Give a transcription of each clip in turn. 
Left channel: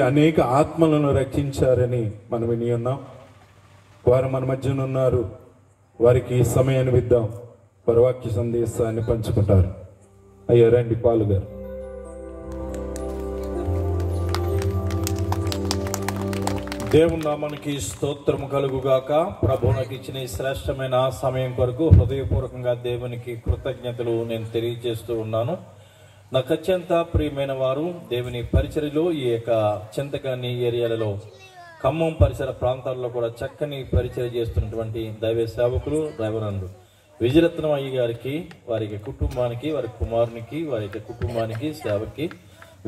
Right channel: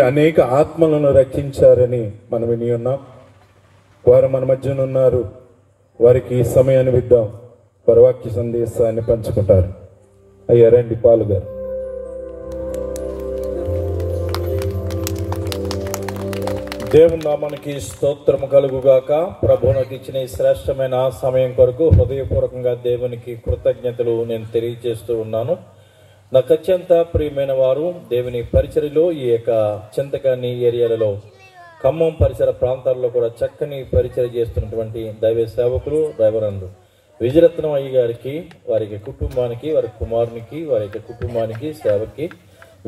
అనేక ఆత్మలను రక్షించారని మనం విని ఉన్నాం. వారు మన మధ్యన ఉన్నారు. వారికి ఈ సమయాన్ని ఇద్దాం. వాక్య సందేశాన్ని పంచుకుంటారు. అయ్యా రండి పాలు గారు. దేవుని నామానికి స్తోత్రము కలుగుగాక. ప్రభువునికి ఇచ్చిన ఈ శ్రేష్టమైన సమయం కొరకు హృదయపూర్వకంగా దేవునికి కృతజ్ఞతలు నేను తెలియజేస్తూ ఉన్నాను. నాకు అత్యంత ప్రియమైన వారు దేవుని పరిచర్యలో ఈ యొక్క చింతకాని ఏరియాలలో ఖమ్మం పరిసర ప్రాంతాల్లో కూడా చక్కని పరిచర్య చేస్తున్నటువంటి దైవ సేవకులు డ్రైవరన్లు విజయరత్నం అయ్య గారికి, వారికి కుటుంబానికి, వారి కుమారునికి, వారి కుటుంబానికి, సేవకి,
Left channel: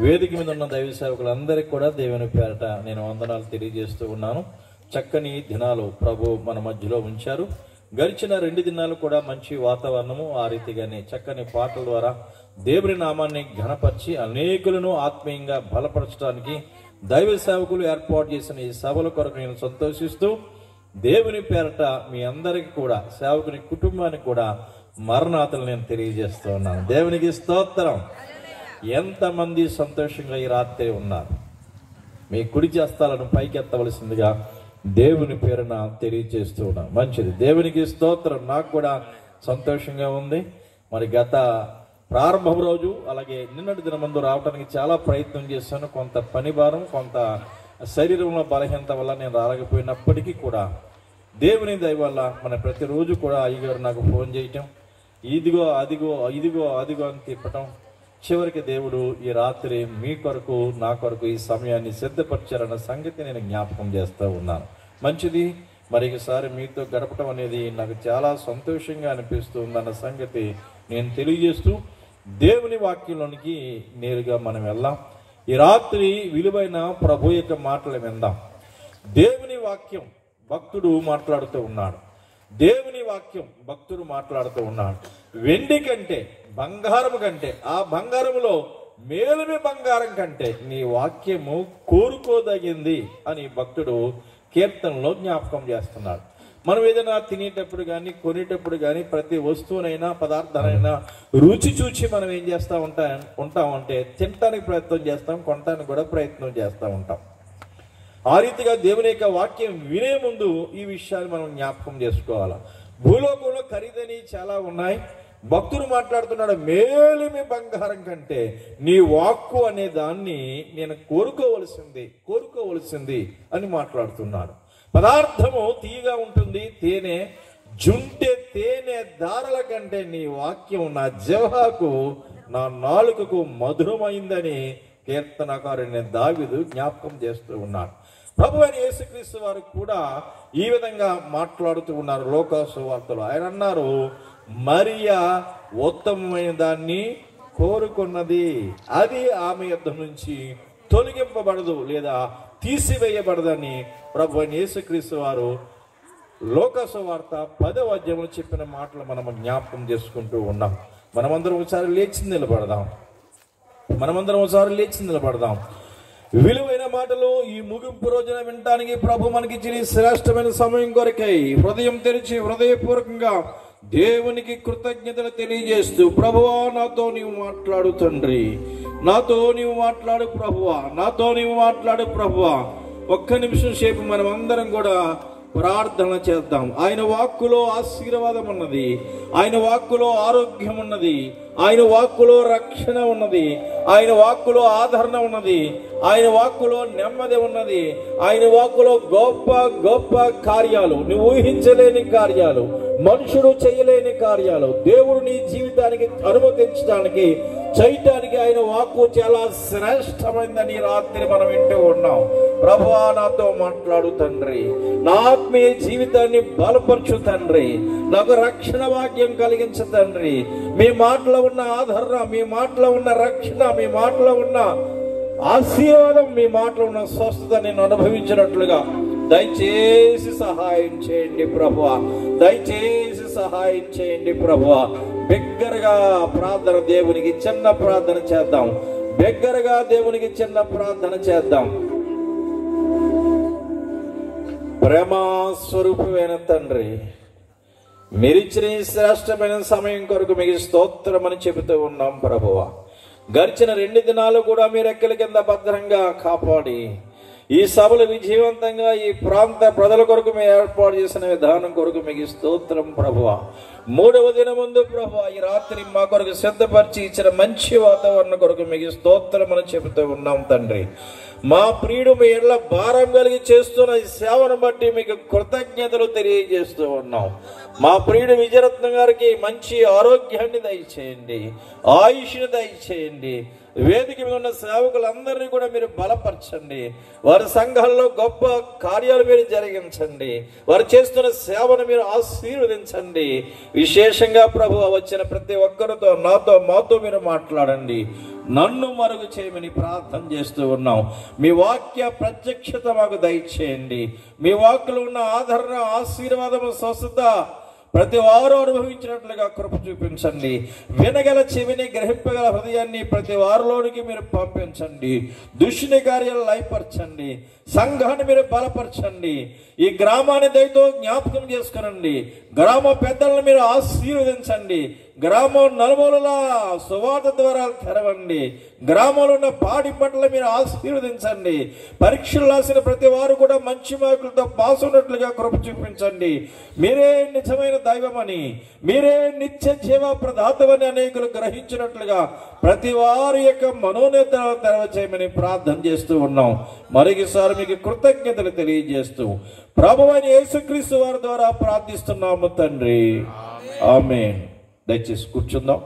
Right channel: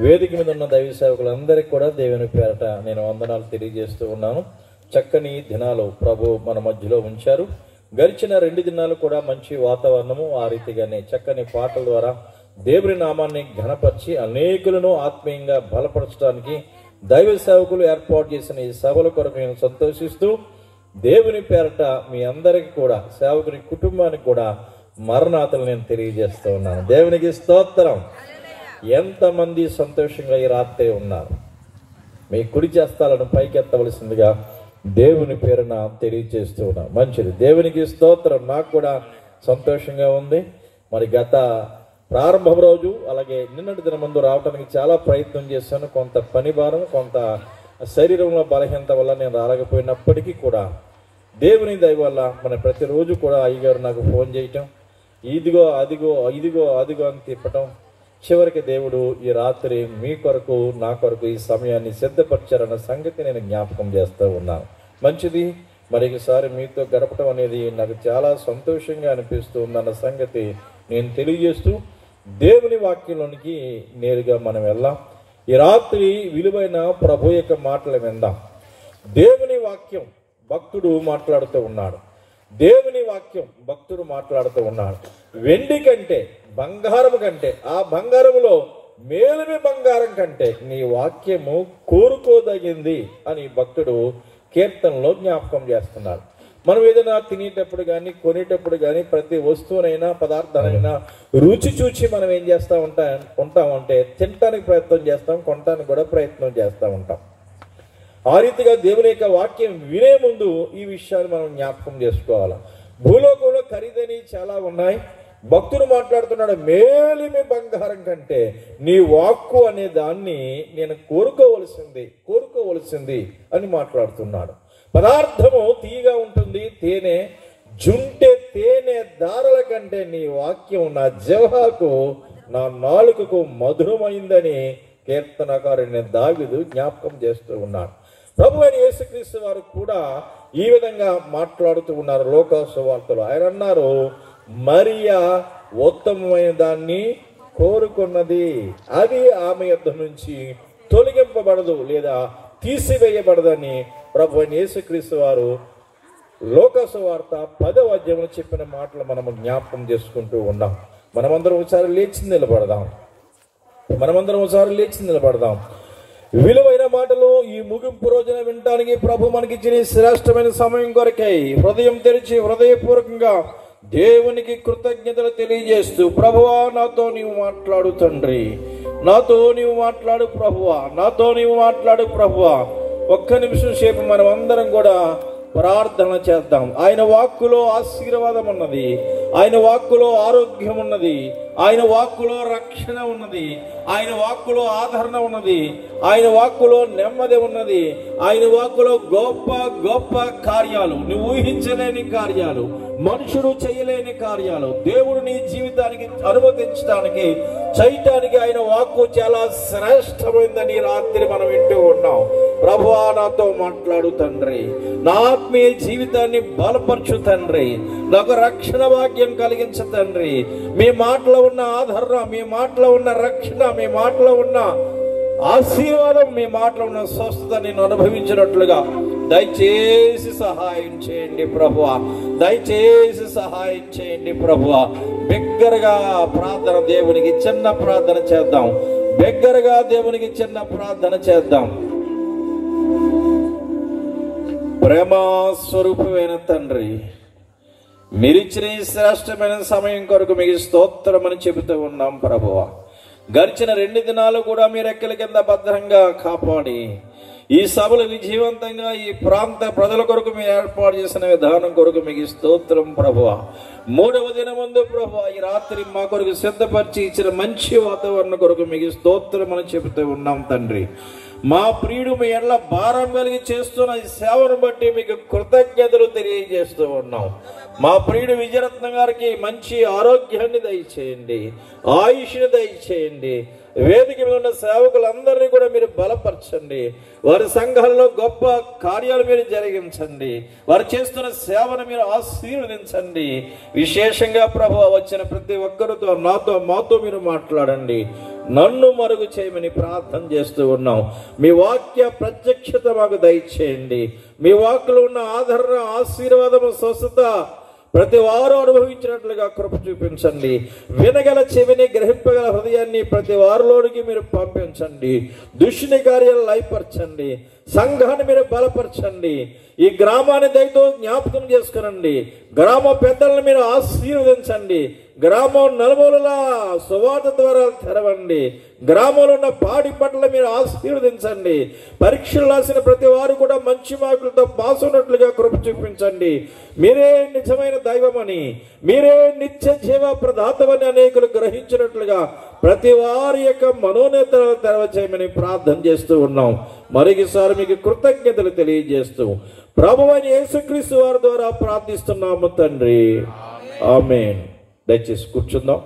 వేదిక మీద ఉన్న దైవ సేవకులందరికీ కూడా దేవుని పేరట నేను వందనాలు తెలియజేస్తూ ఉన్నాను. చక్కని దినాలు ప్రభు మన మధ్యలో ఉంచారు. గడిచిన 2 దినాలు కూడా మంచి వాతావరణము, ఆ రీతిగానే చక్కని పాటల ద్వారా దేవుని నామాన్ని ఘనపరిచి అనేకులను ఆత్మీయంగా బలపరచడానికి దైవ సేవకులు ఏర్పాటు చేసిన ఈ సభల కొరకు నేను సంతోషిస్తూ దేవుని పేరట మీ అందరికి కూడా, సేవకుని కుటుంబానికి కూడా మరణాతలు నేను తెలియజేస్తూ ఉన్నాను. దేవునికి స్తోత్రం. ఎంతమంది సంతోషంగా ఈ రాత్రి ఉన్నారు? మీ కుడి చేస్తాలను పైకెత్తవలసిందిగా దేవుని పేరున తెలియజేస్తూ ఉన్నాను. మంచిది, దేవునికి స్తోత్రం. నాకు కూడా సంతోషంగా ఉంది. మరి గత ప్రారంభం రోజు అలాగే నిన్నటి దిన ముందు రావడానికి చాలా ప్రయత్నం చేశాను. కొంత పని భారం, కొంత శరీరంలో బలహీనత వల్ల నేను రాలేకపోయినప్పటికీ కూడా దేవుని దయ వల్ల మన ప్రతిరోజు కూడా అయ్యగారు నాకు ఫోన్ చేయటం, ఇదిగో అదిగో ఇదిగో అదిగో అని తిప్పటం, చివరికి దేవుడు ఈ రాత్రి మీ కొరకు నా కొరకు ఈ సమయాన్ని సిద్ధపరిచారన్న సంగతి నేను జ్ఞాపకం చేస్తూ ఉన్నాను. మంచిది, మరొకసారి మీతో గడపడం అనేది నాకు చాలా సంతోషంగా అనిపిస్తుందన్న సంగతి నేను తెలియజేస్తూ దేవుని వాక్యంలోనికి నేరుగా మనం వెళ్దాం. ఈ రాత్రి విలువైన ప్రభు యొక్క మాటలు విందాం. దేవుని వాక్యం భక్తుడు మాట్లాడుతూ ఉన్నాడు. దేవుని వాక్యం భక్తుడు మాట్లాడుతూ ఉన్నాడు. వెండి కంటే, బంగారము కంటే, ఆ బంగారములో మేలిమి బంగారం కంటే నీ వాక్యము కోరుకోదగింది అని భక్తుడు కీర్తనలో జ్ఞాపకం చేస్తున్నాడు. మనం ఏదైనా తినేటప్పుడు కానీ, కొనేటప్పుడు కానీ, ప్రతి వస్తువునైనా పదార్థాలైనా రుచి చూచి మనం ఏం చేస్తూ ఉంటామంటే తినటానికి ప్రయత్నం చేస్తాం, కొనటానికి కూడా ప్రయత్నం చేస్తూ ఉంటాం. ఆ రీతిగా దేవుని యొక్క వాక్యం వినే ముందు ఈ విషయాన్ని మనం జ్ఞాపకం చేసుకోవాలి. భూలోకంలో ఖరీదని చాలా ఉన్నాయి. భక్తుడు మాట్లాడుతున్నాడు, మేలిమి బంగారం కంటే నీ వాక్కు అనే దాన్ని నేను కోరుకోవలసింది అని మాట్లాడుతున్నాడు. పదార్థము తీయగా ఉంటుంది, తేనె జుంటె తేనె దారల కంటే నీ వాక్యం నా జిహ్వకు, నా నాలుకకు మధురమైందని కీర్తనకారుని దావీదు జ్ఞాపకం చేస్తూ ఉన్నాడు. ప్రభు అయిన యేసుక్రీస్తు వారు కూడా ఈ విధంగా మాట్లాడుతూ ఉన్నారు. లోకా సువార్తలో ఆయన అన్నారు, మరియా ఉత్తమమైన దాన్ని కోరుకున్నది, అది ఆమె యొద్ద నుంచి తొలగింపబడదు లేదా తీసివేయబడదని ప్రభు అయిన యేసుక్రీస్తు వారు లోకా సువార్త 10వ అధ్యాయంలో చెప్పిన మాటలు మనము జ్ఞాపకం చేసుకుంటూ ఉన్నాం. మనమందరం ఒకసారి లేచి నిలబడదాం. విలువైన మాటలు ఈ ముగింపు రోజున వినటానికి ప్రభు మనకిచ్చిన శ్రేష్టమైన సమయం కొరకై హృదయం తెరిచి హృదయపూర్వకంగా దేవునికి కృతజ్ఞతలు తెలియజేస్తూ, ప్రభువా నాతో నీవు మాట్లాడు తండ్రి, నాతో నీవు మాట్లాడు ప్రభువా, నాతో నీవు మాట్లాడు ప్రభువా. ఒక్క నిమిషం సేపు మనం అందరం కూడా ప్రార్థన చేద్దాం. ఆయన వాక్కులో ఆశీర్వాదం ఉన్నది, ఆయన వాక్కులో ఆరోగ్యం ఉన్నది, ఆయన వాక్కులో రక్షణ ఉన్నది, ఆయన వాక్కులో ఆదరణ ఉన్నది, ఆయన వాక్కులో నెమ్మది ఉన్నది, ఆయన వాక్కులో గొప్ప గొప్ప కార్యాలు, నువ్వు ఊహించలేని కార్యాలు, మనుషుడు చేయలేని కార్యాలు దేవుడు నీ జీవితానికి అనుమతించడానికి చేయటానికి ఆయన వాక్కు చాలా శ్రేష్టమైందని రాత్రి మనం వింటూ ఉన్నాం. ప్రభువా నాతో మాట్లాడు తండ్రి, నా ఆత్మీయ జీవితాన్ని బలపరచు తండ్రి, నాకు రక్షణ భాగ్యం కలిగించు తండ్రి. మీ మాటలో ఉన్న ఆదరణ, మీ మాటలో ఉన్న రక్షణ, మీ మాటలో ఉన్న ఆశీర్వాదం, మీ మాటలో ఉన్న స్వస్థత నేను అనుభవించినట్లుగా దయచేసి సహాయం చేయండి ప్రభువా, దయచేసి సహాయం చేయండి ప్రభువా. బిగ్గరగా ప్రార్థన, దేవునికి చిన్న ప్రార్థన చేద్దాం. బిగ్గరగా దేవునికి చిన్న ప్రార్థన చేద్దాం. ప్రేమ స్వరూపమైన తండ్రి, మీరిచ్చిన శ్రేష్టమైన సమయం కొరకు మీకు స్తోత్రం అని చెబుతూ ఉన్నాం ప్రభువా. గడిచిన 2 దినాలు కూడా మీ రెక్కల కింద భద్రంగా కాపాడి ఈ సభలు విజయవంతంగా ఈ ప్రాంత ప్రజల కొరకు మీరు ఏర్పాటు చేసిన విధానం కొరకు మీకు స్తోత్రం ప్రభువా. 3వ దినమందు ప్రభువా ఈ రాత్రి మా కొరకు సిద్ధపరిచి ఇచ్చిన మంచి వాతావరణం కొరకు మీకు స్తోత్రం అని చెబుతూ ఉన్నాం తండ్రి. మా ప్రియుడు మీ ఎడల భారం కలిగి చేస్తున్న ఈ సేవను బట్టి మీకు కృతజ్ఞతలు తెలియజేస్తూ ఉన్నాం. మా ప్రియుడు విజయరత్నం గారికి మంచి ఆరోగ్యాన్ని దయచేయండి, ఆయుష్ని దయచేయండి. వేదిక మీద ఉన్న సేవకులందరినీ కూడా మీరు బలపరచండి. వారి సంఘాల్లో గొప్ప కార్యాలు మీరు జరిగించండి. వారు చేస్తున్న సేవను మీరు ఆశీర్వదించండి. విశేషంగా ప్రభువా వచ్చిన ప్రతి ఒక్కరితో నాతో మాతో మీరు మాట్లాడండి. నన్ను మరుగు చేయమని ప్రార్థన చేస్తూ ఉన్నాం. మీ వాక్య ప్రత్యక్షత మాకు దయచేయండి. మీ వాక్యలో ఉన్న ఆదరణ, ఆశీర్వాదము, స్వస్థత ప్రతి వారు అనుభవించినట్లుగా కృప చూపించండి. వినగల చెవిని, గ్రహింపగల హృదయాన్ని ప్రతి వారిలోనికి మీరు పంపించండి. దుష్టుని కార్యాలు లయపరచండి. సంఘాన్ని మీరు బలపరచండి. ఈ గ్రామాన్ని దయతో జ్ఞాపకం చేసుకునండి. గ్రామ పెద్దలను మీరు ఆశీర్వదించండి. గ్రామం నలుమూలల సువార్త ద్వారా తెరవండి. గ్రామంలో ఉన్న పాడి పట్ల మీరు ఆశీర్వదించండి. పరీక్షలు రాసిన ప్రతి వారు కూడా మంచి మార్కులతో పాస్ ఉన్నట్లుగా కృప చూపించండి. మీరే నిజమైన దైవమని, మీరే నిత్య జీవ ప్రదాతమని అనేకులు గ్రహించినట్లుగా ప్రతి వారి యొక్క మనోనేతలు తెరవచేయమని ప్రార్థన చేస్తూ ఉన్నాం. మరొకసారి మీకు కృతజ్ఞతలు తెలియజేస్తూ ప్రభువైన యేసుక్రీస్తు వారి ద్వారా ప్రార్థిస్తున్నాము తండ్రి, ఆమేన్. దయచేసి కూర్చుందాం.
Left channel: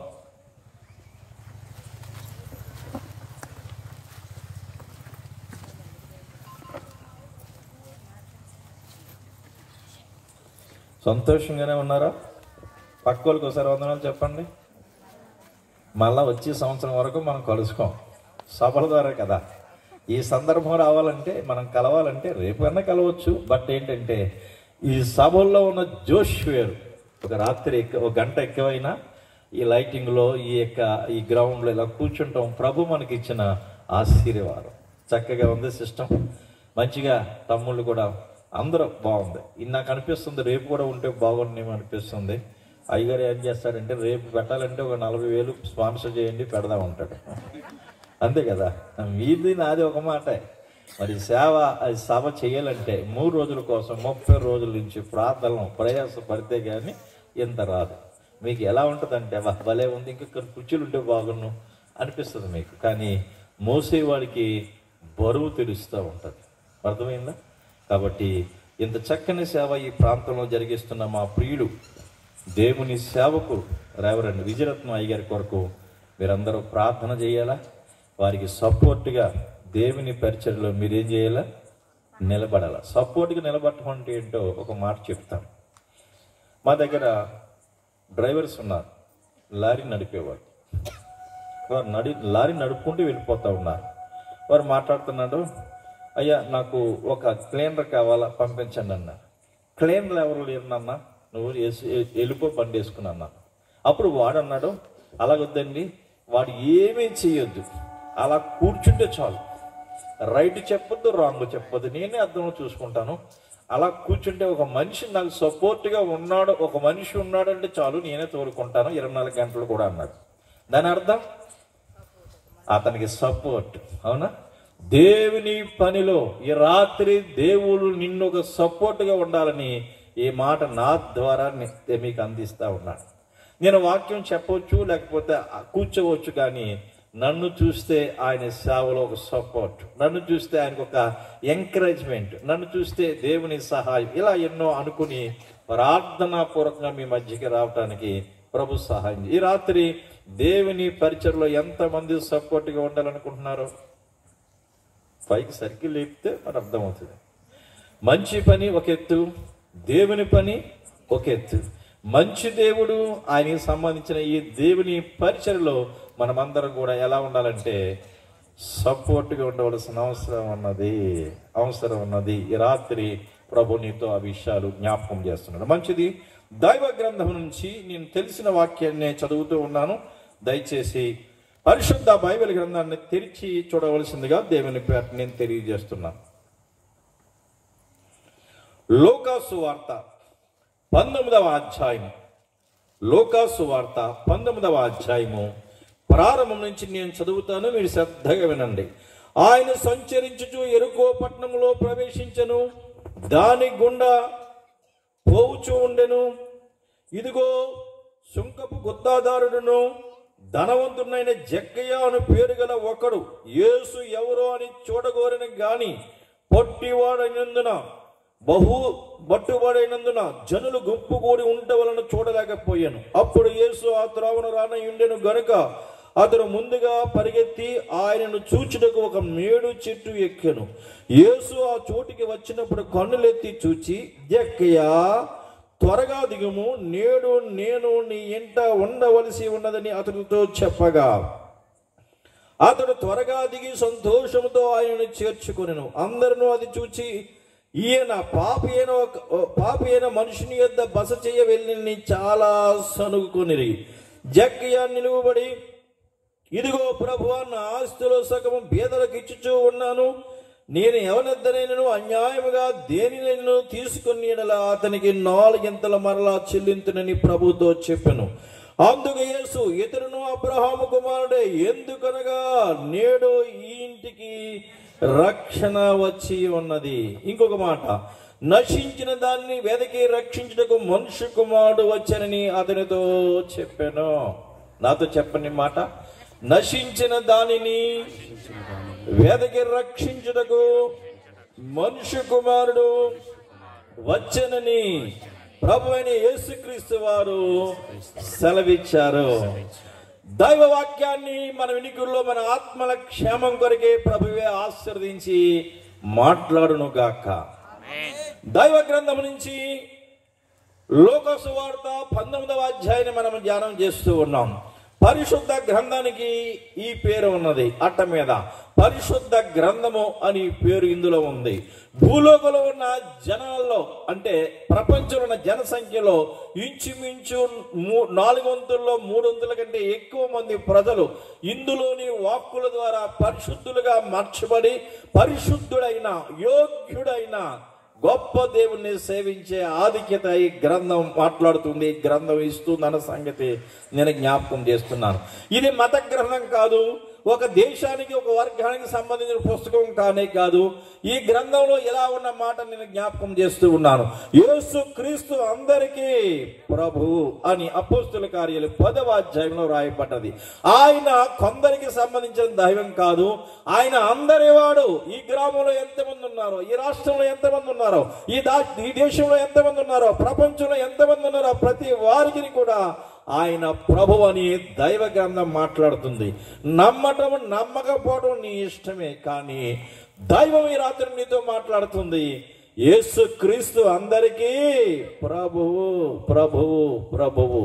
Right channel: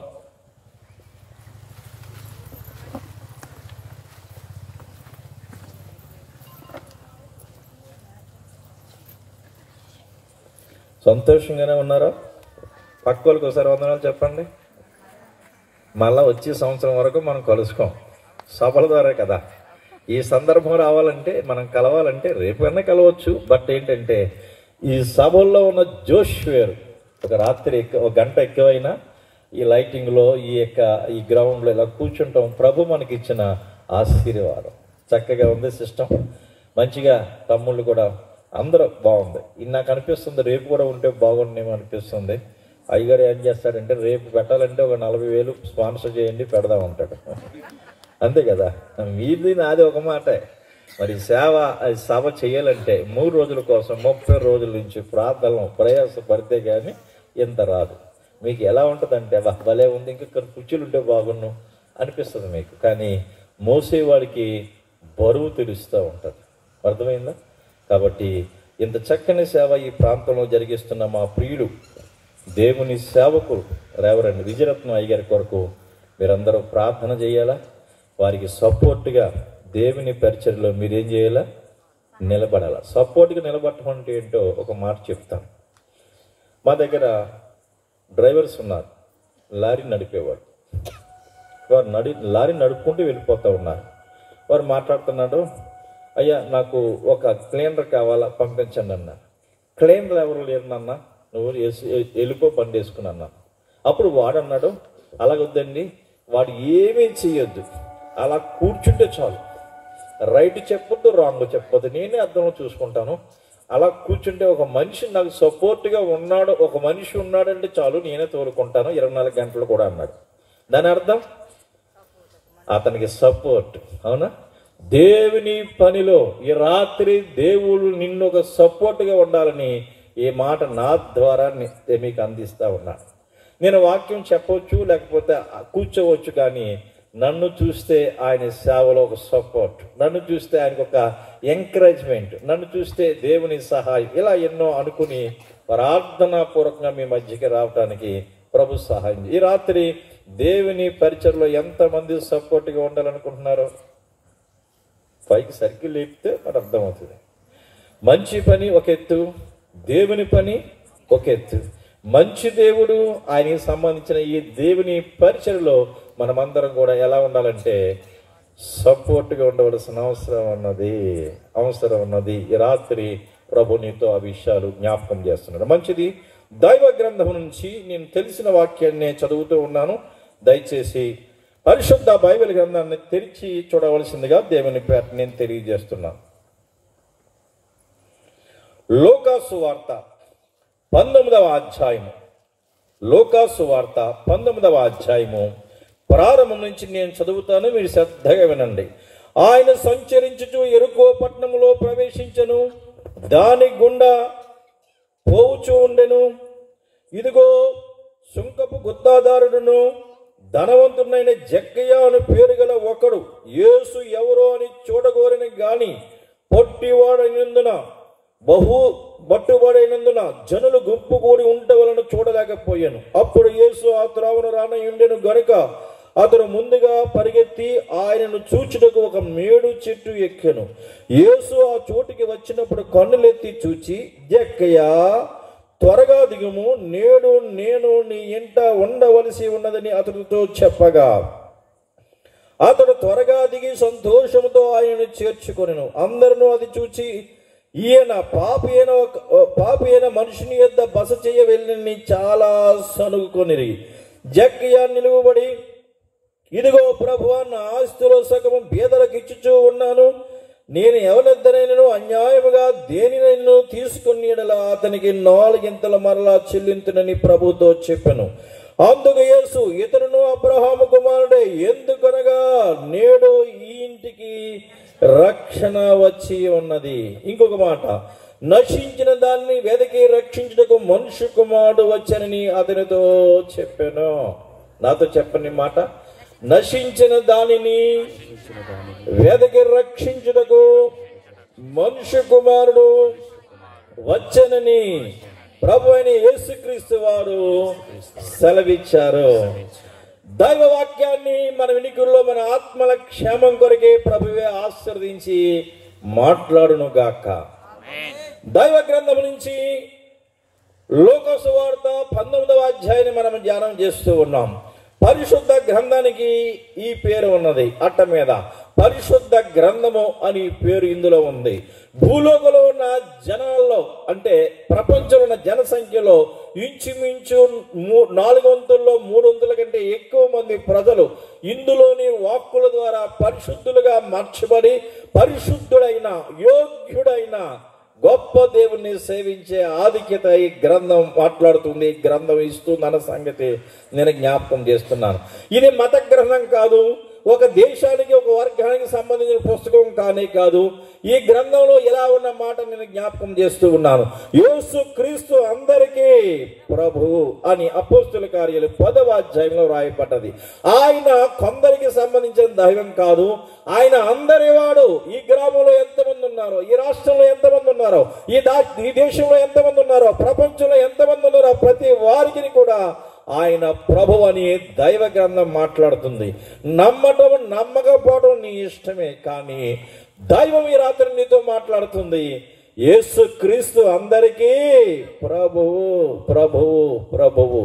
సంతోషంగానే ఉన్నారా? పక్క వాళ్ళకి ఒకసారి వందనాలు చెప్పండి. మళ్ళా వచ్చే సంవత్సరం వరకు మనం కలుసుకోం, సభల ద్వారా కదా. ఈ సందర్భం రావాలంటే, మనం కలవాలంటే రేపైనా కలవచ్చు. బట్ ఏంటంటే ఈ సభల్లో ఉన్న జోష్ వేరు. ఒక రాత్రి ఒక గంట ఎక్కువైనా ఈ లైటింగ్లో ఈ గ్రౌండ్లో ఇలా కూర్చుంటాం. ప్రభు మనకి ఇచ్చిన ఆశీర్వాదం. చక్కగా ఉంది సిస్టమ్, మంచిగా తమ్ముళ్ళు కూడా అందరూ బాగుంది. ఇది నాకు అనిపిస్తుంది రేపు కూడా ఉంటే బాగుండేమో అనిపిస్తుంది. అయ్యగారు ఏం చేస్తాడంటే రేపు పెట్టాలంటే ఒక 40,000 స్పాన్సర్ చేయండి పెడదాం ఉంటాడు. అంతే కదా, మీది నాది ఒక మాట. మరి సేవ చేయాలంటే 3 రోజుల కోసం 30 రోజుల నుంచి ప్రార్థనలు ప్రయాసపడితే కానీ ఇంత రాదు. మీకు ఎలా ఉంటుందంటే భలే ఉంది, ఇంకా కుర్చీలు ఉంటే బాగున్నాం అనిపిస్తుంది మీకు. కానీ మోసేవాడికి బరువు తెలుస్తూ ఉంటుంది. అర్థమైందా? కాబట్టి ఇంత చక్కని సేవ ఈ ప్రాంతంలో జరిగిస్తున్న మా ప్రియుడు దేవుని సేవకు రెవరెండ్ విజయరత్నం అయ్యగారి కొరకు మీరందరూ ప్రార్థన చేయాలా. వారికి సపోర్ట్గా దేవుని పరిచర్యలో మీరేం చేయాలా? నిలబడాలా. సపోర్ట్గా నిలబడటం అంటే ఏంటో ఒక మాట చెప్తాను. మా దగ్గర డ్రైవర్స్ ఉన్నారు, లారీ నడిపేవారు. వారు లారీ నడుపుకుంటూ వెళ్ళిపోతూ ఉన్నారు. వారు మాట్లాడుతున్నాడు, అయ్యా నాకు ఒక క్లీనర్ కావాలా, పంపించండి అన్న. క్లీనర్ ఎవరు లేరు నాన్న, నువ్వు వెళ్ళిపో బండి వేసుకున్నా. అప్పుడు వాడు అన్నాడు, అలాగొద్దండి, వాడు ఏమీ చెయ్యొద్దు, అలా కూర్చుంటే చాలు, రైట్ చెప్పొద్దు, రాంగ్ చెప్పొద్దు, నేనే అర్థంలో చూసుకుంటాను, అలా కూర్చుంటే ఒక మనిషి నాకు సపోర్ట్గా ఉన్నాడు, ఒక మనిషి ఉన్నాడంటే చాలు, నేనే తోలుకుంటాను 24 గంటలు కూడా అన్నాడు. దాని అర్థం అతనికి సపోర్ట్. అవునా? దేవుని పనిలో ఈ రాత్రి దేవుడు నిన్ను ఒక సపోర్ట్గా ఉండాలని ఈ మాట నా ద్వారా మీకు అందిస్తా ఉన్నాను. నేను వాక్యం చెప్పవచ్చు, లేకపోతే కూర్చోవచ్చు, కానీ నన్ను చూస్తే ఆయన సేవలో ఒక సపోర్ట్, నన్ను చూస్తే ఆయనకు ఒక ఎంకరేజ్మెంట్, నన్ను చూస్తే దేవుని సహాయం, ఇలా ఎన్నో అనుకుని ప్రార్థనాపూర్వకంగా మీ మధ్యకి రావడానికి ప్రభు సహాయం. ఈ రాత్రి దేవుని పరిచర్లో ఎంతమంది సపోర్ట్గా ఉండాలనుకుంటున్నారు? పైకి సర్కిల్ ఎక్కితే మనకు అర్థమవుతుంది. మంచి పని ఒక ఎత్తు, దేవుని పని ఒక ఎత్తు. మంచి దేవుడు, ఆయనకి సంబంధించిన ఈ దేవుని పరిచర్లో మనమందరం కూడా ఎలా ఉండాలంటే సపోర్ట్గా ఉండవలసిన అవసరం ఉన్నది. ఈ రాత్రి ప్రభు నీతో ఆ విషయాలు జ్ఞాపకం చేస్తున్నాడు. మంచిది. దైవ గ్రంథం నుంచి నేను తెలిసిన వాక్యాన్ని చదువుతూ ఉన్నాను. దయచేసి పరిశుద్ధ బైబిల్ గ్రంథాన్ని తెరిచి చూడవలసిందిగా దేవుని పేట నేను తెలియజేస్తున్నాను. లూకాసు వార్త 19వ అధ్యాయము. లూకాసు వార్త 19వ అధ్యాయము ప్రారంభం నుంచి నేను చదువుతాను, మీరు శ్రద్ధగా వినండి. ఆయన సంచరించుచు యెరికో పట్టణంలో ప్రవేశించెను. దాని గుండా పోవుచూ ఉండెను. ఇదిగో సుంకపు గుత్తాదారుడును ధనవంతుడైన జక్కయ్య అను పేరు గల ఒకడు యేసు ఎవరో అని చూడగోరిన గాని పొట్టివాడైనందున బట్టుబడైనందున జనులు గుంపు కూడి ఉంట వలన చూడలేకపోయాను. అప్పుడు యేసు ఆ త్రోవను రానయుండెను గనుక అతను ముందుగా పరిగెత్తి ఆయనను చూచుటకు ఒక మేడు చెట్టు ఎక్కెను. యేసు ఆ చోటికి వచ్చినప్పుడు కన్నులెత్తి చూచి, జక్కయ్య, త్వరగా దిగుము, నేడు నేను నీ ఇంట ఉండవలసి ఉన్నదని అతనితో చెప్పగా అతడు త్వరగా దిగి సంతోషంతో ఆయనను చేర్చుకొనెను. అందరూ అది చూచి, ఈయన పాపి అయిన మనుషుని యొద్ద బస చేయ వెళ్ళని చాలా సనుగుకొనిరి. జక్కయ్య నిలువబడి, ఇదిగో ప్రభువా, నా ఆస్తిలో సగం బీదలకు ఇచ్చుచూ ఉన్నాను. నేను ఎవరిద్దరైనను అన్యాయముగా దేనినైనా తీసుకుని అతనికి 4 మరలా చెల్లింతునని ప్రభుతో చెప్పాను. అందుకు యేసు, ఇతరును అబ్రహాము కుమారుడే, ఎందుకనగా నేడు ఈ ఇంటికి రక్షణ వచ్చి ఉన్నది. ఇంకొక మాట, నశించిన దాన్ని వెదకి రక్షించుటకు మనుష్య కుమారుడు వచ్చానని అతనితో చెప్పాను. నాతో చెప్పని మాట, నశించిన దానిని వెదకి రక్షించుటకు మనుష్య కుమారుడు వచ్చనని ప్రభు అయిన యేసుక్రీస్తు వారు సెలవిచ్చారు. దైవ వాక్యాన్ని మన వినికుల్లో మన ఆత్మల క్షేమం కొరకే ప్రభువే ఆశీర్వదించి మాట్లాడును గాక. దైవ గ్రంథం నుంచి లూకా సువార్త 19వ అధ్యాయాన్ని మనం ధ్యానం చేస్తూ ఉన్నాం. పరిశుద్ధ గ్రంథానికి ఈ పేరు ఉన్నది. అట్ట మీద పరిశుద్ధ గ్రంథము అని పేరు ఇందులో ఉంది. భూలోకంలో ఉన్న జనాల్లో, అంటే ప్రపంచంలో ఉన్న జనసంఖ్యలో ఇంచుమించు 400-300 కంటే ఎక్కువ మంది ప్రజలు ఇందులోని వాక్కుల ద్వారా పరిశుద్ధులుగా మార్చబడి పరిశుద్ధుడైన యోగ్యుడైన గొప్ప దేవుణ్ణి సేవించే ఆధిక్యత ఈ గ్రంథం మాట్లాడుతుంది, గ్రంథం ఇస్తుంది అన్న సంగతి నేను జ్ఞాపకం చేస్తున్నాను. ఇది మత గ్రంథం కాదు, ఒక దేశానికి ఒక వర్గానికి సంబంధించిన పుస్తకం కానే కాదు. ఈ గ్రంథంలో ఎలా ఉన్న మాట నేను జ్ఞాపకం చేస్తూ ఉన్నాను. యేసు క్రీస్తు అందరికీ ప్రభువు అని అపోస్తుల కార్యాలు 10వ అధ్యాయంలో రాయబడ్డది. ఆయన కొందరికి సంబంధించిన దైవం కాదు, ఆయన అందరి వాడు. ఈ గ్రామంలో ఎంతమంది ఉన్నారో, ఈ రాష్ట్రంలో ఎంతమంది ఉన్నారో, ఈ దేశంలో ఎంతమంది ఉన్నారో, ప్రపంచంలో ఎంతమంది ఉన్నారో, ప్రతి వారికి కూడా ఆయన ప్రభు అని దైవ గ్రంథం మాట్లాడుతుంది. నమ్మటం నమ్మకపోవడం నీ ఇష్టమే, కానీ దైవం ఈ రాత్రి నీతో మాట్లాడుతుంది. యేసు క్రీస్తు అందరికీ ప్రభువు, ప్రభువు, ప్రభువు.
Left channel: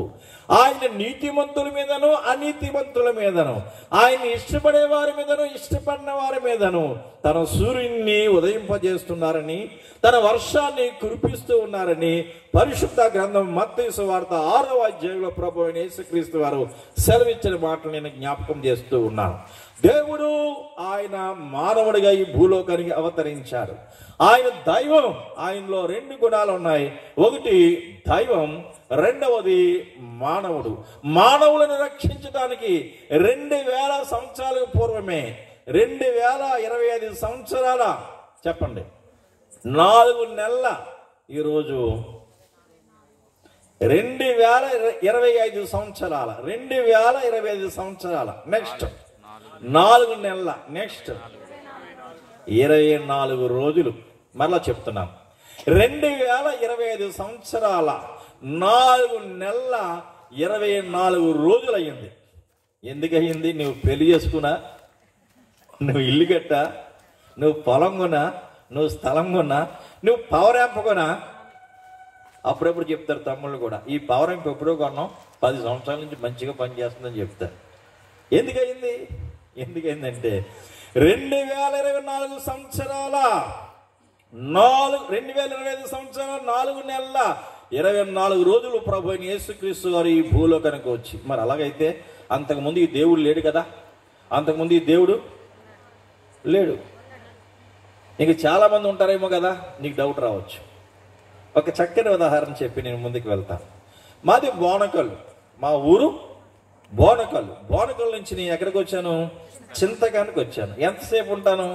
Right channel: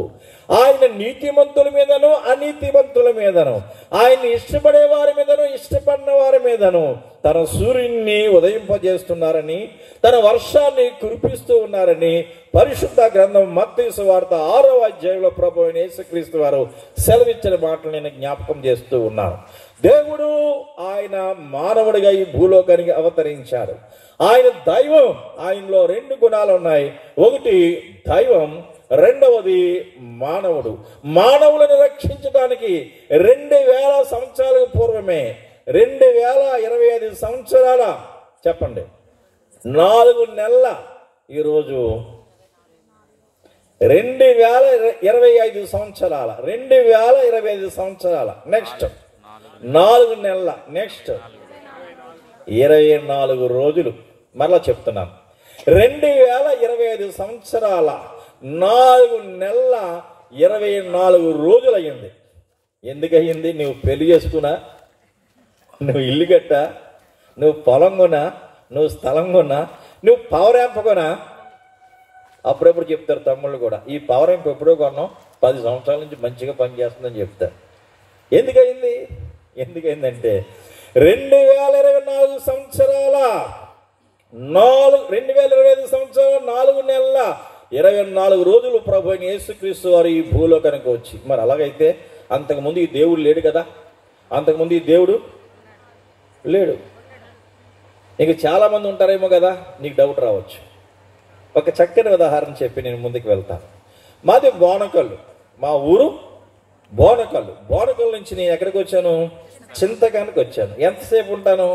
ఆయన నీతిమంతుల మీదను అనీతిమంతుల మీదను, ఆయన్ని ఇష్టపడే వారి మీదను ఇష్టపడిన వారి మీదను తన సూర్యుడిని ఉదయింపజేస్తున్నారని, తన వర్షాన్ని కురిపిస్తూ ఉన్నారని పరిశుద్ధ గ్రంథం మత్తయి సువార్త 6వ అధ్యాయంలో ప్రభు అయిన యేసుక్రీస్తు వారు సెలవిచ్చిన మాటలు నేను జ్ఞాపకం చేస్తూ ఉన్నాను. దేవుడు ఆయన మానవుడిగా ఈ భూలోకానికి అవతరించారు. ఆయన దైవం. ఆయనలో 2 గుణాలు ఉన్నాయి. ఒకటి దైవం, రెండవది మానవుడు. మానవులను రక్షించడానికి 2000 సంవత్సరాలకు పూర్వమే, 2025 సంవత్సరాల, చెప్పండి, 4 నెలల, ఈరోజు 2025 సంవత్సరాల, 2025 సంవత్సరాల, నెక్స్ట్ 4 నెలల, నెక్స్ట్ 24 రోజులు. మరలా చెప్తున్నాను, 2025 సంవత్సరాల 4 నెలల 24 రోజులు అయ్యింది. ఎందుకు అయ్యింది? నువ్వు పెళ్లి చేసుకున్నా, నువ్వు ఇల్లు కట్టా, నువ్వు పొలం కొనా, నువ్వు స్థలం కొన్నా, నువ్వు పవర్ యాంప్ కొనా. అప్పుడప్పుడు చెప్తారు తమ్ముళ్ళు కూడా, ఈ పవర్ యాంప్ ఎప్పుడో కొన్నాం, 10 సంవత్సరాల నుంచి మంచిగా పనిచేస్తుందని చెప్తారు. ఎందుకయింది? ఎందుకైందంటే 2024 సంవత్సరాల 2025 సంవత్సరాల 4 నెలల 24 రోజులు ప్రభు అయిన యేసుక్రీస్తు వారు ఈ భూలోకానికి వచ్చి. మరి అలాగైతే అంతకుముందు ఈ దేవుడు లేడు కదా, అంతకుముందు ఈ దేవుడు లేడు. నీకు చాలా మంది ఉంటారేమో కదా, నీకు డౌట్ రావచ్చు. ఒక చక్కని ఉదాహరణ చెప్పి నేను ముందుకు వెళ్తాను. మాది బోనకల్లు, మా ఊరు బోనకల్ నుంచి నేను ఎక్కడికి వచ్చాను? చింతకానికి వచ్చాను. ఎంతసేపు ఉంటాను?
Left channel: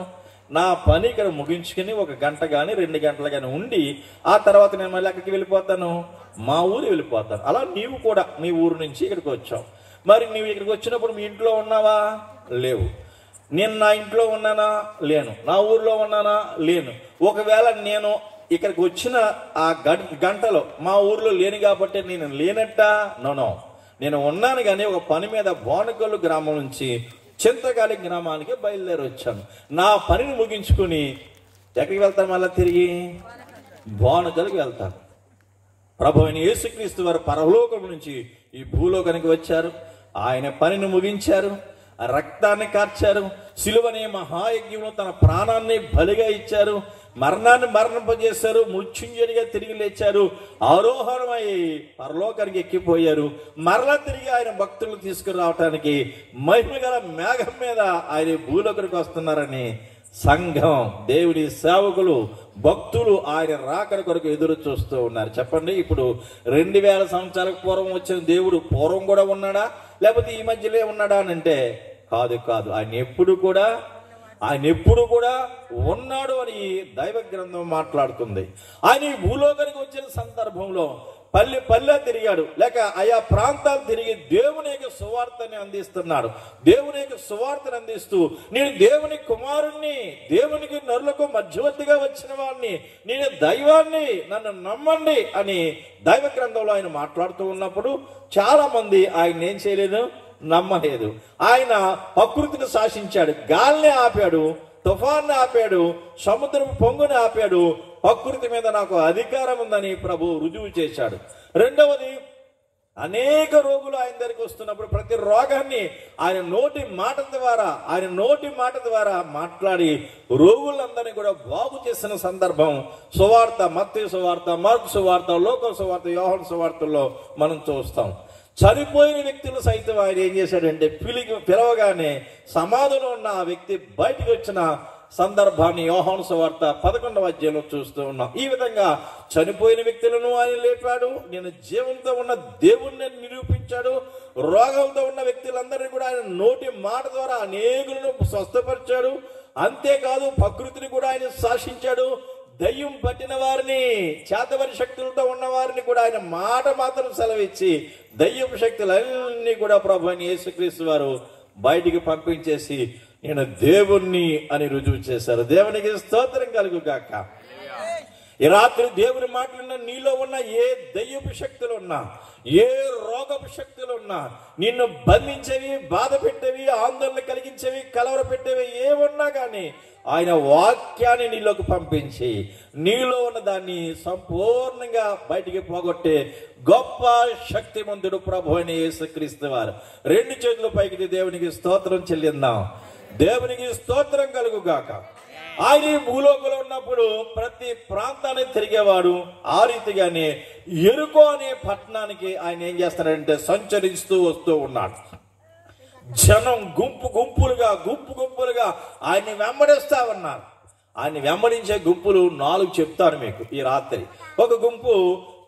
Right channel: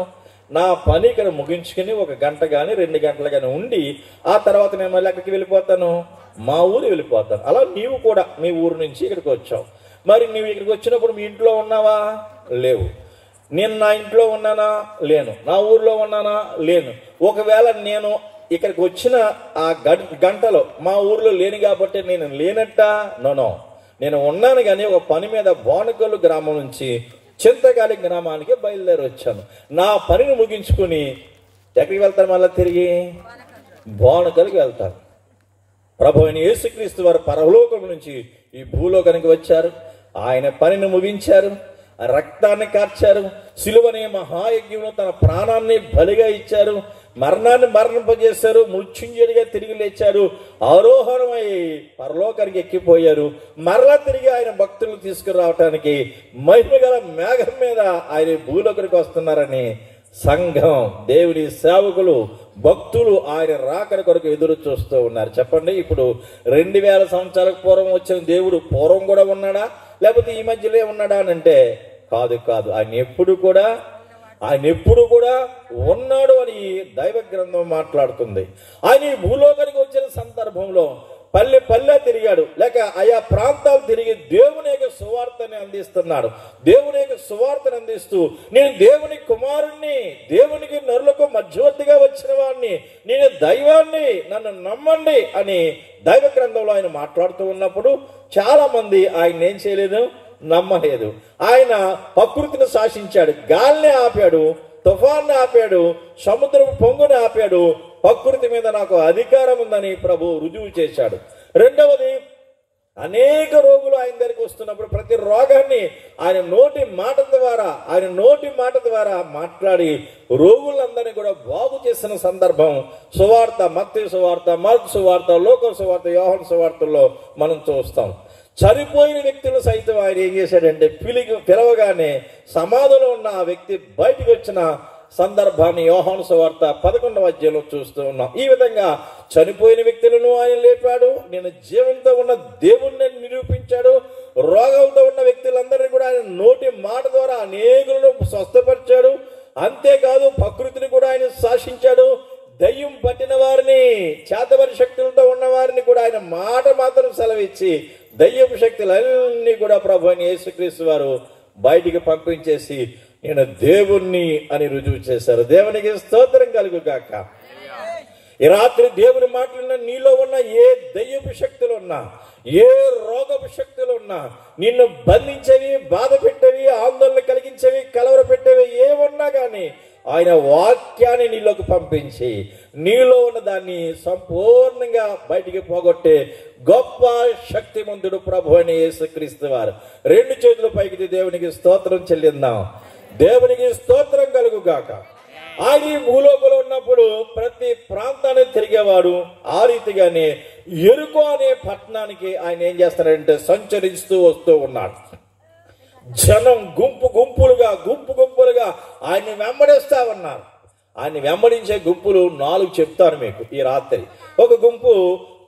నా పని ఇక్కడ ముగించుకుని 1 గంట కానీ 2 గంటలు కానీ ఉండి ఆ తర్వాత నేను మళ్ళీ ఎక్కడికి వెళ్ళిపోతాను? మా ఊరు వెళ్ళిపోతాను. అలా నీవు కూడా నీ ఊరు నుంచి ఇక్కడికి వచ్చావు. మరి నీవు ఇక్కడికి వచ్చినప్పుడు మీ ఇంట్లో ఉన్నావా? లేవు. నేను నా ఇంట్లో ఉన్నానా? లేను. నా ఊర్లో ఉన్నానా? లేను. ఒకవేళ నేను ఇక్కడికి వచ్చిన ఆ గంటలో మా ఊర్లో లేను కాబట్టి నేను లేనట్ట? నో, నేను ఉన్నాను. కానీ ఒక పని మీద బోనకల్లు గ్రామం నుంచి చింతకాలి గ్రామానికి బయలుదేరి వచ్చాను. నా పనిని ముగించుకుని ఎక్కడికి వెళ్తాను? మళ్ళీ తిరిగి బోనకల్కి వెళ్తాను. ప్రభు అయిన యేసుక్రీస్తు వారు పరలోకం నుంచి ఈ భూలోకానికి వచ్చారు. ఆయన పనిని ముగించారు, రక్తాన్ని కార్చారు, సిలువని మహాయజ్ఞంలో తన ప్రాణాన్ని బలిగా ఇచ్చారు, మరణాన్ని మరణింపజేశారు, మృత్యుంజయుడిగా తిరిగి లేచారు, ఆరోహణమై పరలోకానికి ఎక్కిపోయారు. మరలా తిరిగి ఆయన భక్తులను తీసుకురావటానికి మహిమగల మేఘం మీద ఆయన భూలోకానికి వస్తున్నారని సంఘం, దేవుని సేవకులు, భక్తులు ఆయన రాకడ కొరకు ఎదురు చూస్తూ ఉన్నారు. చెప్పండి, ఇప్పుడు 2000 సంవత్సరాల పూర్వం వచ్చిన దేవుడు పూర్వం కూడా ఉన్నాడా, లేకపోతే ఈ మధ్యలో ఉన్నాడా అని అంటే కాదు. ఆయన ఎప్పుడు కూడా ఉన్నాడు అని దైవ గ్రంథం మాట్లాడుతుంది. ఆయన ఈ భూలోకానికి వచ్చిన సందర్భంలో పల్లె తిరిగాడు, లేక ఆయా ప్రాంతాలు తిరిగి దేవుని యొక్క సువార్తని అందిస్తున్నాడు. దేవుని యొక్క సువార్తను అందిస్తూ నేను దేవుని కుమారుణ్ణి, దేవునికి నరులకు మధ్యవర్తిగా వచ్చిన వాడిని, నేను దైవాన్ని, నన్ను నమ్మండి అని దైవ గ్రంథంలో ఆయన మాట్లాడుతూ ఉన్నప్పుడు చాలా మంది ఆయన ఏం చేయలేదు, నమ్మలేదు. ఆయన ప్రకృతిని శాసించాడు, గాలిని ఆపాడు, తుఫాన్ని ఆపాడు, సముద్రం పొంగుని ఆపాడు. ప్రకృతి మీద నాకు అధికారం ఉందని ప్రభు రుజువు చేశాడు. రెండవది, అనేక రోగులు ఆయన దగ్గరికి వస్తున్నప్పుడు ప్రతి రోగాన్ని ఆయన నోటి మాట ద్వారా మాట్లాడి రోగులందరినీ కూడా బాగు చేసిన సందర్భం సువార్త, మత్తయి సువార్త, మార్కు సువార్త, లోక సువార్త, యోహాను సువార్తల్లో మనం చూస్తాం. చనిపోయిన వ్యక్తులను సైతం ఆయన ఏం చేశాడంటే పిలవగానే సమాధిలో ఉన్న ఆ వ్యక్తి బయటికి వచ్చిన సందర్భాన్ని యోహాను సువార్త 11వ అధ్యాయంలో చూస్తూ ఉన్నాం. ఈ విధంగా చనిపోయిన వ్యక్తులను ఆయన లేపాడు, నేను జీవంతో ఉన్న దేవుణ్ణి నిరూపించాడు. రోగాలతో ఉన్న వ్యక్తులందరినీ కూడా ఆయన నోటి మాట ద్వారా అనేకులను స్వస్థపరిచాడు. అంతేకాదు ప్రకృతిని కూడా ఆయన శాసించాడు. దయ్యం పట్టిన వారిని, చేతబడి శక్తులతో ఉన్న వారిని కూడా ఆయన మాట మాత్రం సెలవిచ్చి దయ్యపు శక్తులన్నీ కూడా ప్రభు అయిన యేసుక్రీస్తు వారు బయటికి పంపించేసి నేను దేవుణ్ణి అని రుజువు చేశారు. దేవునికి స్తోత్రం కలుగుగాక. ఈ రాత్రి దేవుని మాటలున్న నీలో ఉన్న ఏ దయ్యపు శక్తులు ఉన్నా, ఏ రోగపు శక్తులు ఉన్నా, నిన్ను బంధించేవి, బాధ పెట్టేవి, ఆందోళన కలిగించేవి, కలవర పెట్టేవి ఏమన్నా కానీ ఆయన వాక్యాన్ని నీలోకి పంపించి నీలో ఉన్న దాన్ని సంపూర్ణంగా బయటికి పోగొట్టే గొప్ప శక్తిమంతుడు ప్రభు అయిన యేసుక్రీస్తు వారు. 2 చేతుల పైకి దేవునికి స్తోత్రం చెల్లిద్దాం. దేవునికి స్తోత్రం కలుగుగాక. ఆయన ఈ భూలోకంలో ఉన్నప్పుడు ప్రతి ప్రాంతాన్ని తిరిగేవాడు. ఆ రీతిగానే యెరికో అనే పట్టణానికి ఆయన ఏం చేస్తాడంటే సంచరిస్తూ వస్తూ ఉన్నాడు. జనం గుంపు గుంపులుగా ఆయన్ని వెంబడిస్తా ఉన్నారు. ఆయన వెంబడించే గుంపులు 4 చెప్తాను మీకు ఈ రాత్రి. ఒక గుంపు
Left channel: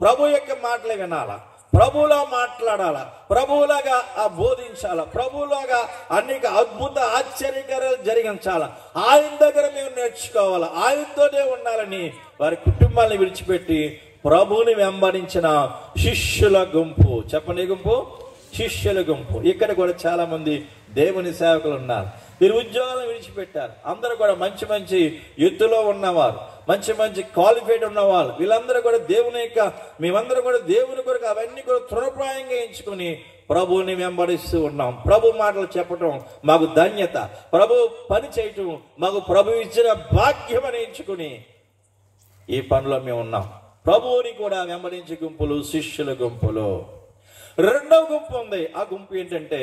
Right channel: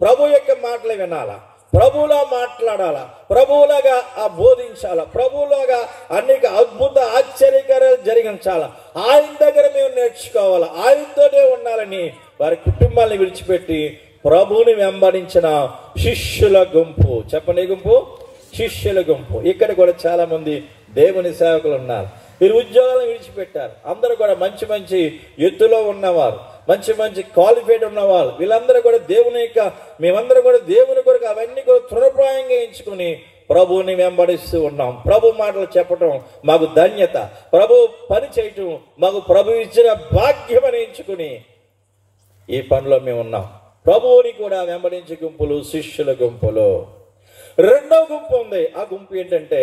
ప్రభు యొక్క మాటలు వినాలా, ప్రభువులా మాట్లాడాలా, ప్రభువులాగా బోధించాలా, ప్రభువులాగా అనేక అద్భుత ఆశ్చర్యకార్యాలు జరిగించాలా, ఆయన దగ్గర మేము నేర్చుకోవాలా, ఆయనతోనే ఉండాలని వారి కుటుంబాన్ని విడిచిపెట్టి ప్రభువుని వెంబడించిన శిష్యుల గుంపు. చెప్పండి, గుంపు శిష్యుల గుంపు. ఇక్కడ కూడా చాలా మంది దేవుని సేవకులు ఉన్నారు. వీరు ఉద్యోగాలను విడిచిపెట్టారు. అందరూ కూడా మంచి ఎత్తులో ఉన్నవారు, మంచి క్వాలిఫైడ్ ఉన్నవారు. వీళ్ళందరూ కూడా మేమందరూ కూడా దేవుని కొరకు అవన్నీ కూడా తృణప్రాయంగా ఎంచుకుని ప్రభువుని వెంబడిస్తూ ఉన్నాం. ప్రభు మాటలు చెప్పటం మాకు ధన్యత, ప్రభు పని చేయటం మాకు ప్రభు ఇచ్చిన భాగ్యం అని ఎంచుకుని ఈ పనిలో మేము ఉన్నాం. ప్రభువుని కూడా వెంబడించే గుంపులు శిష్యుల గుంపులు. రెండవ గుంపు ఉంది. ఆ గుంపు ఏంటంటే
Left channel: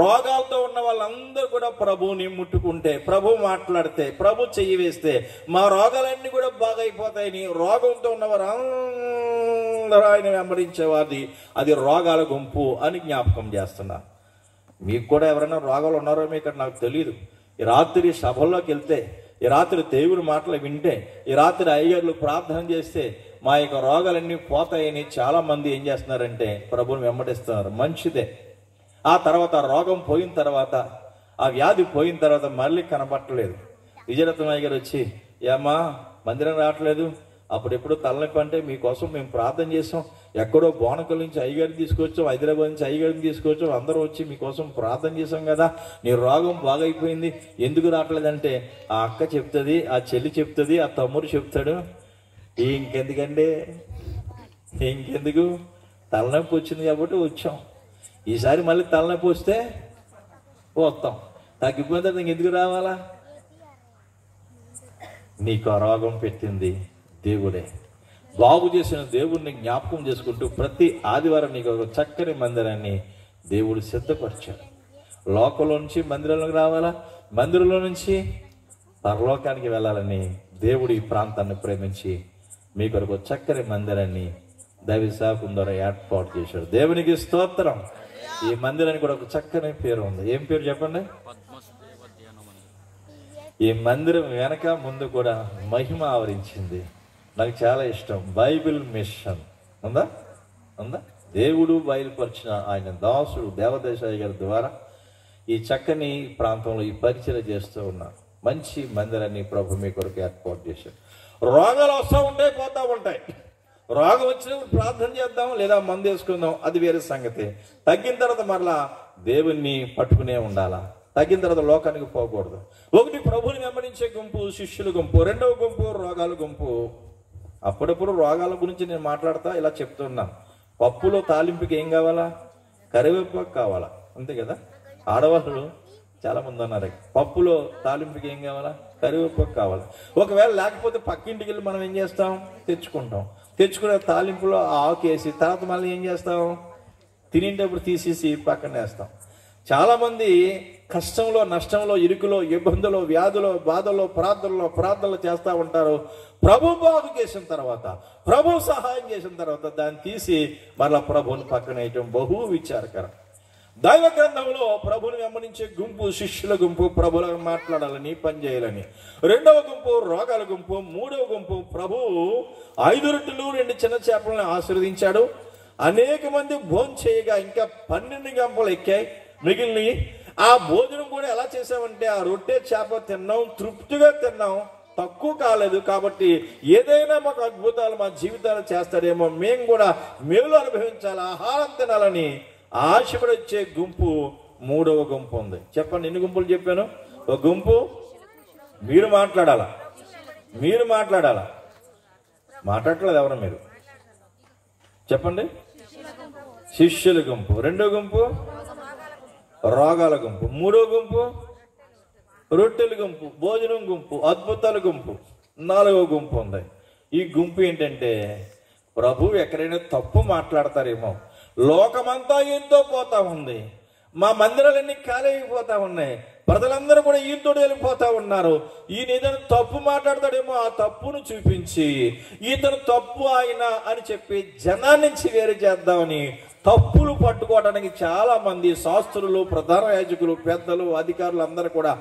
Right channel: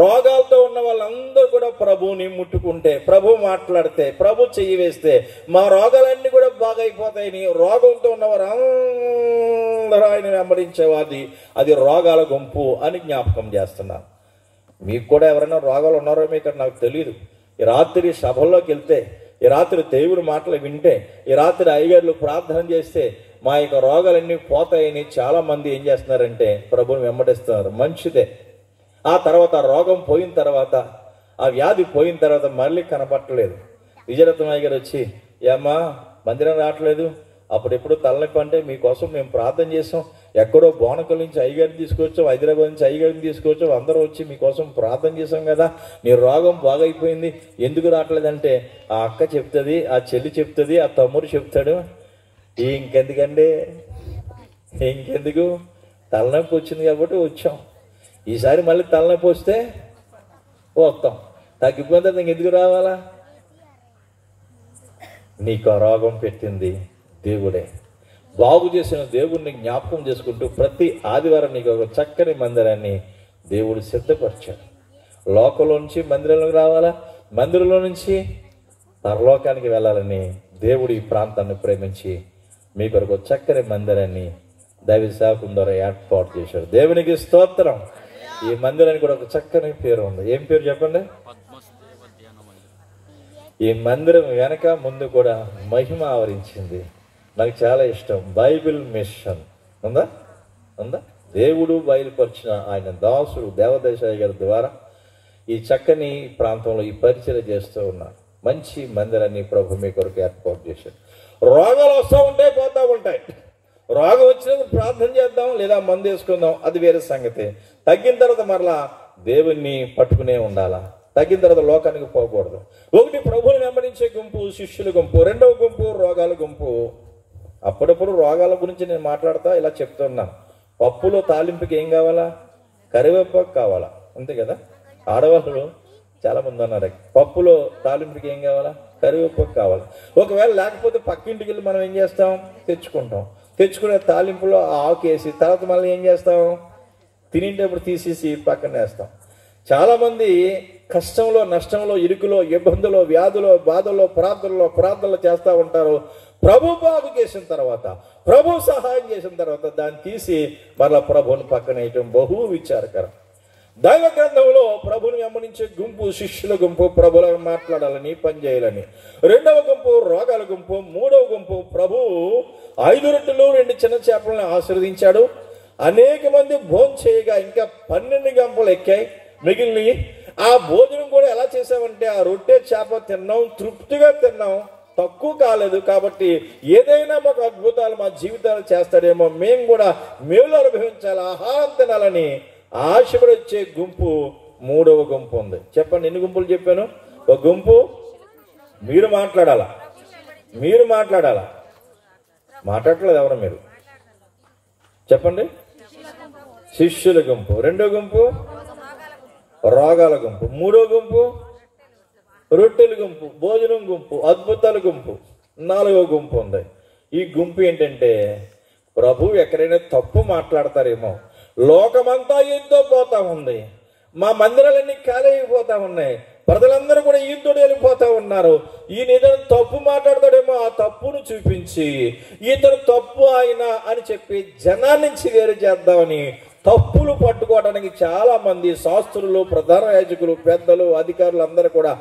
రోగాలతో ఉన్న వాళ్ళందరూ కూడా ప్రభువుని ముట్టుకుంటే, ప్రభు మాట్లాడితే, ప్రభు చెయ్యి వేస్తే మా రోగాలన్నీ కూడా బాగైపోతాయని రోగంతో ఉన్నవారు అందరూ ఆయన వెంబడించేవాది. అది రోగాల గుంపు అని జ్ఞాపకం చేస్తున్నాను. మీకు కూడా ఎవరైనా రోగాలు ఉన్నారో మీకు నాకు తెలియదు. ఈ రాత్రి సభల్లోకి వెళ్తే, ఈ రాత్రి దేవుని మాటలు వింటే, ఈ రాత్రి అయ్యగారులు ప్రార్థన చేస్తే మా యొక్క రోగాలన్నీ పోతాయని చాలా మంది ఏం చేస్తున్నారంటే ప్రభువుని వెంబడిస్తున్నారు. మంచిదే. ఆ తర్వాత రోగం పోయిన తర్వాత, ఆ వ్యాధి పోయిన తర్వాత మళ్ళీ కనపట్టలేదు. విజయరత్నయ్య గారు వచ్చి, ఏమ్మా మందిరం రావట్లేదు, అప్పుడెప్పుడు తలనొప్పి అంటే మీకోసం మేము ప్రార్థన చేసాం, ఎక్కడో బోనకల్ నుంచి అయ్యగారిని తీసుకొచ్చాం, హైదరాబాద్ నుంచి అయ్యగారిని తీసుకొచ్చాం, అందరూ వచ్చి మీకోసం ప్రార్థన చేశాం కదా, నీ రోగం బాగైపోయింది, ఎందుకు రావట్లేదంటే ఆ అక్క చెప్తుంది, ఆ చెల్లి చెప్తుంది, ఆ తమ్ముడు చెప్తాడు. ఇంకెందుకండి, ఇంకెందుకు, తలనొప్పి వచ్చింది కాబట్టి వచ్చాం, ఈసారి మళ్ళీ తలనొప్పి వస్తే వస్తాం, తగ్గిపోతే ఇంకెందుకు రావాలా? నీకు ఆ రోగం పెట్టింది దేవుడే. బాగు చేసిన దేవుడిని జ్ఞాపకం చేసుకుంటూ ప్రతి ఆదివారం నీకు ఒక చక్కని మందిరాన్ని దేవుడు సిద్ధపరిచాడు. లోకంలో నుంచి మందిరంలోకి రావాలా, మందిరంలో నుంచి పరలోకానికి వెళ్ళాలని దేవుడు ఈ ప్రాంతాన్ని ప్రేమించి మీ కొరకు చక్కని మందిరాన్ని దైవ సేవకుల ద్వారా ఏర్పాటు చేశాడు. దేవునికి స్తోత్రం. ఈ మందిరానికి కూడా ఒక చక్కని పేరు ఉంది. ఏం పేరు చెప్పండి? ఈ మందిరం వెనక ముందు కూడా మహిమ ఆవరించింది. నాకు చాలా ఇష్టం. బైబిల్ మిషన్ ఉందా? ఉందా? దేవుడు బయలుపరిచిన ఆయన దాసుడు దేవదేశాయ గారి ద్వారా ఈ చక్కని ప్రాంతంలో ఈ పరిచయం చేస్తూ ఉన్నా. మంచి మందిరాన్ని ప్రభు మీ కొరకు ఏర్పాటు చేశాడు. రోగాలు వస్తూ ఉంటాయి, పోతూ ఉంటాయి. రోగం వచ్చినప్పుడు ప్రార్థన చేద్దాం, లేదా మందు వేసుకుందాం, అది వేరే సంగతి. తగ్గిన తర్వాత మరలా దేవుణ్ణి పట్టుకునే ఉండాలా. తగ్గిన తర్వాత లోకానికి పోకూడదు. ఒకటి ప్రభుని వెంబడించే గుంపు శిష్యుల గుంపు, రెండవ గుంపు రోగాల గుంపు. అప్పుడప్పుడు రోగాల గురించి నేను మాట్లాడతా ఇలా చెప్తున్నా. పప్పులో తాలింపుకి ఏం కావాలా? కరివేపాకు కావాలా, అంతే కదా. ఆడవాళ్ళు చాలా మంది ఉన్నారు, పప్పులో తాలింపుకి ఏం కావాలా? కరివేపాకు కావాలా. ఒకవేళ లేకపోతే పక్కింటికి వెళ్ళి మనం ఏం చేస్తాం? తెచ్చుకుంటాం. తెచ్చుకునే తాలింపులో ఆకు వేసి తర్వాత మళ్ళీ ఏం చేస్తాం? తినేటప్పుడు తీసేసి పక్కన వేస్తాం. చాలా మంది కష్టంలో, నష్టంలో, ఇరుకులో, ఇబ్బందులో, వ్యాధులో, బాధల్లో, ప్రార్థనలో చేస్తూ ఉంటారు. ప్రభు బాగు చేసిన తర్వాత, ప్రభు సహాయం చేసిన తర్వాత దాన్ని తీసి మరలా ప్రభుని పక్కన వేయటం బహు విచారకరం. దైవ గ్రంథంలో ప్రభుని వెంబడించే గుంపు శిష్యుల గుంపు, ప్రభుల మాట్లాడాలని, పని చేయాలని. రెండవ గుంపు రోగాల గుంపు. మూడవ గుంపు ప్రభు 5 రొట్టెలు 2 చిన్న చేపలను ఆశీర్వదించాడు. అనేక మంది భోజనం చేయగా ఇంకా 12 గంపలు ఎక్కాయి మిగిలినవి. ఆ భోజనం కూడా ఎలా చేసామంటే, ఆ రొట్టె చేప తిన్నాం, తృప్తిగా తిన్నాం, తక్కువ కాలేదు. కాబట్టి ఏదైనా మాకు అద్భుతాలు మా జీవితాలు చేస్తాడేమో, మేము కూడా మేలు అనుభవించాలి, ఆహారం తినాలని ఆశపడి వచ్చే గుంపు మూడవ గుంపు ఉంది. చెప్పండి, ఎన్ని గుంపులు చెప్పాను? ఒక గుంపు మీరు మాట్లాడాలా, మాట్లాడట్లేదు ఎవరు మీరు? చెప్పండి. శిష్యుల గుంపు. రెండో గుంపు రోగాల గుంపు. మూడో గుంపు రొట్టెల గుంపు, భోజనం గుంపు, అద్భుతాల గుంపు. నాలుగో గుంపు ఉంది. ఈ గుంపు ఏంటంటే, ప్రభు ఎక్కడైనా తప్పు మాట్లాడతారేమో, లోకమంతా ఈయనతో పోతా ఉంది, మా మందిరాలన్నీ ఖాళీ అయిపోతా ఉన్నాయి, ప్రజలందరూ కూడా ఈయనతో వెళ్ళిపోతా ఉన్నారు, ఈయన ఏదైనా తప్పు మాట్లాడతాడేమో, ఆ తప్పును చూపించి ఇతను తప్పు ఆయన అని చెప్పి జనాన్ని నుంచి వేరు చేద్దామని తప్పులు పట్టుకోవడానికి చాలా మంది శాస్త్రులు, ప్రధాన యాజకులు, పెద్దలు, అధికారులు అందరూ కూడా,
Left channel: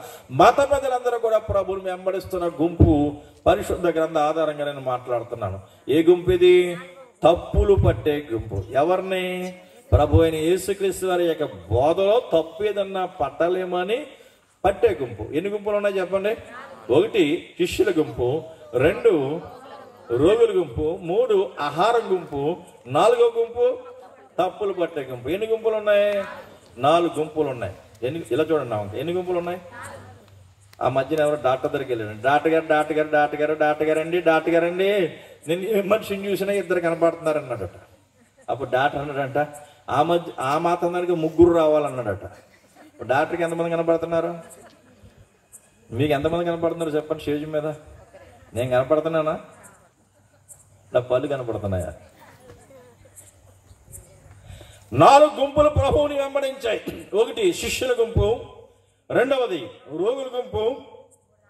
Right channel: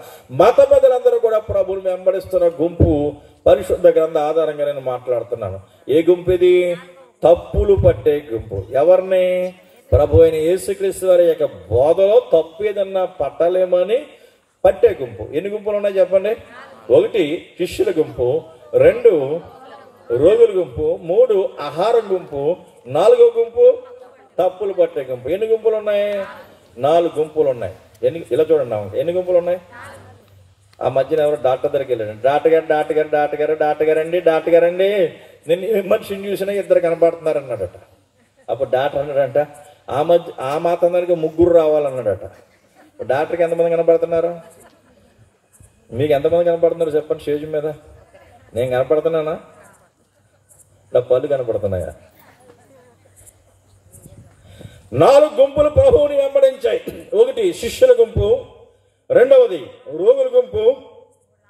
మత పెద్దలందరూ కూడా ప్రభువుని వెంబడిస్తున్న గుంపు పరిశుద్ధ గ్రంథ ఆధారంగా నేను మాట్లాడుతున్నాను. ఏ గుంపు ఇది? తప్పులు పట్టే గుంపు. ఎవరిని? ప్రభు అయిన యేసుక్రీస్తు వారి యొక్క బోధలో తప్పు ఏదన్నా పట్టలేమని పట్టే గుంపు. ఎన్ని గుంపులు ఉన్నాయి చెప్పండి? 1 శిష్యుల గుంపు, 2 రోగుల గుంపు, 3 ఆహారం గుంపు, 4వ గుంపు తప్పులు పట్టే గుంపు. ఎన్ని గుంపులు ఉన్నాయి? 4 గుంపులు ఉన్నాయి. ఇలా చూడండి, ఎన్ని గుంపులు ఉన్నాయి? ఆ మధ్యన ఎవరు డాక్టర్ దగ్గరికి వెళ్ళారు. డాక్టర్ గారండి నేను ఏ మనిషిని చూసినా 2 కనపడుతున్నారు అన్నాడట. అప్పుడు డాక్టర్ అన్నాడంట, ఆ మాత్రం దానికి 3 రావాలన్నాడట. డాక్టర్కి ఎంతమంది కనపడుతున్నారు? మీకు ఎంతమంది కనపడుతున్నారు చెప్పండి స్టేజ్ మీద? నేను కనపడుతున్నానా? నా పళ్ళు కనపడుతున్నాయా? 4 గుంపులు ప్రభువుని వెంబడించాయి. 1 శిష్యుల గుంపు, 2వది రోగుల గుంపు,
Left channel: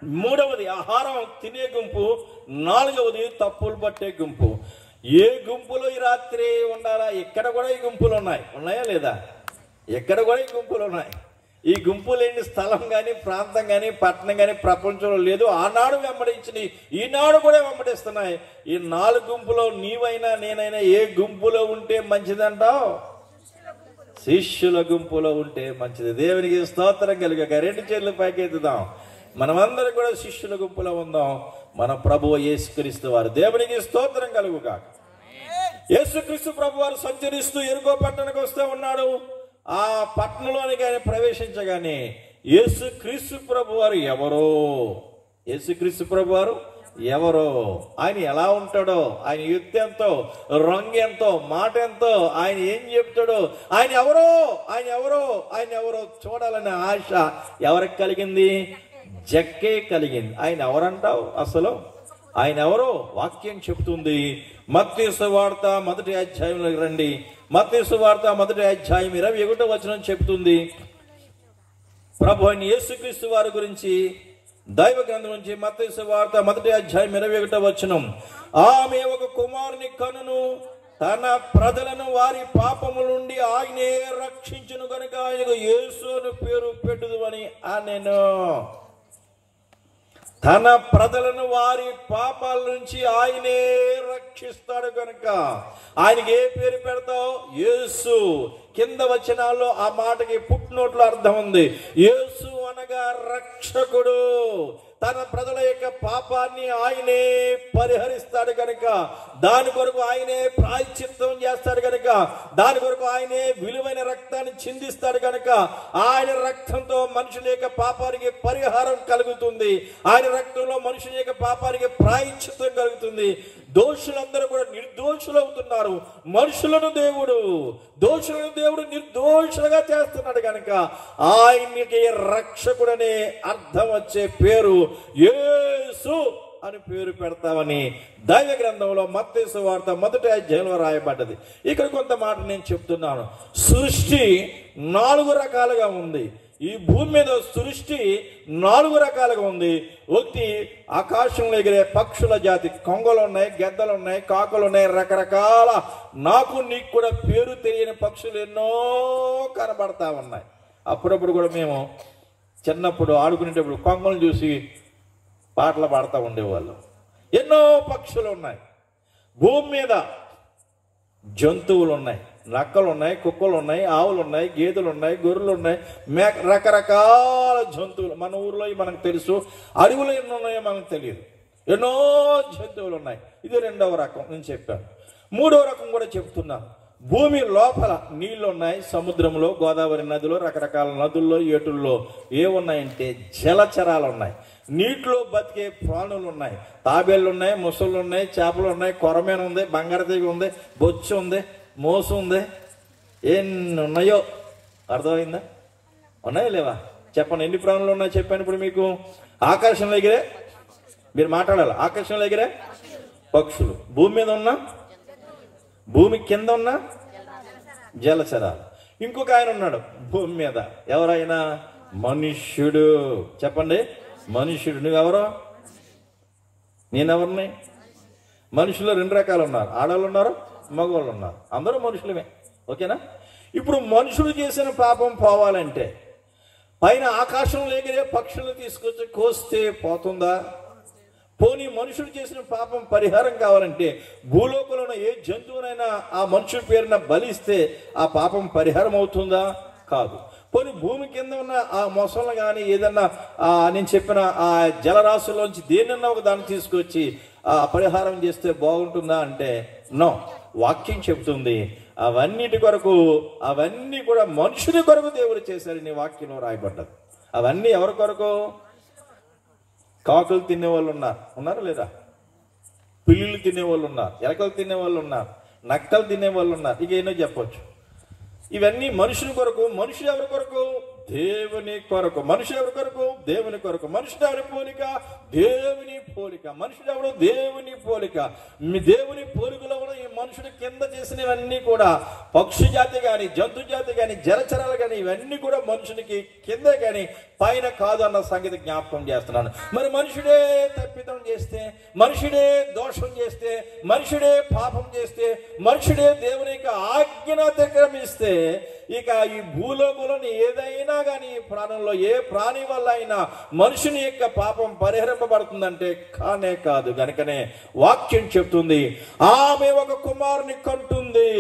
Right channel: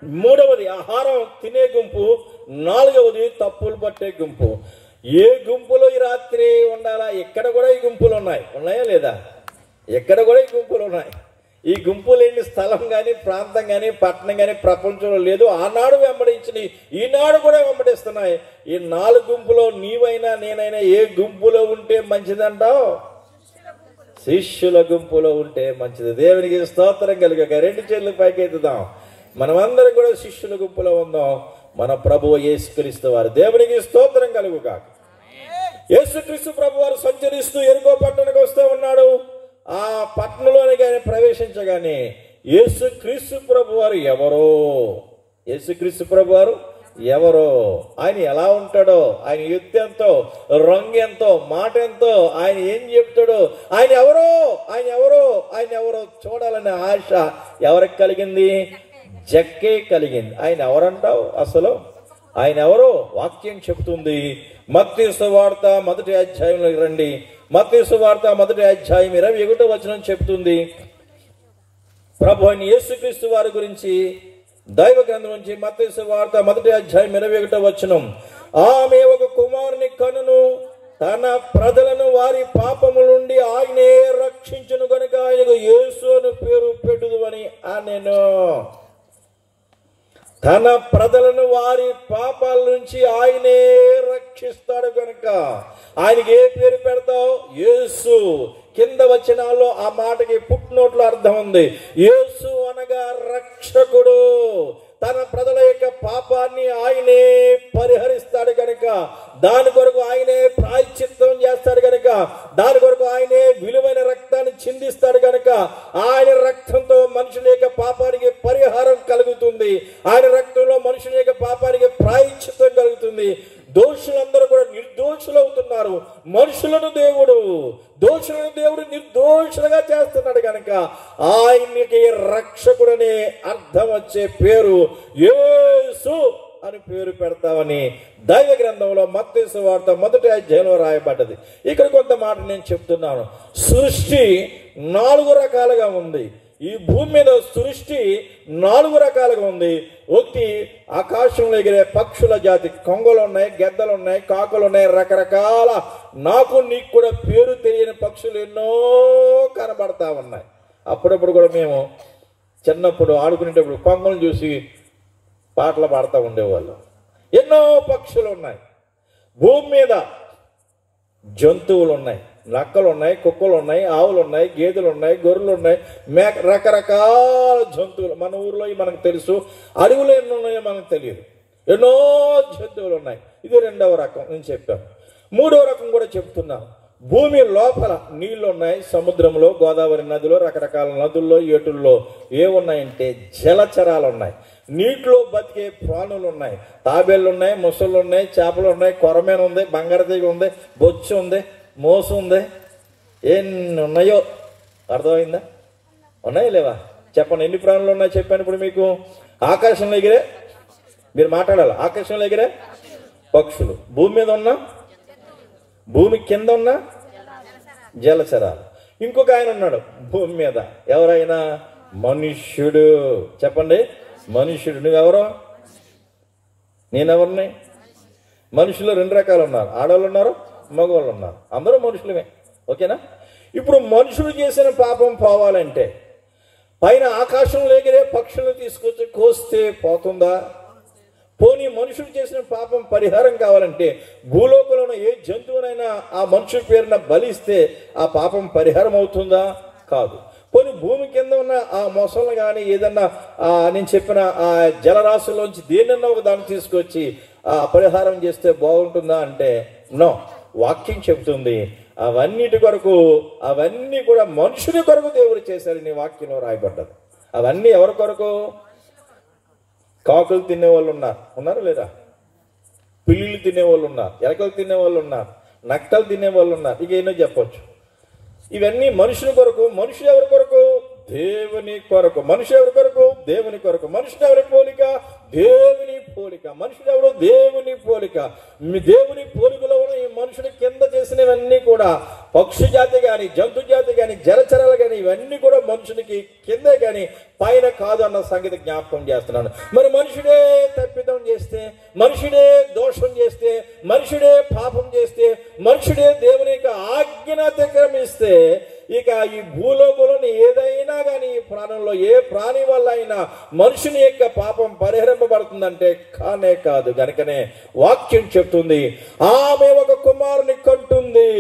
3వది ఆహారం తినే గుంపు, 4వది తప్పులు పట్టే గుంపు. ఏ గుంపులో ఈ రాత్రి ఉండాలా? ఎక్కడ కూడా ఈ గుంపులు ఉన్నాయా లేదా? ఎక్కడ కూడా ఈ గుంపులు ఉన్నాయి. ఈ గుంపు లేని స్థలం కానీ, ప్రాంతం కానీ, పట్టణం కానీ ప్రపంచంలో లేదు. ఆనాడు వెంబడించిన ఈనాడు కూడా వెంబడిస్తున్నాయి. ఈ 4 గుంపులో నీవైనా నేనైనా ఏ గుంపులో ఉంటే మంచిదంటావు? శిష్యుల గుంపులో ఉంటే మంచిది. దేవునికి స్తోత్రం కలుగాక. రెండు చేతులు పైకెత్తుదాం. మనమందరం కూడా శిష్యుల గుంపులో ఉందాం. మన ప్రభువు యేసుక్రీస్తు వారు. దేవునికి స్తోత్రం కలుగుగాక. యేసుక్రీస్తు ప్రభు వారు సంచరిస్తూ ఎరుకో పట్టణానికి వస్తూ ఉన్నాడు. ఆ పట్టణంలోనికి ఆయన ప్రవేశించగానే యేసుక్రీస్తు ప్రభు వారు ఎవరో, యేసుక్రీస్తు ప్రభు వారు ఎవరో, ఆయన ఎలా ఉంటాడో, ఆయన ఎత్తు ఎంతో, రంగు ఎంతో, మాట ఎంతో, ఆయన ఏం చెప్తాడో, ఆయన ఎవరో ఆయన ఎవరో ఆయన ఎవరో చూడాలనే ఆశ ఎవరికి కలిగింది? జక్కే కలిగింది. ఆయన ఎవరంటావు అసలు? ఆయన ఎవరో వాక్యం చెప్తుంది. మత్తయి సువార్త 1వ అధ్యాయంలోకి రండి. మత్తయి సువార్త 1వ అధ్యాయం 21వ వచనం చెప్తుంది. ప్రభు అయిన యేసుక్రీస్తు వారి గురించి దైవ గ్రంథం నుంచి మత్తయి సువార్త 1వ అధ్యాయం 21వ వచనం. ఆమె ఒక కుమారుని కనును, తన ప్రజలను వారి పాపముల నుండి ఆయనే రక్షించును గనుక ఆయనకు యేసు అని పేరు పెట్టుదు అని అనెను. తన ప్రజలను వారి పాపాల నుంచి ఆయనే రక్షిస్తాడు కనుక ఆయనకి ఏ పేరు పెడతావు? యేసు. కింద వచనాల్లో ఆ మాటకి పుట్టినోట్లో అర్థం ఉంది. యేసు అనగా రక్షకుడు. తన ప్రజల యొక్క పాపాన్ని ఆయనే పరిహరిస్తాడు కనుక, దాని కొరకు ఆయనే ప్రాయశ్చిత్తం చేస్తాడు కనుక, దాని కొరకు ఆయనే విలువైన రక్తాన్ని చిందిస్తాడు కనుక ఆయన రక్తంతో మనుషుల యొక్క పాపానికి పరిహారం కలుగుతుంది. ఆయన రక్తంలో మనుషుల యొక్క పాపానికి ప్రాయశ్చిత్తం కలుగుతుంది. దోషులందరూ కూడా నిర్దోషులు అవుతున్నారు. మనుషులను దేవుడు, దోషులను దేవుడు నిర్దోషులుగా చేస్తున్నాడు కనుక ఆయనకి రక్షకుడనే అర్థం వచ్చే పేరు యేసు అని పేరు పెడతామని దైవ గ్రంథంలో మత్తయి సువార్త 1వ అధ్యాయంలో రాయబడ్డది. ఇక్కడ కొంత మాట నేను చెప్తున్నాను. సృష్టి 4 రకాలుగా ఉంది. ఈ భూమి మీద సృష్టి 4 రకాలుగా ఉంది. ఒకటి ఆకాశంలో ఎగిరే పక్షుల జాతి, కొంగలు ఉన్నాయి, గెద్దలు ఉన్నాయి, కాకులు ఉన్నాయి, రకరకాల నాకు నీకు కూడా పేరు తెలియని పక్షులు ఎన్నో కనబడతా ఉన్నాయి. అప్పుడప్పుడు కూడా మేము చిన్నప్పుడు ఆడుకునేటప్పుడు కొంగలు చూసి పాటలు పాడుతూ ఉండేవాళ్ళు. ఎన్నో పక్షులు ఉన్నాయి. భూమి మీద జంతువులు ఉన్నాయి. నక్కలు ఉన్నాయి, కుక్కలు ఉన్నాయి, ఆవులు ఉన్నాయి, గేదెలు ఉన్నాయి, గొర్రెలు ఉన్నాయి, రకరకాల జంతువులు. మన ఊర్లో మనకు తెలుసు, అడవులు ఎన్నో ఉన్నాయో మనకు తెలియదు. ఎన్నో జంతువులు ఉన్నాయి. ఇది 2వ రకం నేను చెప్పాను. 3వ రకం కూడా చెప్తున్నాను. భూమి లోపల నీళ్లు ఉన్నాయి. సముద్రంలో, గోదావరి నదిలో, రకరకాల నదుల్లో, ఏటుల్లో ఏమున్నాయంటే జలచరాలు ఉన్నాయి. నీటిలో బతికే ప్రాణులు ఉన్నాయి. తాబేళ్లు ఉన్నాయి, మొసళ్ళు ఉన్నాయి, చేపలు ఉన్నాయి, కొరమేన ఉంది, బంగారతీగ ఉంది, బొచ్చు ఉంది, మోసు ఉంది. ఎన్ని ఉన్నాయో అర్థమైందా? ఉన్నాయో లేవా చెప్పండి. ఎన్ని ప్రాణులు ఉన్నాయో చెప్పాను ఇప్పుడు మీకు. ఆకాశంలో ఎగిరే, మీరు మాట్లాడాలి, ఆకాశంలో ఎగిరే పక్షులు, భూమి మీద ఉన్న, భూమి కింద ఉన్న జలచరాలు. ఇంకొక ఆయన ఉన్నాడు భూమి మీద. ఎవరైనా? మనుష్యుడు. చెప్పండి, మనుష్యుడు. నువ్వెవరో? నేనెవరిని? మనుషులు 2 రకాలు ఉన్నారు. ఆడవాళ్ళు ఉన్నారు, మగవాళ్ళు ఉన్నారు. అందరూ మనుషులమే. ఓకేనా? ఇప్పుడు మనుషులు చేసిన పాపం పోవాలంటే పైన ఆకాశంలో ఎగిరే పక్షులను తీసుకొచ్చి కోస్తే పోతుందా? పోనీ మనుషులు చేసిన పాపం పరిహారం కావాలంటే భూలోకంలో ఉన్న ఏ జంతువునైనా ఆ మనుషుల పేరున బలిస్తే ఆ పాపం పరిహారం అవుతుందా? కాదు. పోనీ భూమి కింద ఉన్న ఆ మొసలను కానీ ఏదన్నా నేను చెప్పిన ఆ జలరాశుల్లోంచి దేనన్నా ఒక దాన్ని తీసుకొచ్చి పరిహారం చేస్తే బాగుంటుందా అంటే నో. వాక్యం చెప్తుంది అవన్నిటి కొరకు, అవన్నీ కూడా మనుషుని కొరకు దేవుడు చేశాడని వాక్యంలో రాయబడ్డది. అవన్నీ ఎవరి కొరకు? కాకులు తినేవాళ్ళు ఉన్నారు లేదా? పిల్లులు తినేవాళ్ళు ఉన్నారు, ఎలకలు తినేవాళ్ళు ఉన్నారు, నక్కలు తినేవాళ్ళు ఉన్నారు. ఇక ఏమో చెప్పొచ్చు. ఇవన్నీ మనుషుని కొరకు. మనుషులు ఎవరి కొరకు? దేవుని కొరకు. మనుషులు ఎవరి కొరకు? దేవుని కొరకు. మనుషులు ఎవరి పోలిక? దేవుని పోలిక. మనుషులు ఎవరు? దేవుని పోలిక. మీ దేవుని పోలికలో ఉన్న ఈ మనుషుని కింద చేసినవన్నీ కూడా పక్షి జాతి కానీ, జంతు జాతి కానీ, జలచరాలు కానీ ఇవన్నీ కూడా మనుషునికి కిందే కానీ పైన కాదు అన్న సంగతి జ్ఞాపకం చేస్తున్నాను. మరి మనుషుడే తప్పిదం చేస్తే, మనుషుడే దోషం చేస్తే, మనుషుడే పాపం చేస్తే, మనుషుడే దేవుని యొక్క ఆజ్ఞను అతిక్రమిస్తే ఇక ఈ భూలోకంలో ఏదైనా కానీ ఈ ప్రాణంలో ఏ ప్రాణి వల్ల అయినా మనుషుని యొక్క పాపం పరిహరింపబడుతుందంటే కానే కాదు. కనుకనే వాక్యం చెప్తుంది ఆమె ఒక కుమారుని కంటుంది.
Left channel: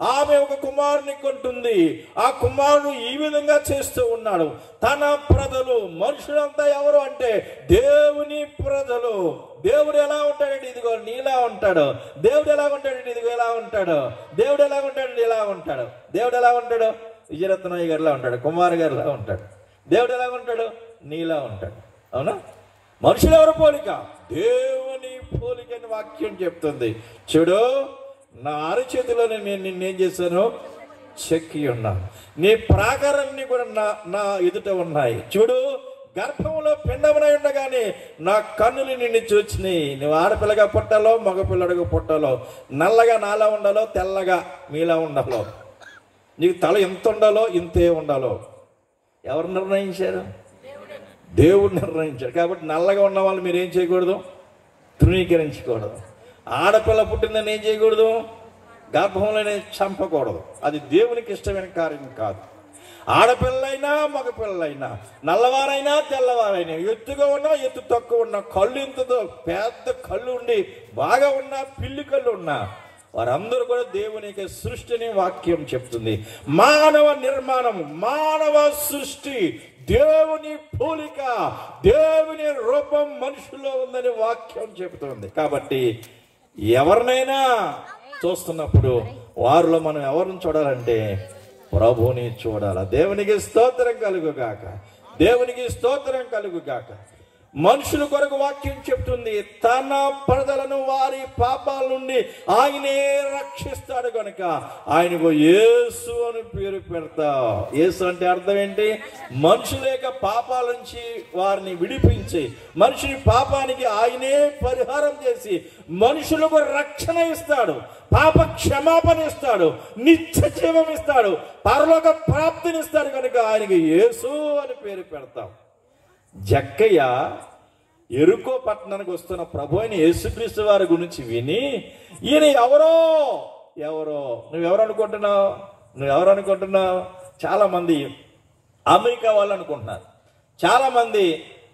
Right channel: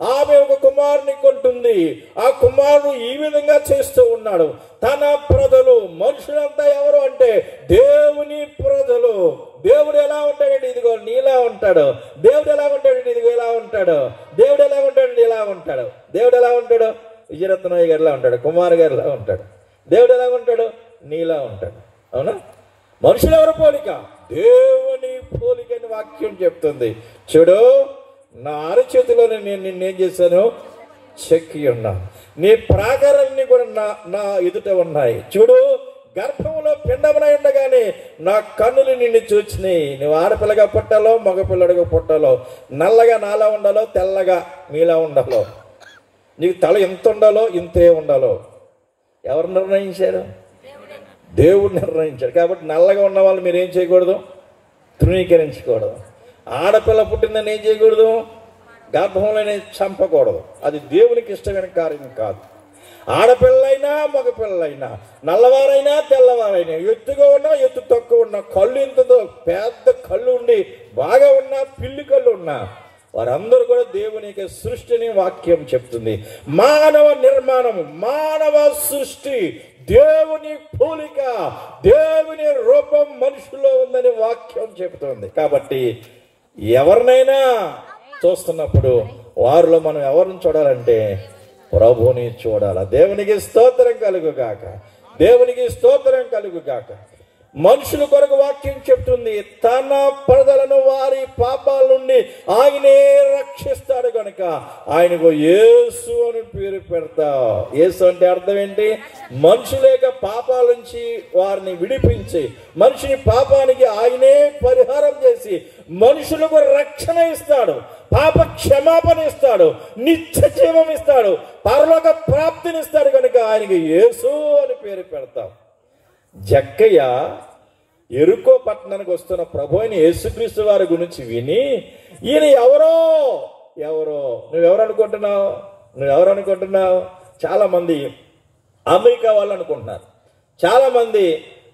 ఆమె ఒక కుమారుని కొంటుంది. ఆ కుమారుడు ఈ విధంగా చేస్తూ ఉన్నాడు. తన ప్రజలు, మనుషులంతా ఎవరు అంటే దేవుని ప్రజలు. దేవుడు ఎలా ఉంటాడండి? ఇదిగో నీలా ఉంటాడు. దేవుడు ఎలా ఉంటాడండి? ఇదిగో ఎలా ఉంటాడు. దేవుడు ఎలా ఉంటాడండి? ఇలా ఉంటాడు. దేవుడు ఎలా ఉంటాడు? విజయరత్నయ్య గారిలా ఉంటాడు, కుమార్ గారిలా ఉంటాడు. దేవుడు ఎలా ఉంటాడు? నీలా ఉంటాడు. అవునా? మనుషులు ఎవరు పోలిక? దేవుని పోలిక అని వాక్యం చెప్తుంది. చూడు, నా అరచేతిలోనే నేను నిన్నేం చేశాను? చెక్కి ఉన్నాను. నీ ప్రాకారాన్ని కూడా నా ఎదుట ఉన్నాయి. చూడు, గర్భములో పిండమునై ఉండగానే నా కన్నులు నిన్ను చూచినాయి. నువ్వు ఆడపిల్లగా పుట్టాలో మగపిల్లడిగా పుట్టాలో, నల్లగా నాలా ఉండాలో తెల్లగా మీలా ఉండాలో, నీకు తల ఎంత ఉండాలో ఇంతే ఉండాలో ఎవరు నిర్ణయించారు? దేవుడు నిర్ణయించాడు. కాబట్టి నల్లగా ఉన్న వాళ్ళు మీరు ఏం చేయకూడదు? తృణీకరించకూడదు. ఆడపిల్ల పుట్టిందని ఏం చేయకూడదు? గర్భంలోనే చంపకూడదు. అది దేవునికి ఇష్టమైన కార్యం కాదు. ఆడపిల్లైనా మగపిల్లైనా, నల్లవారైనా తెల్లవారైనా, ఎత్తుగా ఉన్నా ఎత్తు తక్కువ ఉన్నా, కళ్ళు ఇంతతో పెద్ద కళ్ళు ఉండి బాగా ఉన్నా, పిల్లి కళ్ళు ఉన్నా, వారందరూ కూడా దేవునికి సృష్టిని వాక్యం చెప్తుంది. మానవ నిర్మాణము, మానవ సృష్టి దేవుని పోలిక, దేవుని రూపం మనుషుల్లో ఉందని వాక్యం చెబుతుంది. కాబట్టి ఎవరినైనా చూస్తున్నప్పుడు వారిలో మనం ఎవరిని చూడాలంటే ప్రభువుని చూడాలి. దేవునికి స్తోత్రం కలుగుగాక. దేవునికి స్తోత్రం కలుగుగాక. మనుషుల కొరకు వాక్యం చెప్తుంది, తన ప్రజలను వారి పాపాల నుండి ఆయనే రక్షిస్తాడు కనుక ఆయనకు యేసు అని పేరు పెడతా. యేసు అంటే అర్థం ఏంటి? మనుషుల యొక్క పాపాల నుంచి వారిని విడిపించి, మనిషిని పాపానికి ఆయనే పరిహారం చేసి మనుషులకు రక్షణ ఇస్తాడు, పాప క్షమాపణ ఇస్తాడు, నిత్య జీవం ఇస్తాడు, పరలోక ప్రాప్తినిస్తాడు కనుక ఆయనకి యేసు అని పేరు పెడతాం. జక్కయ్య ఎరుకో పట్టణానికి వస్తున్న ప్రభు అయిన యేసుక్రీస్తు వారి గురించి విని, ఈయన ఎవరో నువ్వెవరు అనుకుంటున్నావు? చాలా మంది అమెరికా వాళ్ళు అనుకుంటున్నారు, చాలా మంది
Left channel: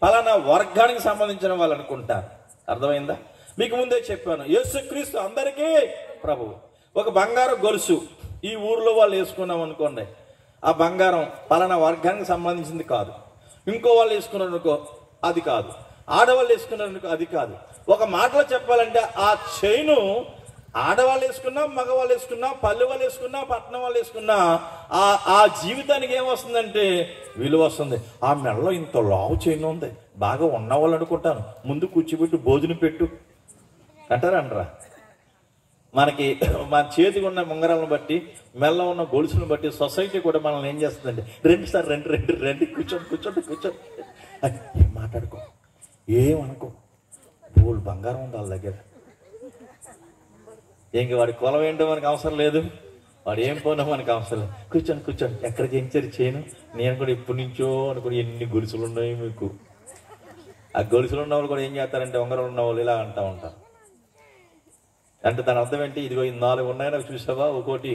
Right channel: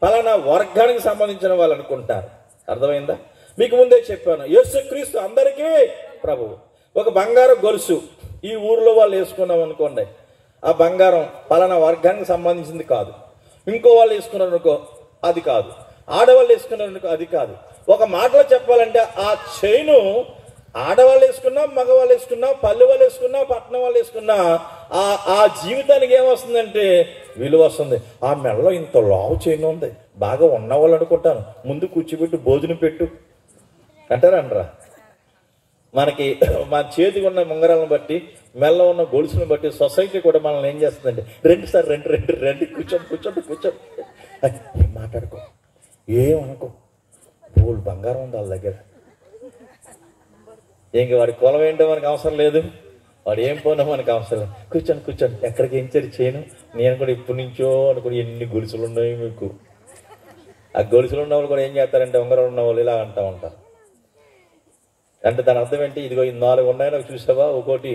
ఫలానా వర్గానికి సంబంధించిన వాళ్ళు అనుకుంటారు. అర్థమైందా? మీకు ముందే చెప్పాను, యేసుక్రీస్తు అందరికీ ప్రభు. ఒక బంగారం గొలుసు ఈ ఊర్లో వాళ్ళు వేసుకున్నాం అనుకోండి, ఆ బంగారం ఫలానా వర్గానికి సంబంధించింది కాదు. ఇంకో వాళ్ళు వేసుకున్నారు అనుకో, అది కాదు. ఆడవాళ్ళు వేసుకున్నారు అనుకో, అది కాదు. ఒక మాటలో చెప్పాలంటే ఆ చైను ఆడవాళ్ళు వేసుకున్నా, మగవాళ్ళు వేసుకున్నా, పల్లె వాళ్ళు వేసుకున్నా, పట్టణం వాళ్ళు వేసుకున్నా ఆ జీవితానికి ఏమొస్తుందంటే విలువ వస్తుంది. ఆ మెడలో ఇంత లావు చైన్ ఉంది, బాగా ఉన్నవాళ్ళు అనుకుంటాను, ముందు కూర్చోబెట్టు, భోజనం పెట్టు అంటారా? మనకి మన చేతికి ఉన్న ముంగరాలను బట్టి, మెల్ల ఉన్న గొలుసును బట్టి సొసైటీ కూడా మనల్ని ఏం చేస్తుందంటే, రండి సార్, రండి కూర్చోండి మాట్లాడుకో, ఏమనుకో, బోల్ బంగారం ఉంది వాళ్ళ దగ్గర. ఇంకా వాడి కులం ఏంటో మనకు అవసరం లేదు, వాడు ఏం పోనా మనకు అవసరం లేదు. కూర్చోండి. ఎక్కడికి ఏం చేయను, నేను కూడా ఇప్పటి నుంచో అనుకుని ఎన్ని గొలుసులు ఉన్నాయి మీకు. ఆ గొలుసులు ఉన్న వాళ్ళు కూడా ఏం చేస్తారంటే, ఉంగరం ఉన్న వాళ్ళు ఇలా అంటూ ఉంటారు. అంటే దాని అర్థం ఏంటి? ఇదిగో ఈ 4 ఉన్నాయి నాకు చూసావా, ఒక్కోటి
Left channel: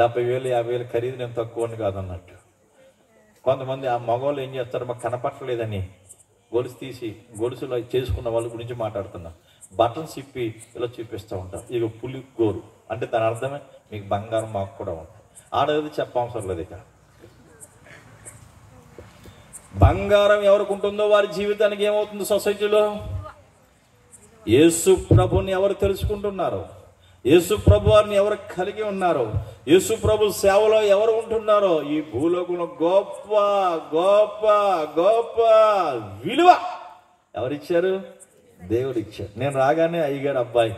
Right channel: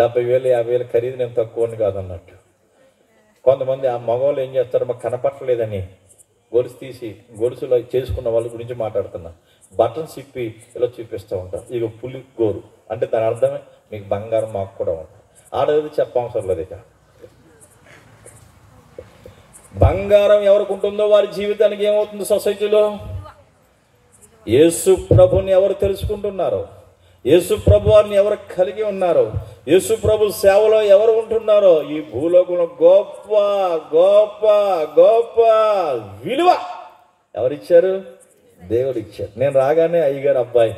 70,000 50,000 ఖరీదు, నేను తక్కువని కాదు అన్నట్టు. కొంతమంది ఆ మగవాళ్ళు ఏం చేస్తారు, మాకు కనపట్టలేదని గొలుసు తీసి గొలుసులో చేసుకున్న వాళ్ళ గురించి మాట్లాడుతున్నా, బటన్స్ ఇప్పి ఇలా చూపిస్తూ ఉంటారు. ఇక పులి గోరు అంటే దాని అర్థమే మీకు బంగారం మాకు కూడా ఉంటుంది. ఆడది చెప్పవసరం లేదు. ఇక బంగారం ఎవరికి ఉంటుందో వారి జీవితానికి ఏమవుతుంది సొసైటీలో? యేసు ప్రభుని ఎవరు తెలుసుకుంటున్నారో, యేసు ప్రభు వారిని ఎవరు కలిగి ఉన్నారో, యేసు ప్రభు సేవలో ఎవరు ఉంటున్నారో, ఈ భూలోకంలో గొప్ప గొప్ప గొప్ప విలువ ఎవరిచ్చారు? దేవుడు ఇచ్చాడు. నేను రాగానే అయ్యగారు అబ్బాయి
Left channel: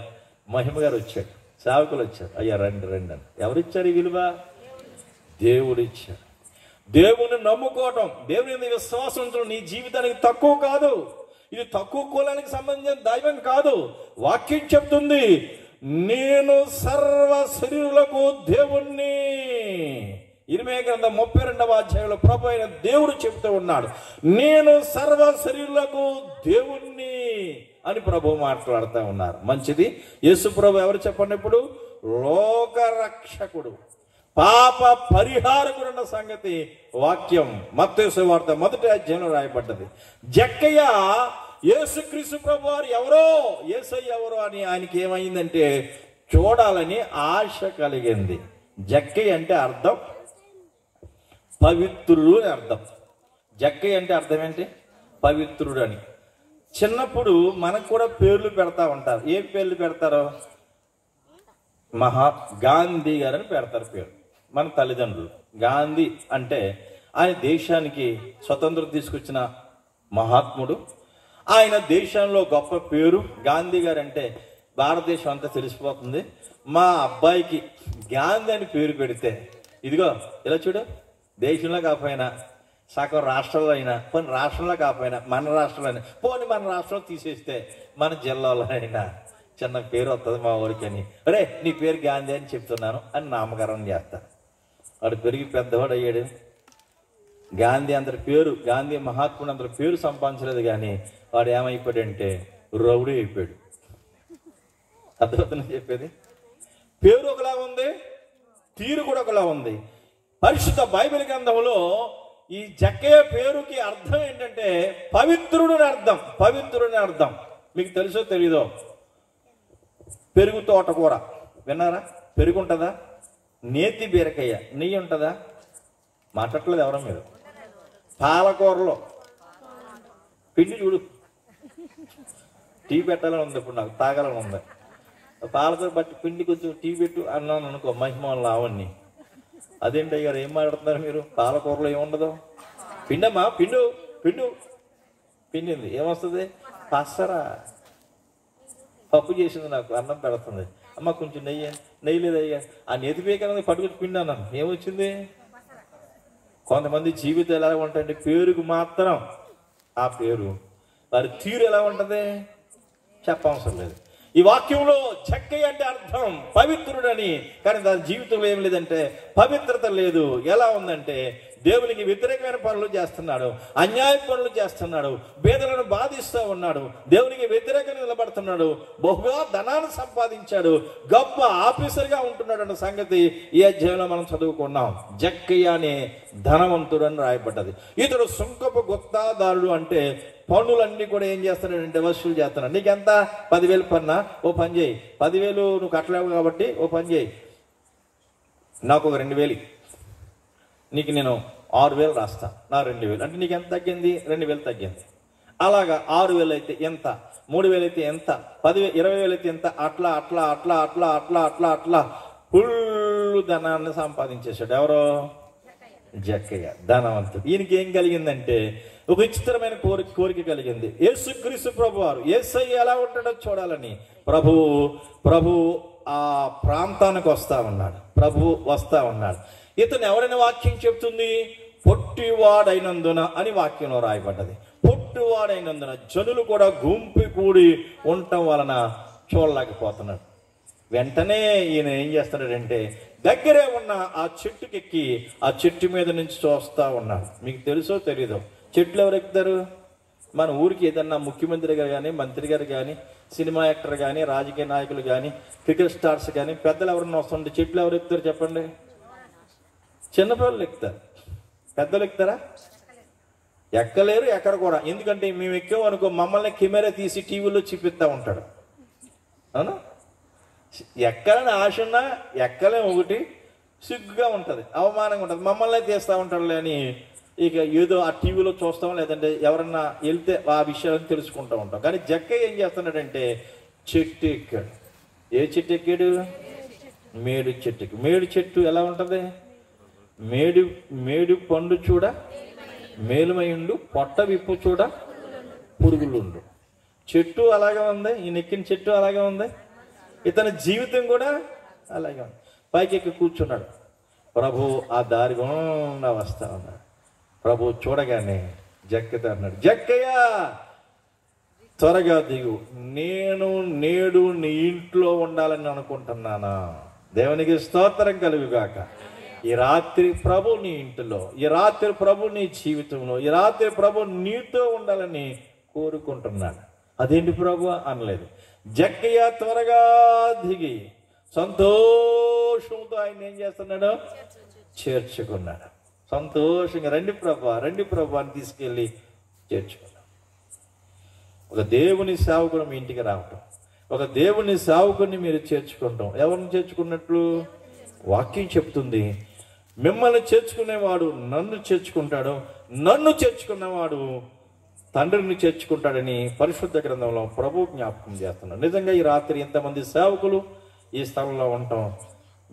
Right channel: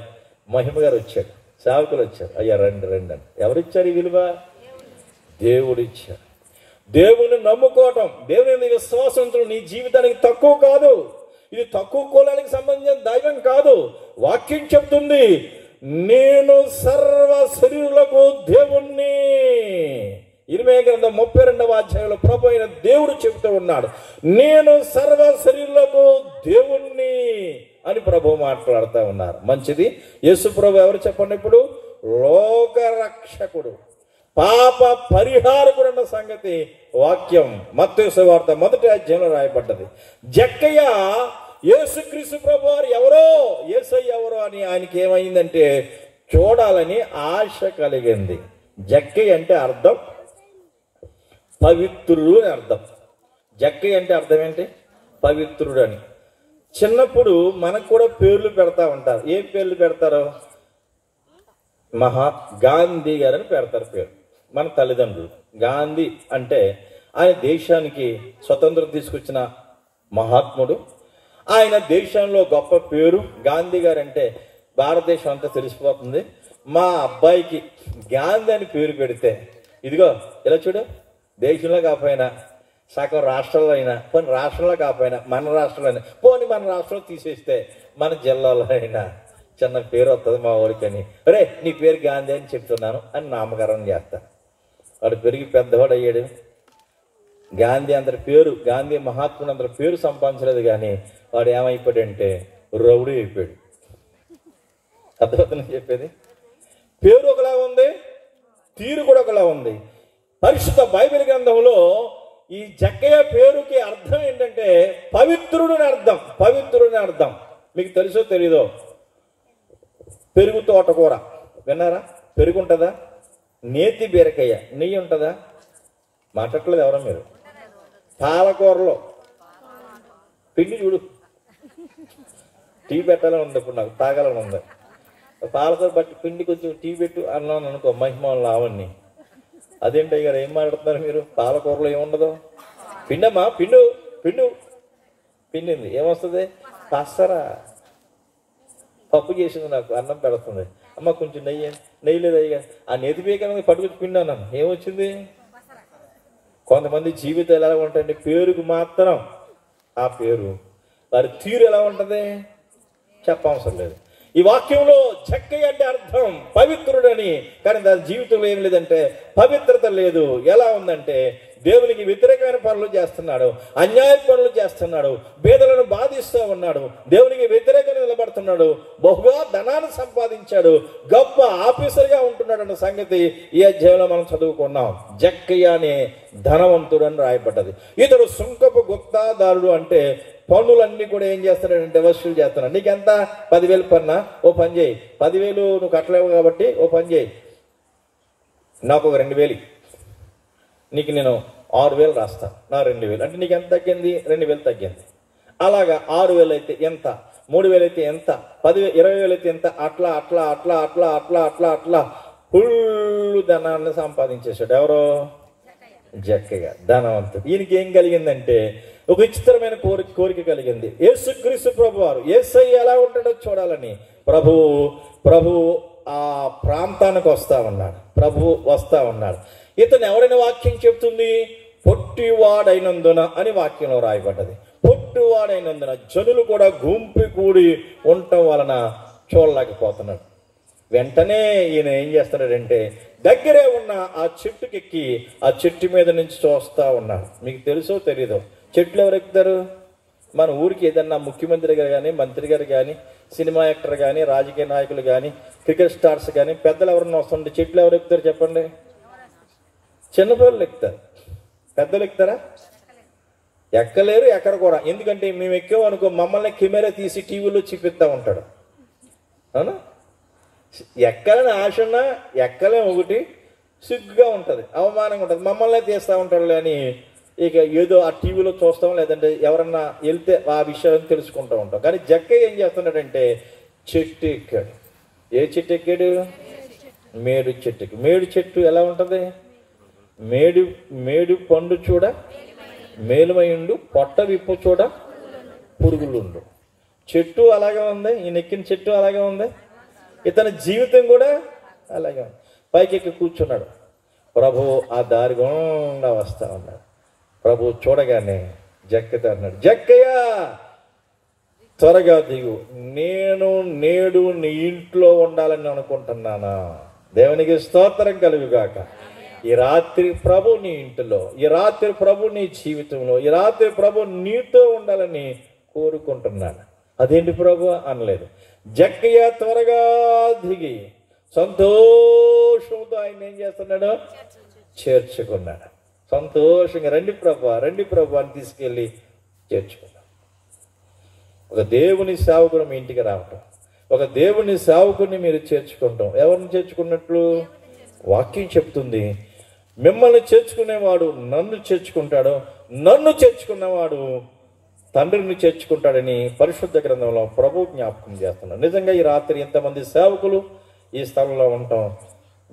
మహిమ గారు వచ్చాడు, సేవకులు వచ్చారు, అయ్యా రండి అని. ఎవరిచ్చారు ఈ విలువ? దేవుడు ఇచ్చాడు. దేవుని నమ్ముకోవటం, దేవుని విశ్వాసంతో నీ జీవితానికి తక్కువ కాదు. ఇది తక్కువ కులానికి సంబంధించిన దైవం కాదు. వాక్యం చెప్తుంది, నేను సర్వ శరీరులకు దేవుణ్ణి. ఇర్మీయా గ్రంథం 32వ అధ్యాయంలో ప్రభు అయిన దేవుడు చెప్తూ ఉన్నాడు, నేను సర్వ శరీరులకు దేవుణ్ణి అని ప్రభు మాట్లాడుతూ ఉన్నారు. మంచిది. యేసు ప్రభు ఎవరు చెప్పండి ఇప్పుడు? లోక రక్షకుడు, పాప పరిహారకుడు అన్న సంగతి వాక్యం మత్తయి సువార్త 1వ అధ్యాయంలో రాయబడ్డది. జక్కయ్య యేసుక్రీస్తు ప్రభు వారు ఎవరో, యేసయ్య ఎవరో అని ఆయనకి ఏమైందంటే చూడాలని ఆశ కలిగింది. జక్కయ్య అంటే అర్థం పవిత్రుడు అని అర్థం. జక్కయ్య అంటే అర్థం ఏంటి? పవిత్రుడు అని. చిన్నప్పుడు మనకు కూడా పేర్లు పెడతా ఉంటారు. ఏ పేర్లు పెడతారు? గాంధీ గారని పెడతారు పేరు మన తల్లిదండ్రులు. గాంధీ అంటే ఆయన దేశానికి స్వతంత్రం తీసుకొచ్చిన మహాత్ముడు. ఆయన దేశంలో గొప్ప పేరు. గాంధీ గారు అంటే భారతదేశం అంతా తెలిసిపోతుంది. మా అబ్బాయికి గాంధీ అని పేరు పెడితే, ఇదిగో ఇలా చూడు, దేశంలో కాకపోయినా సగం రాష్ట్రంలో అయినా, కొన్ని రాష్ట్రంలో కాకపోయినా మన రాష్ట్రంలో అయినా, పోనీ మన రాష్ట్రంలో తీసేస్తే మన జిల్లాలో అయినా చిన్న పేరు వస్తుంది మా ఊరికి అని. రే నీ పేరు గాంధీ అని చెప్తున్నాను అని నామకరణం చేస్తా. వాడు పెరిగి పెద్దవాడు అయ్యాడు. గాంధీ అందరి పేరు, గాంధీ మహాత్ముడు అందరి పేరు సంపాదించలేదు, కానీ వాడు ఏమైపోయాడంటే రౌడీ అయిపోయాడు. అర్థమవుతుంది చెప్పేది? పేరు ఒకలా ఉంది, తీరు కూడా ఒకలా ఉంది. పరిశుద్ధ బైబిల్ గ్రంథంలో ఈ జక్కయ్య పేరుకి అర్థం ఏంటంటే పవిత్రుడిని అర్థం. పవిత్రుడిని అర్థం మీకు తెలుసో తెలీదో? పెరుగు తోటకూర విన్నారా? పెరుగు ఉంటుందా? నేతి బీరకాయ నెయ్యి ఉంటుందా? మాట్లాడలేదు ఎవరా మీరు? పాలకూరలో పిండి చూడు, టీ పెట్టాలని ఉంది, ఇప్పుడు నాకు తాగాలని ఉంది. పాలకూర బట్టి పిండి కొంచెం టీ పెట్టు అన్నాను అనుకో, మహిమలు అవన్నీ. అదేంటి గారు ఏం మాట్లాడుతున్నారు మీరు? పాలకూరలో ఏముండదు? పిండమ్మా, పిండు పిండు పిండింది ఏమొస్తుంది? పసరా. పప్పు చేసింది, నాకు అన్నం పెడుతుంది. అమ్మ కొంచెం నెయ్యి లేదయ్యా. ఆ నెతి పీకని పట్టుకొచ్చి పిండి అన్నాను, ఏమొచ్చింది? కొంతమంది జీవితం ఎలా ఉంటాయంటే పేరుకు మాత్రం ఆ పేరు, వారి తీరు ఎలా ఉంటుంది చెప్పవసరం లేదు. ఈ వాక్యంలో జక్కయ్య అంటే అర్థం పవిత్రుడని, కానీ దాని జీవితంలో ఏం లేదంటే పవిత్రత లేదు. ఎలా ఉందంటే దేవునికి వ్యతిరేకమైన పనులు చేస్తున్నాడు, అన్యాయ పనులు చేస్తున్నాడు, పేదలను బాధిస్తూ ఉన్నాడు, దేవునికి వ్యతిరేకంగా నిలబడుతున్నాడు, బహుగా ధనాన్ని సంపాదించాడు, గొప్ప ఆఫీసర్గా ఉంటున్నాడు అన్న సంగతి ఈ అధ్యాయంలో మనం చదువుకున్నాం. జక్కయ్య అనే ధనవంతుడు అని రాయబడ్డది. ఇతడు సుంకపు గుత్తాదారుడు అంటే పన్నులన్నీ కూడా ఏం చేస్తున్నాడంటే వసూలు చేస్తున్నాడు. నీకెంత? 10,000 పన్నా? ఓ పని చేయి, 10,000 నువ్వు కట్టలేవు కాబట్టి ఓ పని చేయి, నాకు ఒక 2,000, నీకు నేను 6,000 రాస్తా, నా 2,000 అంటే నీకు ఎంత తగ్గింది? 2,000 తగ్గింది. అలాగా 6,000 అయితే ఎంత, 3,000 అయితే ఎంత, 10,000 20,000 అయితే ఎంత, అట్లా అట్లా అట్లా అట్లా అట్లా అట్లా అట్లా ఫుల్ ధనాన్ని సంపాదించేశాడు. ఎవరు? జక్కయ్య ధనవంతుడు. ఈయనకి ఏం కలిగిందంటే ఒక విచిత్రమైన కోరిక కలిగింది. యేసుక్రీస్తు ప్రభు వారు యేసయ్య ఎలా ఉంటాడో చూడాలని ప్రభు ఆ ప్రాంతానికి వస్తా ఉన్నాడు. ప్రభు వస్తా ఉన్నాడు. ఇతను ఎవరైనా వాక్యం చెప్తుంది? పొట్టివాడైనందున అని వాక్యంలో రాయబడ్డది. పొట్టివాడైనందున జనులు కూడా గుంపు కూడి ఉండటం వలన చూడలేకపోతున్నాడు. వెంటనే ఈయన ఏం చేస్తున్నాడంటే దగ్గరే ఉన్న ఆ చెట్టుకెక్కి ఆ చెట్టు మీద నుంచి చూస్తా ఉన్నాడు. మీకు తెలుసో తెలీదో? చెట్లు ఎవరు ఎక్కుతారు? మన ఊరికి ఏదన్నా ముఖ్యమంత్రి గారు కానీ, మంత్రి గారు కానీ, సినిమా యాక్టర్ కానీ, రాజకీయ నాయకులు కానీ, క్రికెట్ స్టార్స్ కానీ, పెద్దలు ఎవరన్నా వస్తుంటే చెట్లు ఎవరు ఎక్కుతారు చెప్పండి? చిన్నపిల్లలు ఎక్కుతారు. పెద్దలు ఎక్కుతారా? ఎక్కలేరు, ఎక్కడ కూడా. ఎందుకంటే మేము ఎక్కాం అనుకో మమ్మల్ని కెమెరా తీసి టీవీలో చూపిస్తా ఉంటాడు. అవునా? ఎక్కాలని ఆశ ఉన్నా ఎక్కలేం, ఒకటి సిగ్గుగా ఉంటుంది, అవమానంగా ఉంటుంది, మమ్మల్ని తీస్తూ ఉంటాడు అని ఇక ఏదో ఆ టీవీలో చూస్తాం, లేదంటే ఎవరన్నా వెళ్తే ఆ విషయాలను తెలుసుకుంటూ ఉంటాం. కానీ జక్కయ్య ఏం చేస్తున్నాడంటే చెట్టు ఎక్కాడు. ఏ చెట్టు ఎక్కాడు? మేడు చెట్టు. మేడు చెట్టు ఎలా ఉంటుంది? మేడు పండు చూడ మేలుమైండు, పొట్ట విప్పు చూడ పురుగులుండు. చెట్టు అలాగే ఉంది, ఈ నెక్కిన చెట్టు అలాగే ఉంది, ఇతని జీవితం కూడా అలాగే ఉంది. పైకి ఎక్కి కూర్చున్నాడు. ప్రభు ఆ దారి గుండా వస్తా ఉన్నాడు. ప్రభు చూడగానే జక్కయ్య అన్నాడు, జక్కయ్య త్వరగా దిగు, నేను నేడు నీ ఇంట్లో ఉండాలని అనుకుంటున్నానా? దేవునికి స్తోత్రం కలుగుగాక. ఈ రాత్రి ప్రభు నీ ఇంటిలో, ఈ రాత్రి ప్రభు నీ జీవితంలో, ఈ రాత్రి ప్రభు నీతో ఉండాలని కోరుకుంటున్నాడు. అదేంటి ప్రభు అనలేదు. జక్కయ్య త్వరగా దిగి సంతోషంతో ఆయన ఏం చేస్తున్నాడు? చేర్చుకున్నాడు. సంతోషంగా రండి ప్రభు అని తీసుకెళ్ళి చేర్చుకున్నాడు. ఒక దేవుని సేవకుడు మీ ఇంటికి రావటం, ఒక దేవుని సేవకుని మీరు చేర్చుకుంటాం. ఎవరిని చేర్చుకున్నట్లు? వాక్యం చెప్తుంది, మిమ్మల్ని చేర్చుకునేవాడు నన్ను చేర్చుకుంటాడు, నన్ను చేర్చుకున్నవాడు తండ్రిని చేర్చుకుంటాడని పరిశుద్ధ గ్రంథంలో ప్రభు జ్ఞాపకం చేస్తున్నాడు. నిజంగా ఈ రాత్రి ఇంతమంది సేవకులు ఈ స్థలంలో ఉంటాం,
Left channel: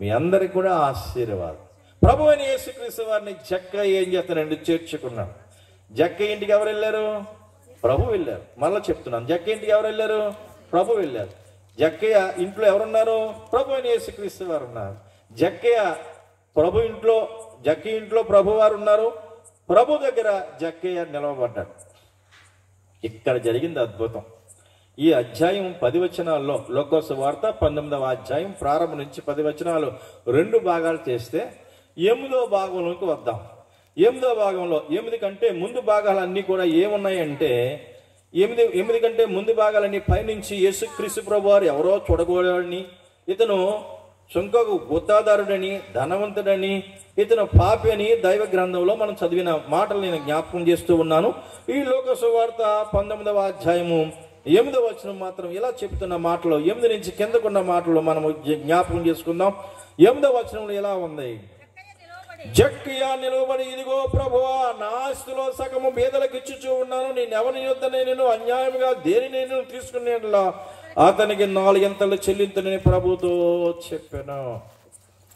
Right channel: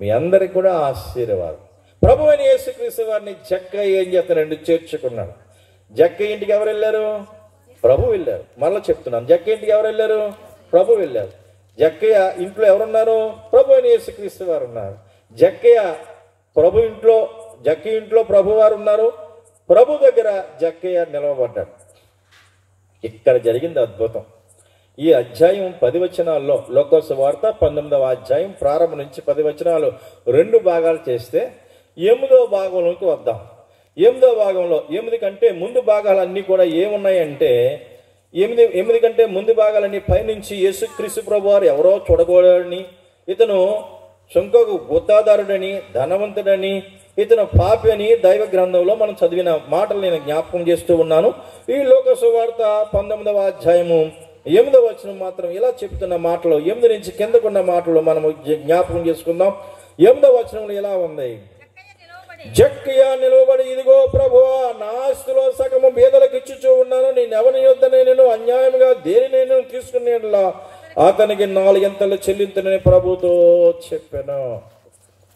మీ అందరికి కూడా ఆశీర్వాదం. ప్రభు అని యేసుక్రీస్తు వారిని జక్కయ్య ఏం చేస్తానండి, చేర్చుకున్నాడు. జక్కయ్య ఇంటికి ఎవరు వెళ్ళారు? ప్రభు వెళ్ళారు. మళ్ళీ చెప్తున్నాను, జక్కయ్య ఇంటికి ఎవరు వెళ్ళారు? ప్రభు వెళ్ళారు. జక్కయ్య ఇంట్లో ఎవరున్నారు? ప్రభు అని యేసుక్రీస్తు వారు ఉన్నారు. జక్కయ్య ఇంట్లో ప్రభు వారు ఉన్నారు. ప్రభు దగ్గర జక్కయ్య నిలవబడ్డాడు. ఇక్కడ జరిగింది అద్భుతం. ఈ అధ్యాయం 10 వచనాల్లో, లోకాసు వార్త 19వ అధ్యాయం ప్రారంభం నుంచి 10 వచనాలు 2 భాగాలు చేస్తే 8వ భాగంలోకి వద్దాం. 8వ భాగంలో 8 కంటే ముందు భాగాలన్నీ కూడా ఏమున్నాయంటే, 8 కంటే ముందు భాగాలన్నీ పైనుంచి యేసుక్రీస్తు ప్రభు వారు ఎవరో చూడకూడదని, ఇతను సుంకకు గుత్తాదారుడని, ధనవంతుడని, ఇతను పాపి అని దైవ గ్రంథంలో మనం చదివిన మాటలు నేను జ్ఞాపకం చేస్తూ ఉన్నాను. ఈ లోకాసు వార్త 19వ అధ్యాయము 8వ వచనం మాత్రం ఇలా చెప్తున్న మాటలు, 8 నుంచి కిందకున్న మాటలు మనము జ్ఞాపకం చేసుకుందాం. 8వ వచనంలో ఇలా ఉంది, జక్కయ్య నిలబడి, ఇదిగో ప్రభువా, నా ఆస్తిలో సగము బీదలకు ఇచ్చుచూ ఉన్నాను, నేనెవరి యొద్దనే నేను అన్యాయంగా దేనినైనా తీసుకునేలా అతనికి 4 ఎంతలు చెల్లించునని ప్రభుతో చెప్పాను.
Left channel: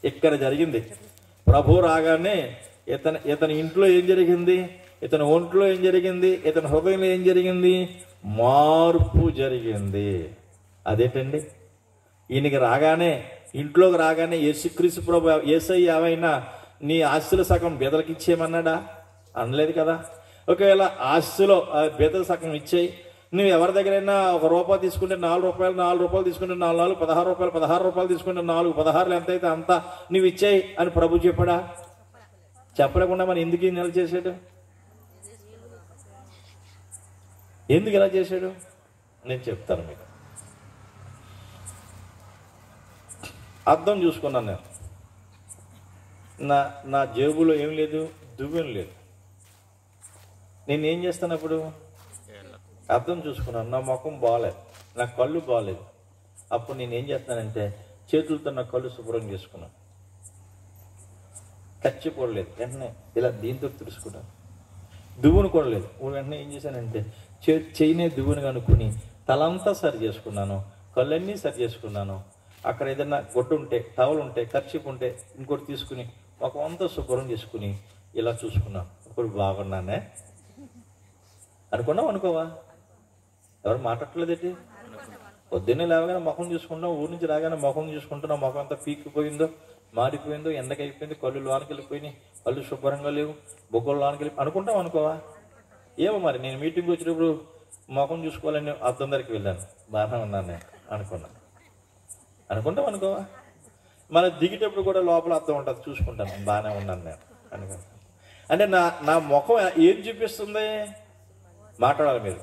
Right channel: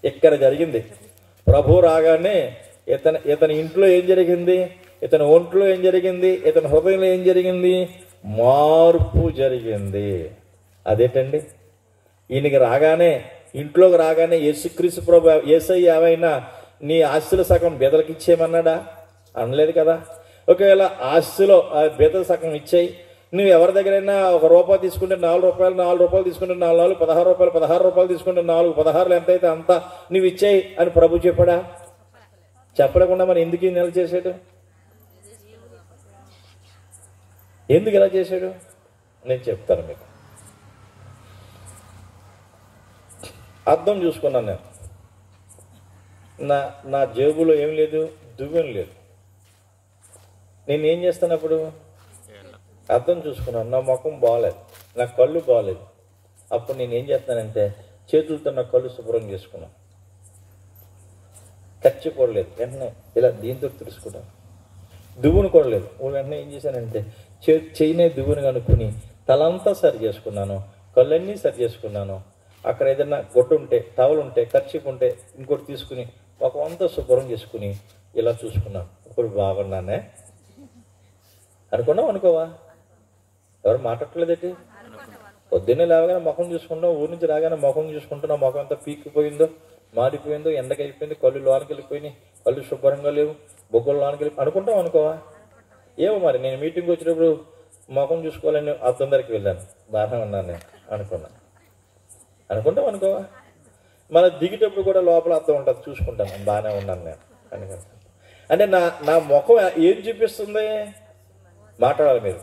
ఇక్కడ జరిగింది. ప్రభు రాగానే ఇతని ఇంట్లో ఏం జరిగింది, ఇతని ఒంట్లో ఏం జరిగింది, ఇతని హృదయంలో ఏం జరిగింది? మార్పు జరిగింది. అదేంటండి, ఈయనకి రాగానే, ఇంట్లోకి రాగానే యేసుక్రీస్తు ప్రభు యేసయ్య ఏమైనా నీ ఆస్తుల సగం బెదలకు ఇచ్చేయమన్నాడా? అనలేదు కదా. ఒకవేళ ఆస్తులో ఆ బెదల సగం ఇచ్చేయి, నువ్వు ఎవరి దగ్గరైనా ₹1 తీసుకుంటే ₹4 తీసుకుంటే 4 16 రూపాయలు తీసుకుంటే 4 16 ఎంత అయితే అంత నువ్వు ఇచ్చేయి అని ప్రభు చెప్పాడా? చెప్పలేకుండా మరి ఎందుకు ఈ నెల చేశాడు? ఎందుకు ఇలా చేశాడు నేను చెప్తాను మీకు. అర్థం చూసుకున్నాను నేను. నా జేబులో ఏం లేదు, దువ్వెన లేదు. నేను ఏం చేస్తాను అప్పుడు? అర్థం చూసుకున్నాను. నా ముఖం బాగాలేదు, నా కళ్ళు బాగాలేదు. అప్పుడు నేను ఏం చేస్తానంటే చేతులతో నా కళ్ళు శుభ్రం చేసుకున్నాను. ఖర్చు కూడలేదు, వెంటనే ఇలా దీంతో తుడుచుకున్నాను. దువ్వును కూడలేదు, వెంటనే ఏం చేశానంటే చెయ్యినే దువ్వును కనుక్కుని తలంతా సరి చేసుకున్నాను, కళ్ళన్నీ సరి చేసుకున్నాను. అక్కడ ఏదైనా గొట్టు ఉంటే, టవల్ ఉంటే, ఖర్చు ఉంటే ఇంకోటి తీసుకుని ముఖం అంతా శుభ్రం చేసుకుని ఇలా చూసుకున్నాను. ఇప్పుడు బాగున్నానే అనుకున్నావు. అనుకోవా? ఎవరు మాట్లాడలేదేంటి? పొద్దున్నే లేవగానే ముఖం చూసుకుంటాం, ఊరి నుంచి రాగానే ముఖం చూసుకుంటున్నాం, ముఖం అంతా పీక్కిపోయిందో, మాడిపోయిందో, ఎండకి అయిపోయింది, కళ్ళు లోనికి వెళ్ళిపోయినాయి, కళ్ళు శుభ్రంగా లేవు, బొగ్గలు లోనికి వెళ్ళి అనుకుంటాం. అనుకోవా? ఏమో మరి, నేను మీటింగ్కి వచ్చినప్పుడు ముఖం చూసుకోవాలని అద్దం దగ్గరికి వెళ్ళాను, బాగానే ఉన్నాను నేను అనుకుంటాం. అనుకోవా? మన దిగేటప్పుడు కూడా లోపల అద్దం ఉంటుంది, చూసుకుంటాను, బాగానే ఉన్నాను నేను అనుకుంటాను. అంటే నా ముఖం ఏం చూపిస్తుంది? మాట్లాడాలి మీరు.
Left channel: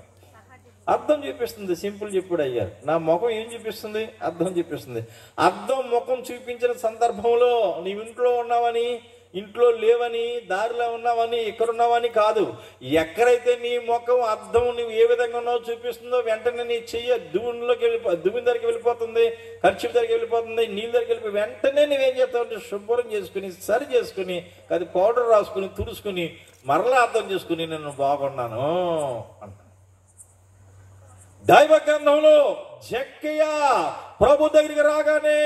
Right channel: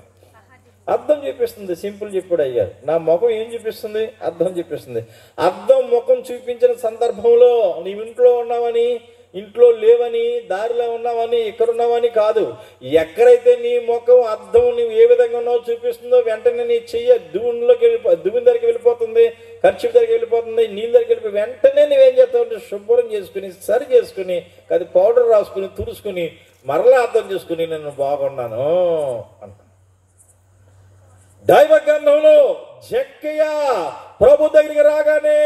అర్థం చూపిస్తుంది. సింపుల్ చెప్పాడు అయ్యారు. నా ముఖం ఏం చూపిస్తుంది? అర్థం చూపిస్తుంది. అర్థం ముఖం చూపించిన సందర్భంలో నీవు ఇంట్లో ఉన్నావని, ఇంట్లో లేవని, దారిలో ఉన్నావని, ఇక్కడ ఉన్నావని కాదు. ఎక్కడైతే నీ ముఖం అర్థం నువ్వు ఏ విధంగా ఉన్నావో చూపిస్తుందో వెంటనే నీ చెయ్యి దువ్వుని దగ్గరికి వెళ్ళిపోతుంది, ఖర్చు దగ్గరికి వెళ్ళిపోతుంది, నీళ్ళ దగ్గరికి వెళ్ళిపోయి వెంటనే నువ్వేం చేస్తావు? శుభ్రం చేసుకుని, సరి చేసుకుని, అది పౌడర్ రాసుకుని, తుడుచుకుని, మరలా అర్థం చేసుకుని నేను బాగున్నాను అంట. దైవ గ్రంథంలో జక్కయ్య ప్రభు దగ్గరికి రాగానే,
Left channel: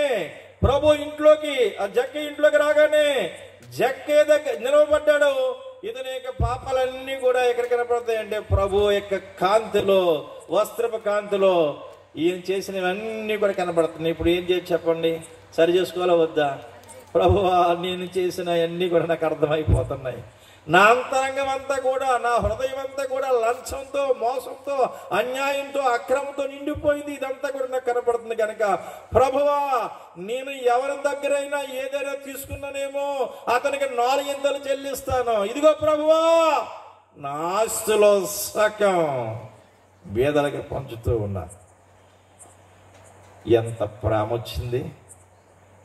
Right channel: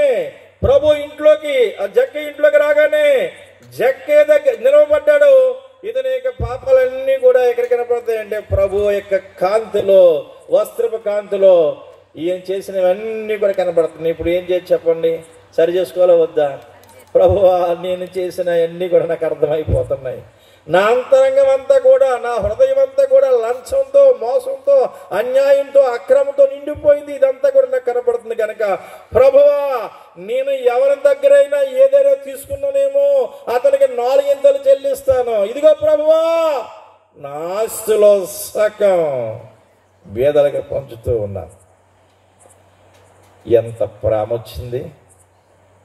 ప్రభు ఇంట్లోకి, ఆ జక్కయ్య ఇంట్లోకి రాగానే జక్కయ్య దగ్గర నిలవబడ్డాడు. ఇతని యొక్క పాపాలన్నీ కూడా ఎక్కడ కనపడతాయంటే ప్రభు యొక్క కాంతిలో, వస్త్రపు కాంతిలో ఈయన చేసినవన్నీ కూడా కనపడుతున్నాయి. ఇప్పుడు ఏం చేసి చెప్పండి? సరి చేసుకోవాలా వద్దా? ప్రభువా, నేను చేసిన అన్నీ కూడా నాకు అర్థమైపోతున్నాయి. నా అంతరంగం అంతా కూడా, నా హృదయం అంతా కూడా లంచంతో, మోసంతో, అన్యాయంతో, అక్రమంతో నిండిపోయింది. ఇదంతా కూడా నాకు కనపడుతుంది కనుక ప్రభువా, నేను ఎవరి దగ్గరైనా ఏదైనా తీసుకున్నానేమో అతనికి 4 ఎంతలు చెల్లిస్తాను. ఇదిగో ప్రభువా, నా ఆస్తులో సగం బీదలకు పంచుతూ ఉన్నా. ఎంత ప్రేమ వచ్చింది!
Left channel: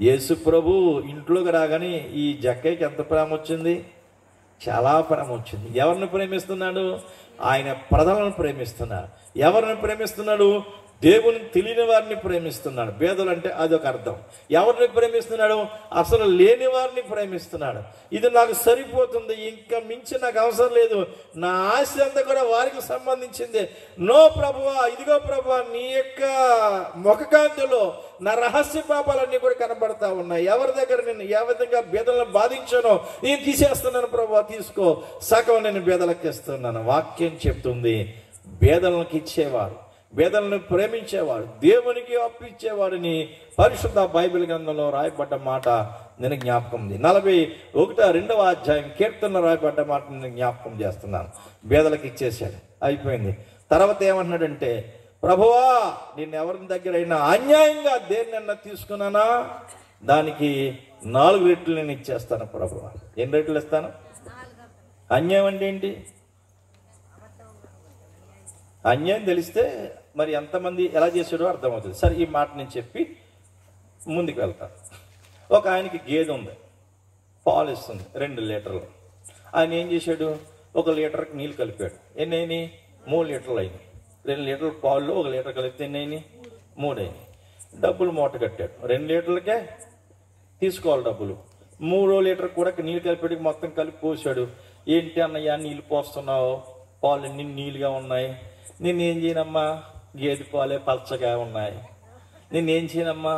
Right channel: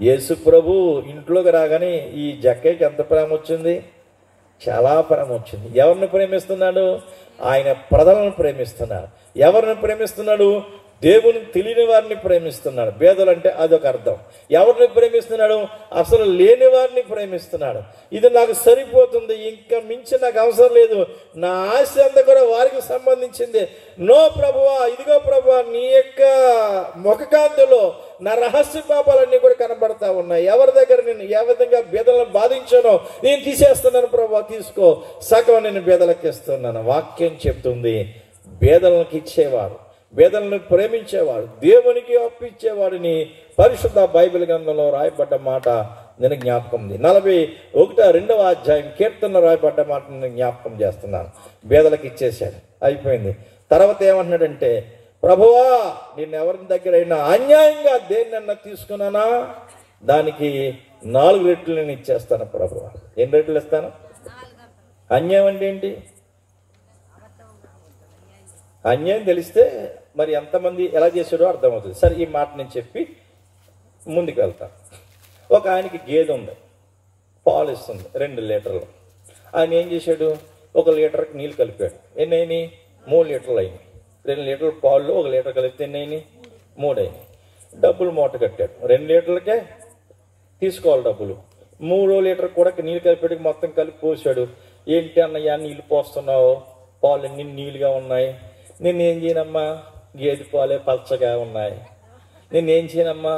యేసు ప్రభు ఇంట్లోకి రాగానే ఈ జక్కయ్యకి ఎంత ప్రేమ వచ్చింది! చాలా ప్రేమ వచ్చింది. ఎవరిని ప్రేమిస్తున్నాడు? ఆయన ప్రజలను ప్రేమిస్తున్నాడు. ఎవరిని ప్రేమిస్తున్నాడు? దేవుని తెలియని వారిని ప్రేమిస్తున్నాడు. పేదలు అంటే అదొక అర్థం. ఎవరిని ప్రేమిస్తున్నాడు? అసలు లేని వారిని ప్రేమిస్తున్నాడు. ఇది నాకు సరిపోతుంది, ఇంకా మించి నాకు అవసరం లేదు, నా ఆశ అంతా కూడా వారికి సంబంధించింది. నో ప్రభువా, ఇదిగో ప్రభువా, నీ యొక్క ముఖకాంతిలో నా రహస్య పాపాలన్నీ కూడా కనబడతా ఉన్నాయి. ఎవరి దగ్గర నేను ఏ విధంగా బేదలను బాధించానో నేను తీసేస్తున్నాను ప్రభువా, తీసుకో, సగం నేను బేదలకు ఇస్తున్నాను. వాక్యం చెప్తుంది, బేదలకు ఇచ్చేవాడు, బేదలను ప్రేమించేవాడు, దేవునికి అప్పిచ్చేవాడిని పరిశుద్ధ బైబిల్ గ్రంథంలో రాయబడ్డ మాట నేను జ్ఞాపకం ఉంది. 41వ అధ్యాయం కీర్తనలో రాయబడ్డ మాట నేను జ్ఞాపకం చేస్తున్నాను. బేదలకు ఇచ్చేసాడు, అయిపోయింది. తర్వాత ఏమంటున్నాడంటే, ప్రభువా, నేను ఎవరి దగ్గర అయినా అన్యాయంగా దేన్నన్నా తీసుకున్నానా దానికి 4 రెట్లు నేను ఇచ్చేస్తాను ప్రభువా. ఎన్ని రెట్లు ఇస్తాను? అన్యాయం అంటే ఏంటి? అన్యాయం తెలిస్తే మరి ఎంతమంది ఎలా చేశాడో అర్థమవుతుంది. సరే, ఈ మాట నేను చెప్పి ముందుకు వెళ్తాను. ఒక ఆయనకి గేదె ఉంది, పాలు ఇస్తుంది 2 లీటర్లు. ఆయన ఏం చేశాడు? 1 లీటర్కి నీళ్ళు కలిపాడు. ఎన్ని అయినాయి? 3 లీటర్లు అయినాయి. 2 లీటర్ల పాలు 1 లీటర్ కలిపితే ఎన్ని అయినాయి? 3 అయినాయి. డబ్బులు మూట కట్టాడు. 2 లీటర్లకే తీసుకోవాలి డబ్బులు. 3వ లీటర్ కూడా నీళ్ళు కలిపేటికి మొత్తం కలిపి పోసాడు. ఏంటి అన్నయ్య నీళ్ళు పోస్తున్నావు, పాలు అన్ని నీళ్ళుగా ఉన్నాయి, నేనేం చేయనమ్మా, గేదె పాలే పచ్చగా ఉన్నాయి, నేనేం చేయనమ్మా,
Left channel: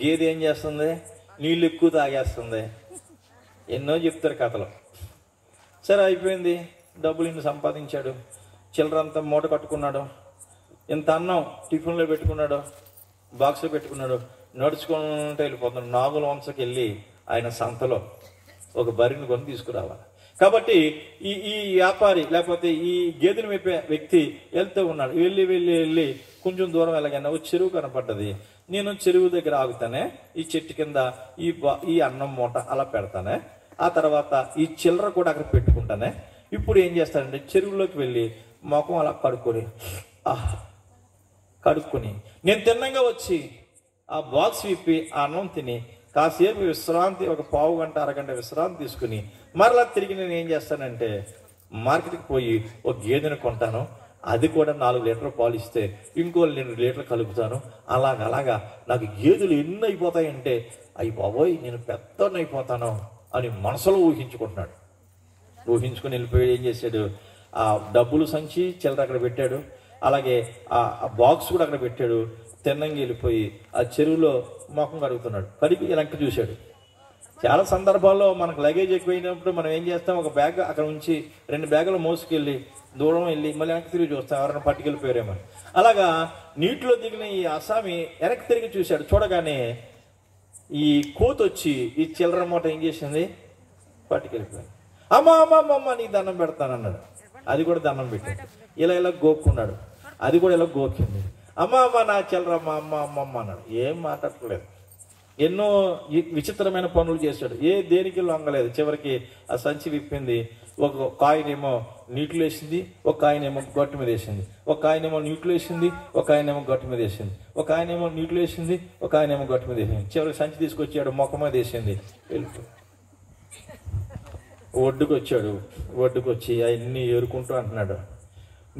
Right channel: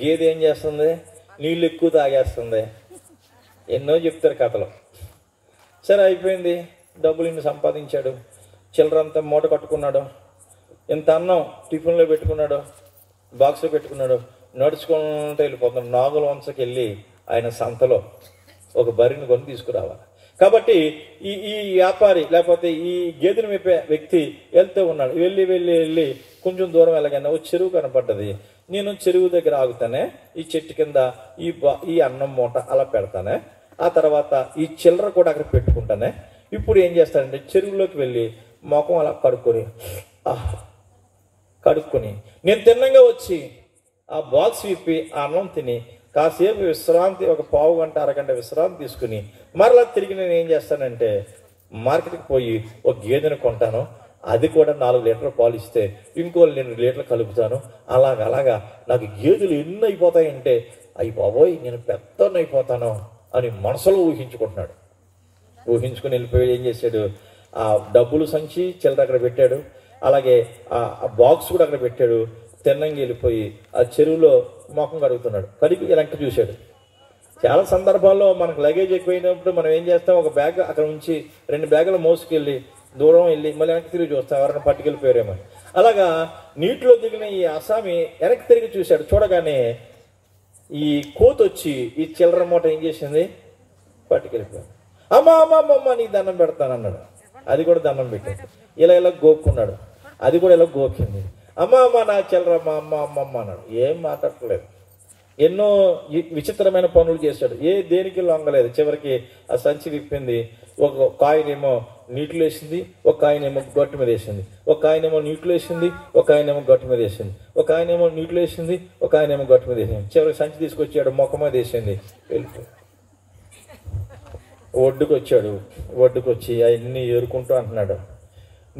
గేదె ఏం చేస్తుంది, నీళ్ళు ఎక్కువ తాగేస్తుంది, ఎన్నో చెప్తారు కథలు. సరే, అయిపోయింది. డబ్బులు ఇన్ని సంపాదించాడు, చిల్లరంతా మూట కట్టుకున్నాడు, ఇంత అన్నం టిఫిన్లో పెట్టుకున్నాడు, బాక్స్లో పెట్టుకున్నాడు, నడుచుకుంటూ వెళ్ళిపోతున్నాడు. నాగుల వంశకి వెళ్ళి ఆయన సంతలో ఒక బరిని కొని తీసుకురావాలి. కాబట్టి ఈ వ్యాపారి లేకపోతే ఈ గేదెను మేపే వ్యక్తి వెళ్తూ ఉన్నాడు. వెళ్ళి కొంచెం దూరం వెళ్ళగానే ఒక చెరువు కనపడ్డది. నేను చెరువు దగ్గర ఆగుతానే, ఈ చెట్టు కింద ఈ అన్నం మూట అలా పెడతానే, ఆ తర్వాత ఈ చిల్లర కూడా అక్కడ పెట్టుకుంటానే. ఇప్పుడు ఏం చేస్తానంటే చెరువులోకి వెళ్ళి మొఖం అలా కడుక్కొని నేను తిన్నంగా వచ్చి ఆ బాక్స్ విప్పి ఆ అన్నం తిని కాసేపు విశ్రాంతి, ఒక పావు గంట అరగంట విశ్రాంతి తీసుకుని మరలా తిరిగి నేను ఏం చేస్తానంటే మార్కెట్కి పోయి ఒక గేదెను కొంటాను. అది కూడా 4 లీటర్ల పాలు ఇస్తే ఇంకో 2 లీటర్లు కలుపుతాను. అలాగా నాకు గేదెలు ఎన్ని అయిపోతాయంటే, అయ్యి బాబోయ్ నేను పెద్దోన్ని అయిపోతాను అని మనసులో ఊహించుకుంటున్నాడు. ఊహించుకుని వెళ్ళిపోయి ఏం చేశాడు, ఆ డబ్బులు సంచి చిల్లర అక్కడ పెట్టాడు, అలాగే ఆ బాక్స్ కూడా అక్కడ పెట్టాడు. తిన్నంగా వెళ్ళిపోయి ఆ చెరువులో మొఖం కడుగుతున్నాడు. కడిగి వెనక్కి చూశాడు. చాలా సందర్భాల్లో మనకు లగేజ్ ఎక్కువైనప్పుడు మనం ఏం చేస్తాం, ఒక బ్యాగ్ అక్కడ ఉంచి 2 బ్యాగులు మోసుకెళ్ళి దూరం వెళ్ళి మళ్ళీ వెనక్కి తిరిగి చూస్తాం, ఎవరైనా పట్టుకెళ్ళిపోయారేమో. అలాగా నీటిలో దిగిన ఈ అసామి వెనక్కి తిరిగి చూశాడు. చూడగానే ఈ కోతి వచ్చి ఈ చిల్లర మూట ఏం చేసింది, పట్టుకెళ్ళిపోయాడు. అమ్మ నీ దండం పెడతానన్నాడు. అది కూడా దండం పెట్టాడు. ఇలా గోక్కున్నాడు. అది కూడా ఇలా గోకింది. అమ్మ నా చిల్లరమ్మ అమ్మ అన్నాడు. ఏం మాట్లాడలేదు. ఎన్నో విచిత్రమైన పనులు చేశాడు. దేనికి లొంగలేదు. చివరికి ఆ సంచి విప్పింది. ఒక కాయనేమో నీటిలో వేసింది, ఒక ఆయనేమో గట్టు మీద వేసింది, ఒక ఆయనేమో నీటిలో వేసింది, ఒక ఆయనేమో గట్టు మీద వేసింది, ఒక ఆయనేమో నీటిలో వేసింది, ఒక ఆయనేమో గట్టు మీద వేసింది. చివరికి సంచి తీసుకొచ్చాడు, మొక్క మీద వేసింది, వెళ్ళిపోయి ఒడ్డుకు వచ్చాడు. ఒడ్డుకు వచ్చి అవన్నీ ఏరుకుంటూ అంటున్నాడు,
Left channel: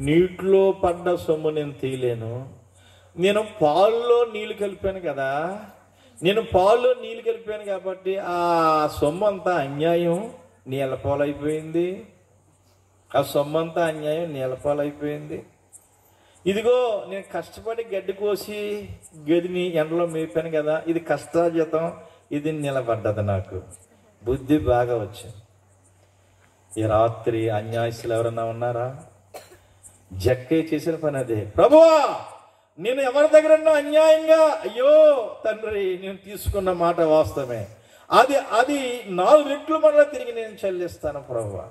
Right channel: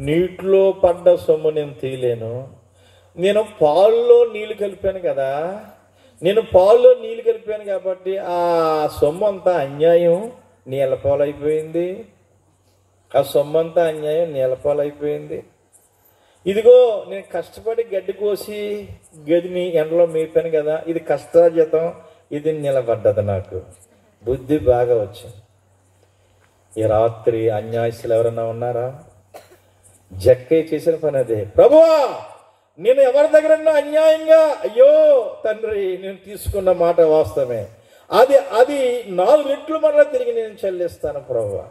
నీటిలో పడ్డ సొమ్ము నేను తీయలేను, నేను పాల్లో నీళ్లు కలిపాను కదా, నేను పాల్లో నీళ్లు కలిపాను కాబట్టి ఆ సొమ్ము అంతా అన్యాయం నీళ్ళపాలైపోయింది, ఆ సొమ్ము అంతా అన్యాయం నీళ్ళపాలైపోయింది. ఇదిగో నేను కష్టపడి గడ్డి కోసి గదిని ఎండలో మేపాను కదా, ఇది కష్టార్జితం, ఇది నిలబడ్డది. నాకు బుద్ధి బాగా వచ్చింది. ఈ రాత్రి అన్యాయస్తులు ఎవరన్నా ఉన్నారా? జక్కయ్య చేసిన పని అదే. ప్రభువా నేను ఎవరి దగ్గర అన్యాయంగా, అయ్యో తండ్రి నేను తీసుకున్న మాట వాస్తవమే, అది 4 రెట్లు మరలా తిరిగి నేను చెల్లిస్తాను ప్రభువా.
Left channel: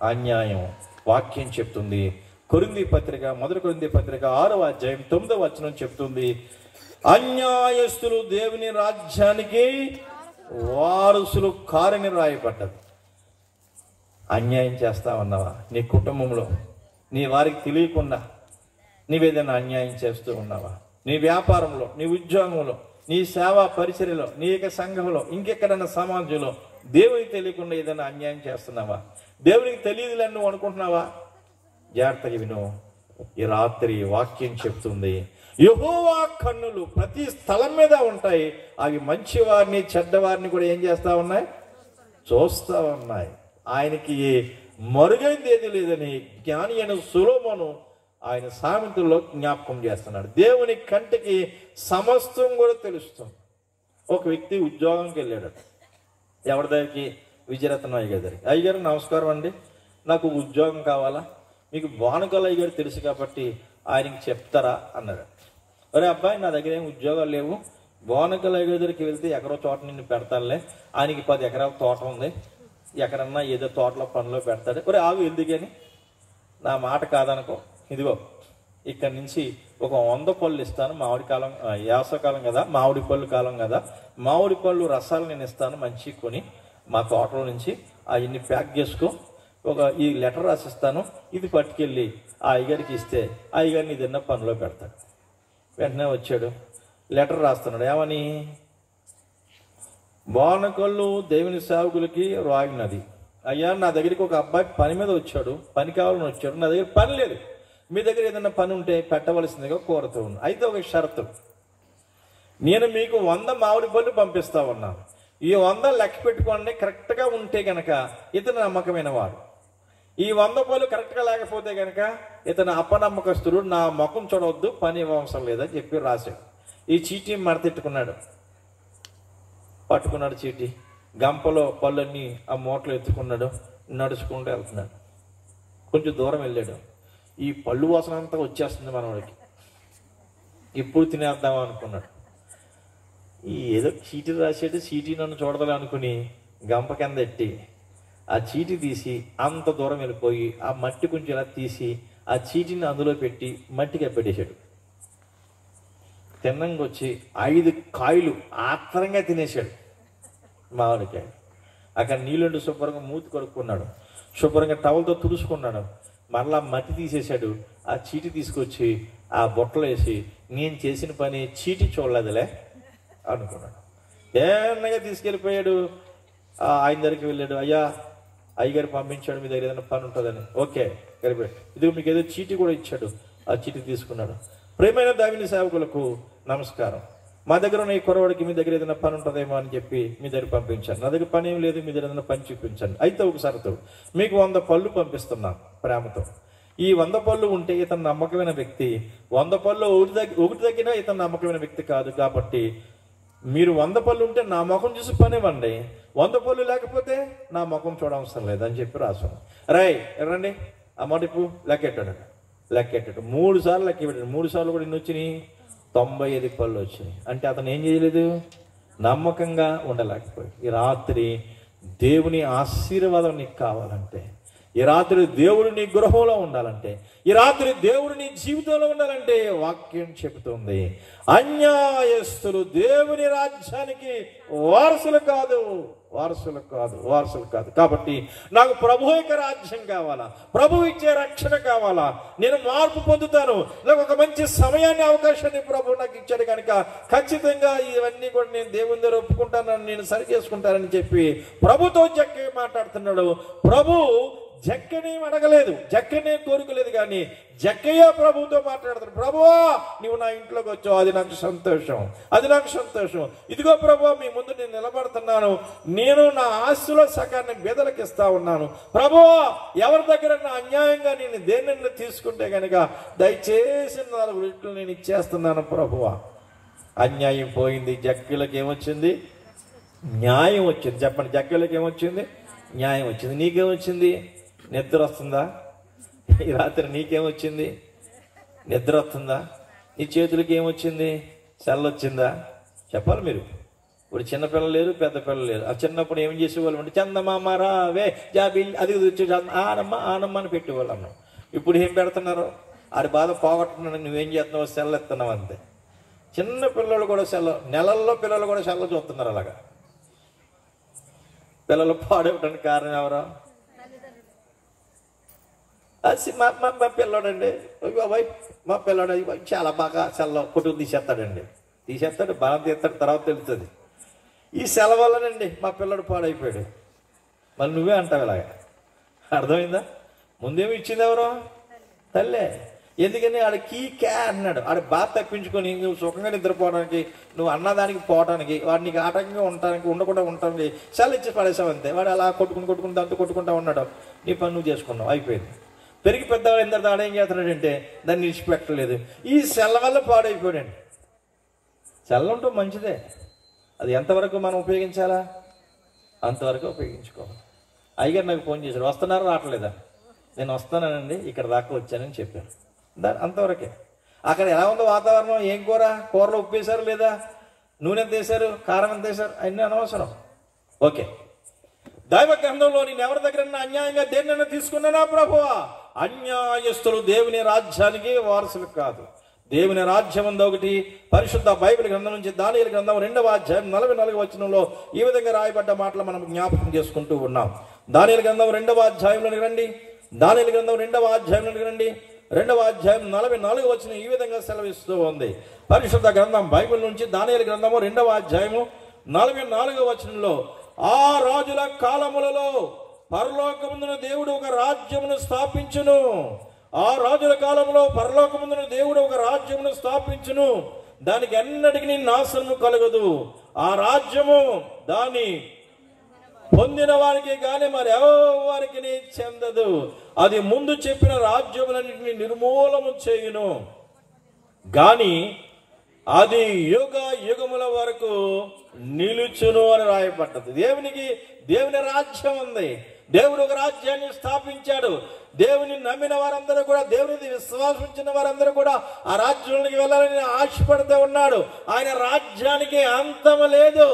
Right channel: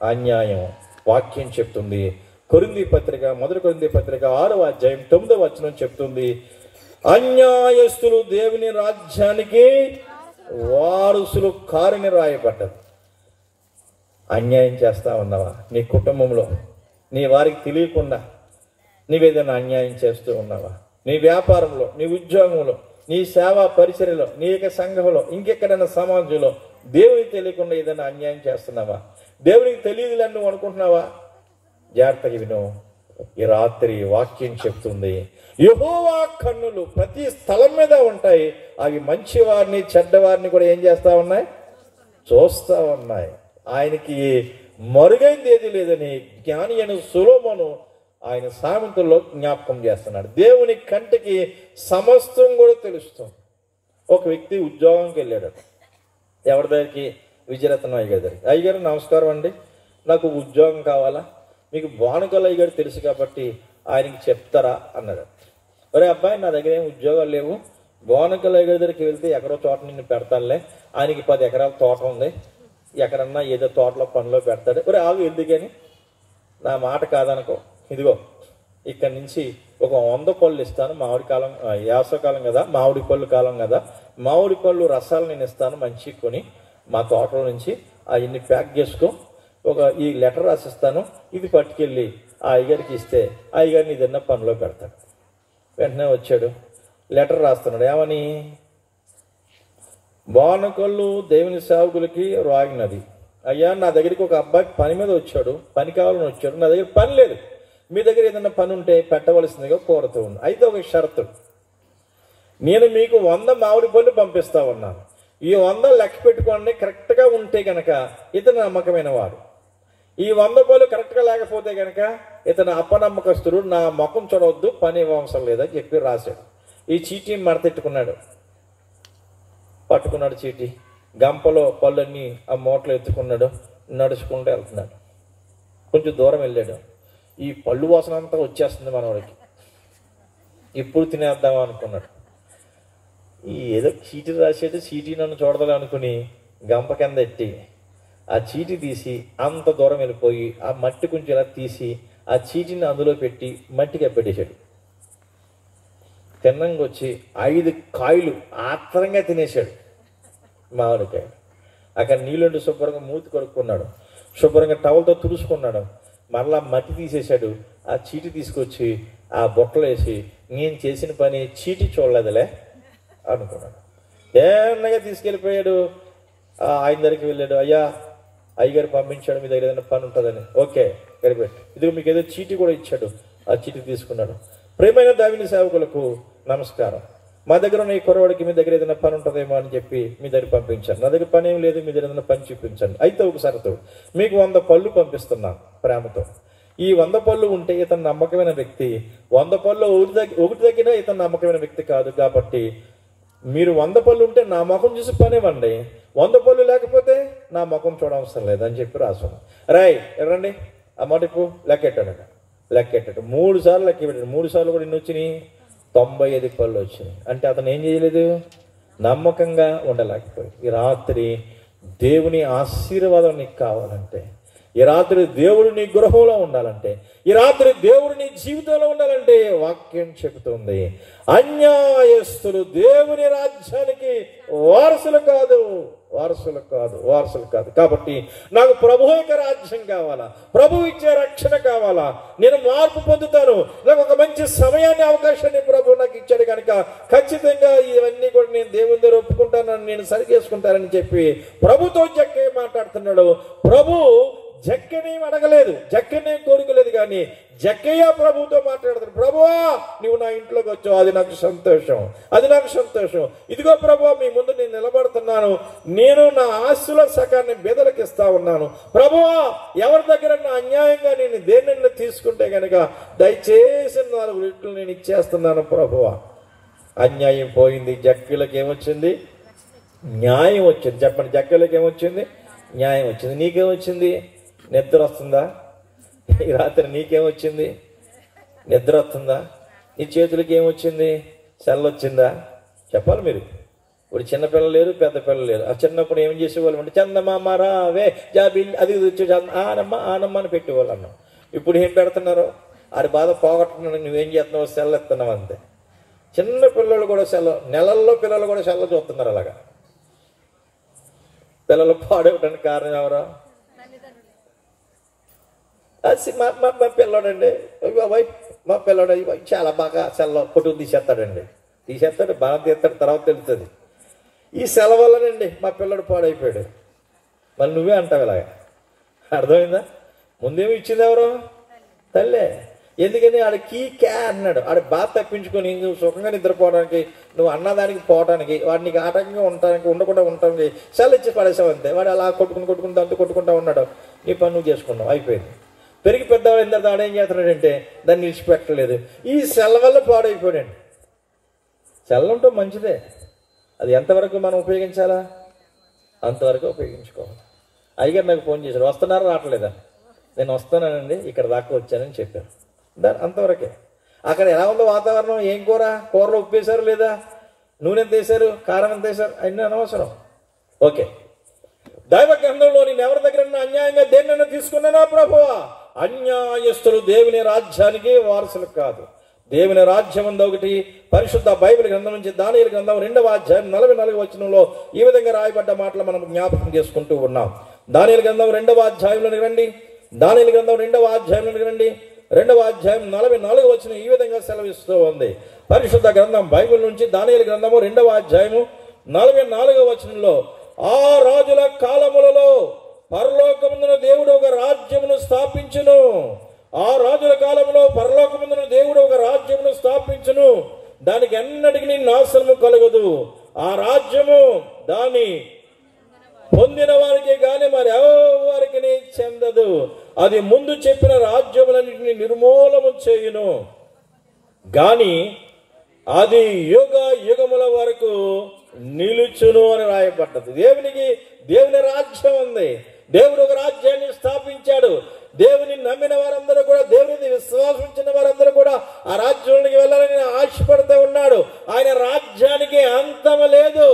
అన్యాయం వాక్యం చెప్తుంది. కొరింథీ పత్రిక, 1 కొరింథీ పత్రిక 6వ అధ్యాయం 9వ వచనం చెప్తుంది, అన్యాయస్తులు దేవుని రాజ్యానికి వారసులు కారని రాయబడ్డది. అన్యాయం చేస్తా ఉన్నావా? నీ కుటుంబంలో నీ వారికి తెలియకుండా నీవేదైనా అన్యాయం చేస్తూ ఉన్నావా? నీ వ్యాపారంలో, నీ ఉద్యోగంలో, నీ సేవా పరిచర్యలో, నీ యొక్క సంఘంలో, ఇంకెక్కడైనా సమాజంలో దేవునికి తెలియకుండా ఏదైనా అన్యాయం చేస్తున్నావా? దేవునికి తెలియదులని నువ్వు అనుకుంటున్నావా? జాగ్రత్తగా విను. ఈ రాత్రి వాక్యం చెప్తుంది, యెహోవా కన్నులు ప్రతి స్థలం మీద ఉంటాయి. అవి మంచివారిని చెడ్డవారిని కూడా ఏం చేస్తా ఉన్నాయి? చూస్తా ఉన్నాయి. ఆయనకి మరుగైంది ఏది లేదని జ్ఞాని అయిన సొలొమోను ఆయన సామెతల్లో జ్ఞాపకం చేస్తున్నాడు. దేవుని కంటికి సమస్తం కూడా తెలుస్తుంది. ఒక వ్యక్తి ఉద్యోగంకి వెళ్ళాడు. ఎవరి దగ్గరికి? విజయరత్న అయ్యగారి దగ్గరికి. అయ్యగారు నమస్కారం అండి, నాకు ఉద్యోగం కావాలా, మీకు బానుకల అయ్యగారు తెలుసు కాబట్టి ఆయనకి చెప్తారా అన్నాడు. ఒరే అబ్బాయి, నా దగ్గర ఏం ఉద్యోగాలు లేవు, బానుకల అయ్యగారి దగ్గరికి వెళ్తే ఎక్కడో తోట నిన్ను పెడతానులే, ఆయనకి 10 ఎకరాల తోట ఉంది, ఎక్కడన్నా ఏదో తోటలో పనిలో పెడతాడు. ఒరే ఆగు, ఎందుకని? నా మాట కాదనుకో, ఇదిగో ఇక్కడి నుంచి ఒక 100 పళ్ళు ఇస్తాను, మామిడి కాలం వేసవకాలం కదా, మామిడి పళ్ళు కాలం కదా, మామిడి పళ్ళు రసాలు నేను ఇస్తాను మంచి కొని మా తోటలో నుంచి అవన్నీ ప్యాక్ చేసుకో, ఈ లెటర్ రాసిస్తాను, ఇది పట్టుకెళ్ళి ఆ అయ్యగారికి ఇస్తే ఆ అయ్యగారిని ఏదన్నా పనిలో పెడతాడు. వెంటనే వచ్చాడు, లెటర్ రాస్తున్నాడు. ఏమని? బానకళ్ళు దేవుని సేవకులకి రాగినది. అయ్యా, నా దగ్గరికి ఒక అబ్బాయి పని మీద వచ్చాడు, పని కావాలని వచ్చాడు, నా దగ్గర పని లేదు, మీ దగ్గర ఏదైనా పని ఉంటే పెట్టవలసిందిగా కోరుతూ ఉన్నాను. అయితే ఒక షరతు, నేను మీకు 100 మామిడి పళ్ళు పంపిస్తా ఉన్నాను, ఈ 100 లెక్క పెట్టుకోండి, కరెక్ట్గా ఉంటే గనక ఇతను నమ్మకమైన వాడు, ఈ 100 పళ్ళు కరెక్ట్గా లేకపోతే గనక ఇతను అపనమ్మకస్తుడు, నా ముఖం చూడవద్దు, పని అవసరం లేదని చెప్పి రాశాడు. ఈ చీటీ మడతెట్టుకున్నాడు, పట్టుకున్నాడు చీటీ, గంపలో పళ్ళన్నీ ఆ మూటలు ఎత్తుకున్నాడు, నడుచుకుంటూ వెళ్తున్నాడు. కొంచెం దూరం వెళ్ళాడు, ఈ పళ్ళు వాసన అంతా వచ్చేస్తుంది మనవాడికి, ఇప్పుడు తినేద్దాం అనుకున్నాడు. ఈ ఏదో చీటీ రాసేది, చీటీ నన్ను చూడదాలి అనుకుని గంప కింద ఎట్టి ఆ చీటీ తీసి అంత దూరం వెళ్ళిపోయి ఆ మట్టి కొంచెం ఇలా తీసి ఆ చీటీని అందులో పెట్టి మట్టికి పెట్టేశాడు. తిన్నంగా వచ్చి 5 కాయలు ఆత్రంగా తినేశాడు మామిడికాయ. అక్కడ నీళ్ళుండి శుభ్రంగా మూతి కొడుక్కున్నాడు, శుభ్రంగా టవల్తో తుడుచుకున్నాడు, మరలా మట్టి తీసేశాడు, ఆ చీటీ తీసుకొచ్చి ఆ బొట్టలో వేసి నేను చేసిన పని చీటీ చూడలేదులే అనుకున్నాడు. ఏమన్నగా తీసుకెళ్ళిపోయాడు. ఆయన దగ్గరికి వెళ్ళాడు, అయ్యా అయ్యగారు పంపించాడు, మీ దగ్గర ఏదైనా పని ఉంటుందని. ఓకే గడిపాడు, ఇదిగో మీకు ఏదో చీటీ కూడా ఇచ్చాడు, ఆ చీటీ తీసుకున్నాడు. ప్రియమైన దేవుని సేవకులకు నమస్కారం, మా దగ్గర ఉన్న ఈ కుర్రవాడికి మీ దగ్గర ఏదైనా పని ఉంటుందేమో అని చెప్పి మీ దగ్గర పంపించాను, నా దగ్గర పని ఏం లేదు, మీ దగ్గర ఏదైనా పని చూపించండి. అయితే ఒక షరతు, మీకు 100 పళ్ళు పంపిస్తున్నాను ప్రేమతో, ఈ 100 పళ్ళు ఉంటే ఇతను నమ్మకమైన వ్యక్తి, 100 పళ్ళు ఒకటి తగ్గినా ఇతను నమ్మకమైన వ్యక్తి కాదు, కాబట్టి మీరు 100 పళ్ళు ఉంటే నా ముఖం చూసి పని ఇవ్వండి, 100 పళ్ళు లేకపోతే నా ముఖం చూడవసరం లేదని చెప్పి రాశాను. రండి ఆ మటుకు లెక్కెట్టాడు. 3 సార్లు లెక్క పెట్టాడు. 3 సార్లు కూడా ఎన్ని వచ్చినాయి? 95 పళ్ళు వచ్చినాయి. అంటే అతను ఏం చేయలేదు? నమ్మకంగా ఉండలేకపోయి. ఈ రాత్రి దేవుని ఆశీర్వాదం నీకు కావాలంటే, ఈ రాత్రి దేవుడు నీ గృహంలో ఉండాలంటే, ఈ రాత్రి దేవుడు నీ జీవితంలో ఉండాలంటే వాక్యం చెబుతుంది, అన్యాయస్తులు దేవుని రాజ్యానికి వారసులు కాదు. కాబట్టి నాకు ప్రభు యొక్క రాజ్యం కావాలా, ప్రభు ఇచ్చే రక్షణ కావాలా, నేను మార్పు పొందుతాను, నాకు ఒక మంచి సమయాన్ని అవకాశాన్ని ప్రభు నాకు ఇచ్చాడు కనుక ఖచ్చితంగా ఇవన్నీ కూడా నేను దేవుని దగ్గర ఒప్పుకుంటానని, నేను సరి చేసుకుంటానని చెప్పి ప్రభుతో జక్కయ్య మాట్లాడుతున్నాడు. ప్రభు జక్కయ్యని అడగలేదు, జక్కయ్యని కోరుకోలేదు, కానీ జక్కయ్య ప్రభుతో మాట్లాడుతున్నాడు. ప్రభువా, నువ్వు నా ఇంట్లోకి వచ్చావు, అది నాకు సంతోషం. ఇదిగో ప్రభువా, మీ ముందు నేను నిలబడుతున్నాను, నేను నా ఆస్తుల సకాన్ని బీదలకు ఇస్తా ఉన్నాను. ప్రభువా, ఎవరి దగ్గర నా అన్యాయంగా నేను దేనిని తీసుకుంటే కనుక దయచేసి 4 రెట్లు నేను ఇచ్చేస్తున్నాను ప్రభువా. అన్యాయం పోయింది, జక్కయ్యలకు ఏమొచ్చింది? న్యాయం వచ్చింది. చెప్పండి, జక్కయ్యలకు ఏమొచ్చింది? న్యాయం వచ్చింది. నీకేమొచ్చింది? నిద్ర వస్తుందా? ఈ రాత్రి నీకేమొచ్చింది? నిద్ర వస్తుందా? నీ చేతులకి ఏమొచ్చింది? సెల్లొచ్చిందా? చెప్పాలి మీరు. ఇప్పుడు చిన్నపిల్లలు లేరు, పెద్ద పిల్లలు లేరు. ఆ చిన్నప్పుడు ఏం చేసేవాళ్ళం అంటే చందమామ రావే జాబిల్ అది వచ్చి ఆనమ్మ అని పెట్టేవాళ్ళం. ఇప్పుడు ఏం పెడుతున్నారు? అది బాధ పోగొట్టుకున్నాను, నువ్వేం చేస్తున్నావు? సెల్ల ఎత్తున్నావు అంతే. చిన్న పిల్లలు కూడా నెలల్లో పిల్లలు కూడా సెల్ల చూస్తున్నారు. అలాగా పిల్లలు పాడవడానికి కారణం ఎవరో? మా పిల్లడండి, బాబాయ్ మా పిల్లడు చాలా బాగా సెల్ల కొట్టుకు తీసేస్తాడు, బాగా తీస్తాడు, తర్వాత తెలుస్తుంది. ఈ సెలవు వల్లనండి మా పిల్లడు పాడైపోయాడు. మళ్ళీ నువ్వే అంటావు అలాగా. అర్థమైందా? ముందేమి ఇచ్చింది ఎవరు? తల్లే. ఎందుకని ఆడ కీ అన్నాడు. ఆడ బాధ తప్పించుకొని నువ్వు సుఖంగా నిద్రపోవడానికి, నువ్వు అన్నదానికి పోవడానికి, వాడు నీకు ఆటంకంగా ఉండకుండా ఉండటానికి సెల్ ఇచ్చి పడేసావు అంతే. వాడు అలా కొట్టుకుంటూ అంత కొట్టుకుంటా ఉన్నాడు. నీ పని నువ్వు చేసుకున్నావు, అయిపోయింది. పెరిగి పెద్దవాడు ఎంత ఆడేం చేస్తున్నాడంటే దాన్ని విడిచిపెట్టలేదు. ఈ సెల్ వల్ల పాడైపోయాడు. సెల్ ఉంటే మంచిదే, అది ఎంతవరకు మనం ఉపయోగించాలా అంతవరకు ఉపయోగించుకోవాలి. అయ్యగారు నాకు ఫోన్ చేశారు, వస్తున్నారా రావట్లేదా? నేను వస్తున్నానండి, ఇక్కడ దాకా వచ్చానని చెప్పారు. అంతవరకే. అక్కడ ఎలా ఉందో వాతావరణం, ఏం కూరలో ఉప్పు వేశారు లేదా, నూనె ఎంత వేశారు, కారం ఎంత వేశారు, అన్నీ అనవసరం. ఓకే. దైవ గ్రంథంలో నేను ఎవరి దగ్గర అన్యాయంగా దేన్నైనా తీసుకున్నానా ప్రభువా? అన్యాయస్తులు దేవుని రాజ్యానికి వారసులు కాదు. దేవుని రాజ్యం ఉంది ఒకటి. పరిశుద్ధ బైబిల్ గ్రంథం నుంచి దానియేలు గ్రంథం 2వ అధ్యాయం 44వ వచనంలో ఈ విధంగా రాయబడ్డ మాటలు మనం జ్ఞాపకం చేసుకుంటూ ఉన్నాం. దానియేలు గ్రంథం 2వ అధ్యాయంలోకి రండి. దానియేలు గ్రంథం 2వ అధ్యాయంలోకి రండి. 2వ అధ్యాయం 44వ వచనం ఈ విధంగా సెలవిస్తూ ఉంది. పరిశుద్ధ గ్రంథం బైబిల్ నుంచి దానియేలు గ్రంథము 2వ అధ్యాయము 44వ వచనంలో, ఆ రాజుల కాలములలో పరలోకమందున దేవుడు ఒక రాజ్యమును స్థాపించును. ఆ రాజుల కాలంలో పరలోకమందున దేవుడు ఒక రాజ్యమును స్థాపించును. దానికి ఎన్నటికి నాశనము కలగదు. ఆ రాజ్యము దాని పొందిన వారికి గాని మరి ఎవరికి చెందదు. అది ముందు చెప్పిన రాజ్యములన్నింటినీ నిర్మూలము చేయును గాని అది యుగ యుగముల వరకు నిలుచును అని రాయబడ్డది. దేవుని రాజ్యం ఉంది. దేవుడు ఒక రాజ్యాన్ని స్థాపించాడు. దేవుని నమ్మిన వారందరూ కూడా, దేవుని విశ్వాసించిన వారందరూ కూడా ఆ రాజ్యంలోకి వెళ్ళాలని ఆశపడుతూ ఉన్నాడు. ఆయన రాజ్యానికి అంతం లేదు.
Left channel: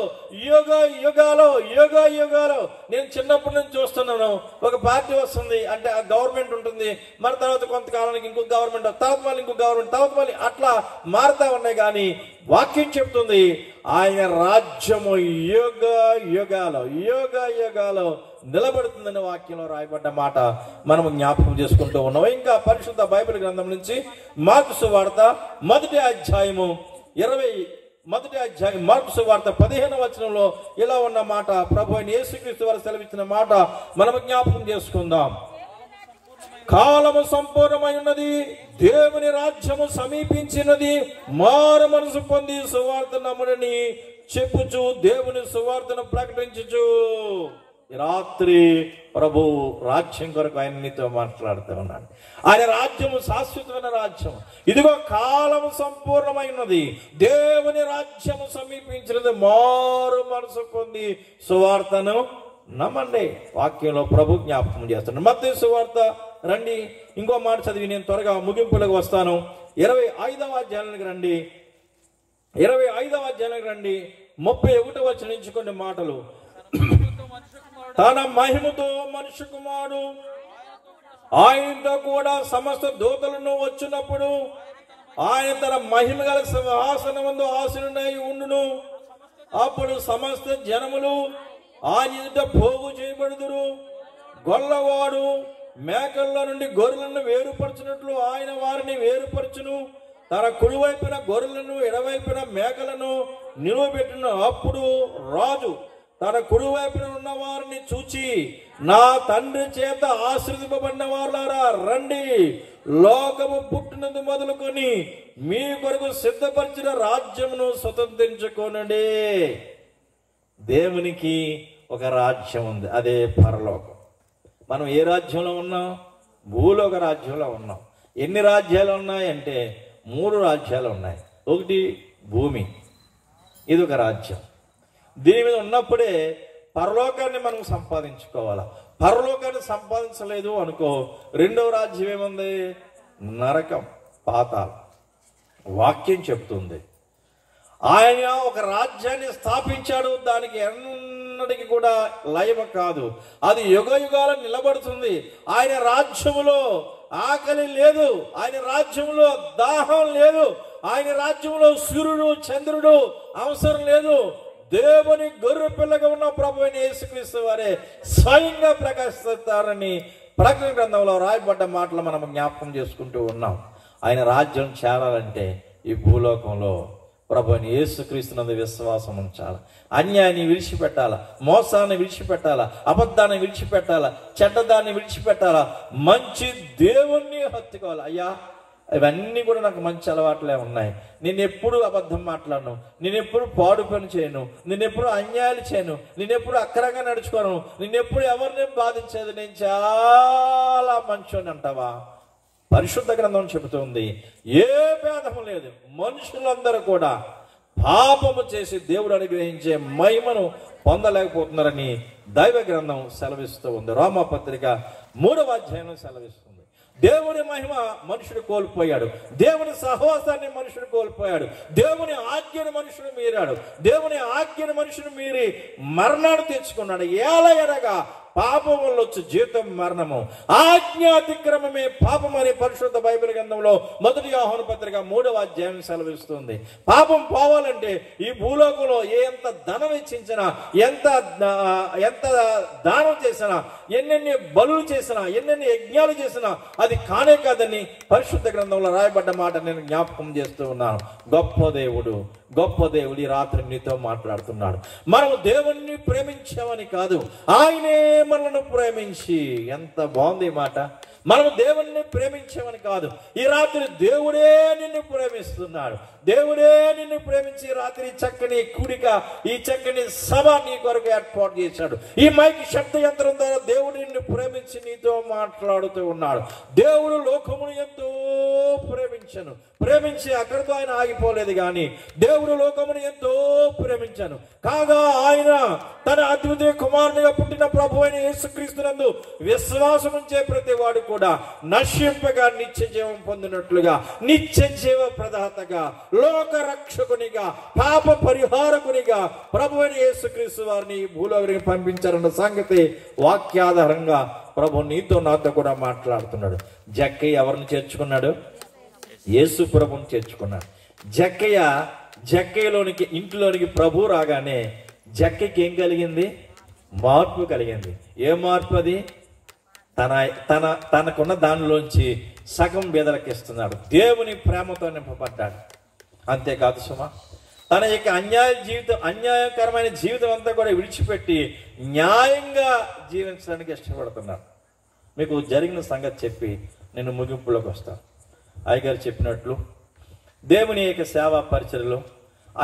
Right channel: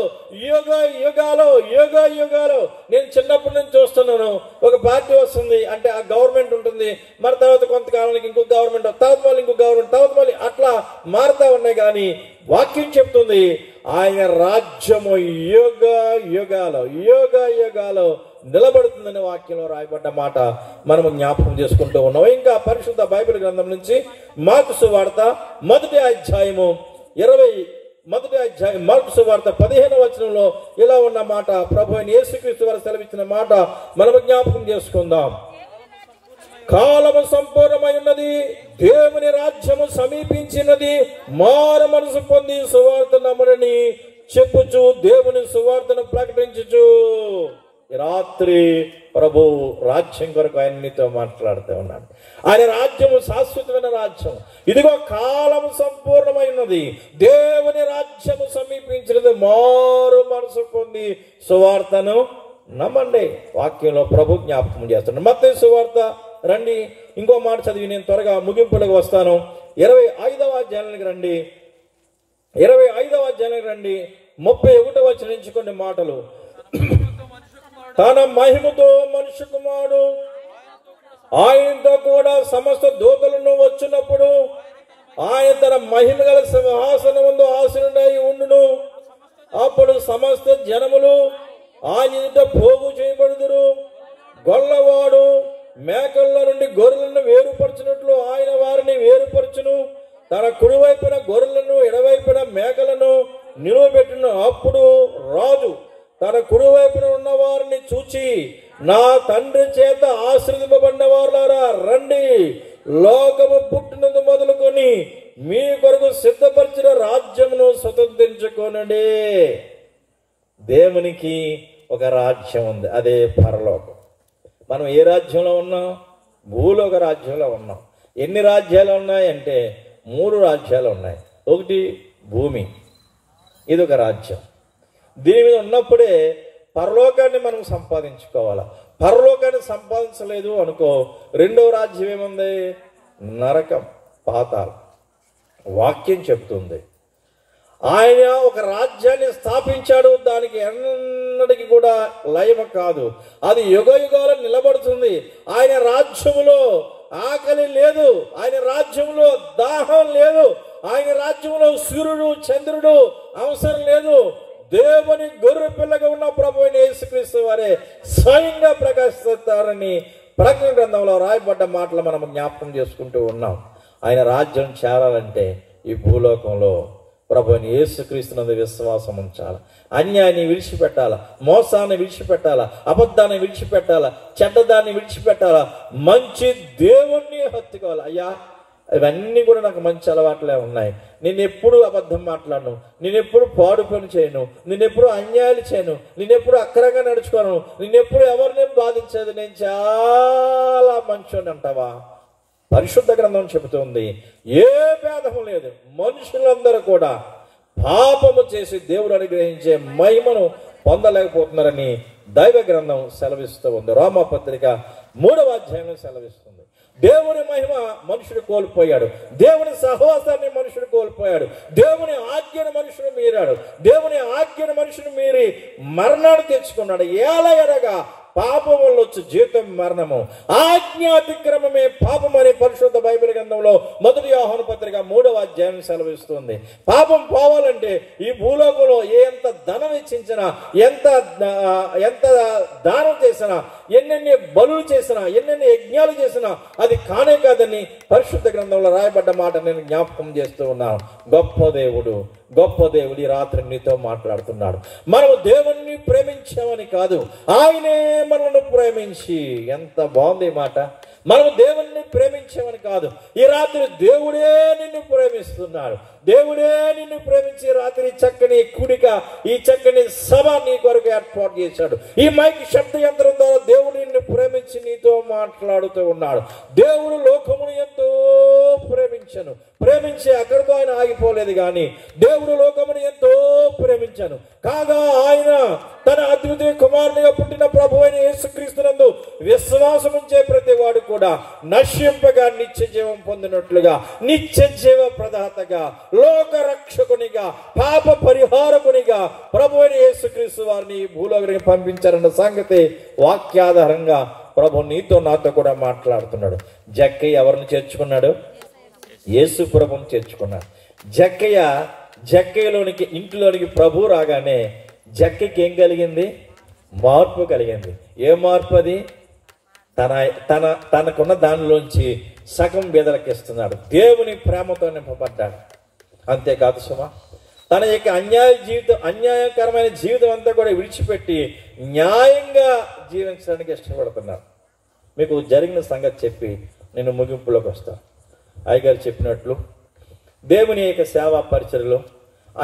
యుగ యుగాలు నేను చిన్నప్పటి నుంచి చూస్తున్నాను. ఒక పార్టీ వస్తుంది అంటే ఆ గవర్నమెంట్ ఉంటుంది, మరి తర్వాత కొంతకాలానికి ఇంకొక గవర్నమెంట్, తర్వాత మళ్ళీ ఇంకొక గవర్నమెంట్, తర్వాత మళ్ళీ అట్లా మారుతా ఉన్నాయి. కానీ వాక్యం చెప్తుంది ఆయన రాజ్యము యుగ యుగాలు నిలబడుతుందనే వాక్యంలో రాయబడ్డ మాట మనము జ్ఞాపకం చేసుకుంటూ ఉన్నాం. ఇంకా పరిశుద్ధ బైబిల్ గ్రంథం నుంచి మార్కు సువార్త 1వ అధ్యాయము మార్కు సువార్త 15వ వచనంలో ఇలా ఉన్న మాట, ప్రభు అయిన యేసుక్రీస్తు వారు సెలవిచ్చిన మాట మనము జ్ఞాపకం చేసుకుందాం. కాలము సంపూర్ణమై ఉన్నది, దేవుని రాజ్యము సమీపించినది, మారు మనసు పొంది సువార్త నమ్ముడని చెప్పుచు దేవుని సువార్తను ప్రకటించుచు. రాత్రి ప్రభు రాజ్యం కొరకు ఆయన మీతో మాట్లాడుతూ ఉన్నాడు. ఆయన రాజ్యము శాశ్వతమైన రాజ్యం. ఇదిగో కాలము సంపూర్ణమైనది, దేవుని రాజ్యము సమీపించినది, మారు మనసు పొంది సువార్తను నమ్మండి. వాక్యంలో ప్రభు జ్ఞాపకం చేస్తున్నాడు. మత్తయి సువార్త రండి, ఇంకో మాట చదివి నేను త్వరగా ముగింపులకు వస్తాను. 25వ అధ్యాయానికి రండి. 25వ అధ్యాయానికి రండి. 31వ వచనం నుంచి కొన్ని మాటలు. తన మహిమతో మనుష్య కుమారుడు ఆయనతో కూడా సమస్త దూతలను వచ్చినప్పుడు ఆయన తన మహిమ గల సింహాసనమందు ఆసీనుడై ఉండును. అప్పుడు సమస్త జనములు ఆయన ఎదుట పోగు చేయబడుదురు. గొల్లవాడు మేకల నుండి గొర్రెలను వేరుపరచినట్లు ఆయన వారిని వేరుపరచును. తన కుడివైపున గొర్రెలను ఎడవైపున మేకలను నిలవబెట్టును. అప్పుడు రాజు తన కుడివైపున ఉన్న వారిని చూచి, నా తండ్రి చేత ఆశీర్వదింపబడిన వారులారా రండి, లోకము పుట్టినందు మొదలుకొని మీ కొరకు సిద్ధపరిచిన రాజ్యమును స్వతంత్రించుకోనండి. దేవునికి ఒక రాజ్యం ఉంది, అదే పరలోకం. మనం ఏ రాజ్యంలో ఉన్నాం? భూలోక రాజ్యంలో ఉన్నాం. ఎన్ని రాజ్యాలు ఉన్నాయంటే 3 రాజ్యాలు ఉన్నాయి. ఒకటి భూమి, ఇది ఒక రాజ్యం. దీని మీద ఉన్నప్పుడే పరలోకాన్ని మనం సంపాదించుకోవాలా. పరలోకాన్ని సంపాదించలేదు అనుకో, రెండవ రాజ్యం ఏముంది? నరకం, పాతాళం. వాక్యం చెప్తుంది ఆయన ఒక రాజ్యాన్ని స్థాపించాడు. దానికి ఎన్నటికి కూడా లయము కాదు, అది యుగ యుగాలు నిలబడుతుంది. ఆయన రాజ్యములో ఆకలి లేదు, ఆయన రాజ్యంలో దాహం లేదు, ఆయన రాజ్యంలో సూర్యుడు చంద్రుడు అవసరం లేదు. దేవుని గొర్రె పిల్లగా ఉన్న ప్రభు అయిన యేసుక్రీస్తు వారే స్వయంగా ప్రకాశిస్తారని ప్రకటన గ్రంథంలో రాయబడ్డ మాటలు మనం జ్ఞాపకం చేసుకుంటూ ఉన్నాం. ఆయన రాజ్యం చేరాలంటే ఈ భూలోకంలో ప్రభు అయిన యేసుక్రీస్తునందు విశ్వాసం ఉంచాలి. అన్యాయాన్ని విడిచిపెట్టాలా, మోసాన్ని విడిచిపెట్టాలా, అబద్ధాన్ని విడిచిపెట్టాలా, చెడ్డదాన్ని విడిచిపెట్టాలా, మంచి దేవుణ్ణి హత్తుకోవాలి. ఇవన్నీ కూడా నాకు మంచి అలవాట్లే ఉన్నాయి. నేను ఎప్పుడు అబద్ధం మాట్లాడను, నేను ఎప్పుడు పాడు పని చేయను, నేను ఎప్పుడు అన్యాయాలు చేయను, నేను ఎప్పుడు అక్రంగా నడుచుకోను, నేను ఎప్పుడు ఎవరిని బాధించేది, నేను చాలా మంచోని అంటావా? పరిశుద్ధ గ్రంథం చెబుతుంది ఏ భేదము లేదు, మనుషులందరూ కూడా పాపము చేసి దేవుడు అనుగ్రహించే మహిమను పొందలేకపోతున్నారని దైవ గ్రంథం సెలవిస్తూ ఉంది. రోమాపత్రిక 3వ అధ్యాయం సెలవిస్తుంది. దేవుని మహిమ మనుషుడు కోల్పోయాడు, దేవుని సహవాసాన్ని మనుషుడు కోల్పోయాడు, దేవుని ఆజ్ఞను మనుషుడు మీరాడు, దేవుని ఆజ్ఞను మనుషుడు మీరి మరణాన్ని తెచ్చుకున్నాడు. ఎలాగనగా పాపం వల్ల వచ్చి జీతం మరణము, ఆజ్ఞాతిక్రమమే పాపమని పరిశుద్ధ బైబిల్ గ్రంథంలో 1 యోహాను పత్రిక 3వ అధ్యాయం సెలవిస్తుంది. పాపం పోవాలంటే ఈ భూలోకంలో ఎంత ధనం వెచ్చించినా, ఎంత దానం చేసినా, ఎన్నెన్ని బలులు చేసినా, ఎన్నెన్ని యజ్ఞాలు చేసినా అది కానే కాదని పరిశుద్ధ గ్రంథంలో రాయబడ్డ మాట నేను జ్ఞాపకం చేస్తూ ఉన్నాను. గొప్ప దేవుడు ఈ రాత్రి నీతో మాట్లాడుతున్నాడు. మనము దేవుణ్ణి ప్రేమించామని కాదు, ఆయనే మనల్ని ప్రేమించి, ఎంత బాగుంది మాట, మనం దేవుణ్ణి ప్రేమించామని కాదు, ఈ రాత్రి దేవుడే నిన్ను ప్రేమిస్తున్నాడు. దేవుడే నిన్ను ప్రేమించి రాత్రి చక్కని కూడిక, ఈ చక్కని సభ నీ కొరకు ఏర్పాటు చేశాడు. ఈ మైక్ శబ్ద యంత్రం ద్వారా దేవుడు నిన్ను ప్రేమించి నీతో మాట్లాడుతూ ఉన్నాడు. దేవుడు లోకమును ఎంతో ప్రేమించి అక్కడితో ఆయన ఆగిపోలేదు, కానీ దేవుడు లోకమును ఎంతో ప్రేమించాను కాగా ఆయన తన అద్వితీయ కుమారునిగా పుట్టిన ప్రభువైన యేసుక్రీస్తునందు విశ్వాసం ఉంచే ప్రతి వాడు కూడా నశింపగా నిత్య జీవం పొందినట్లుగా, నిత్య జీవ ప్రదాతగా, లోక రక్షకునిగా, పాప పరిహారకునిగా ప్రభువైన యేసుక్రీస్తు వారిని భూలోకానికి పంపించారన్న సంగతి వాక్యాధారంగా ప్రభు నీతో నాతో కూడా మాట్లాడుతున్నాడు. జక్కయ్య ఎవరిని చేర్చుకున్నాడు? యేసు ప్రభుని చేర్చుకున్నాడు. జక్కయ్యలోనికి ఇంటిలోనికి ప్రభు రాగానే జక్కకి ఏం కలిగింది? మార్పు కలిగింది. ఏ మార్పు అది? తనకున్న దానిలోంచి సగం బేదలకిస్తున్నాడు. దేవుని ప్రేమతో నింపబడ్డాడు. అంతేకాదు సుమా, తన యొక్క అన్యాయకరమైన జీవితం అంతా కూడా విడిచిపెట్టి న్యాయంగా జీవించడానికి ఇష్టపడుతున్నాడు. మీకు జరిగిన సంగతి చెప్పి నేను ముగింపులోకి వస్తాను. అయ్యగారు చెప్పినట్లు దేవుని యొక్క సేవా పరిచర్యలో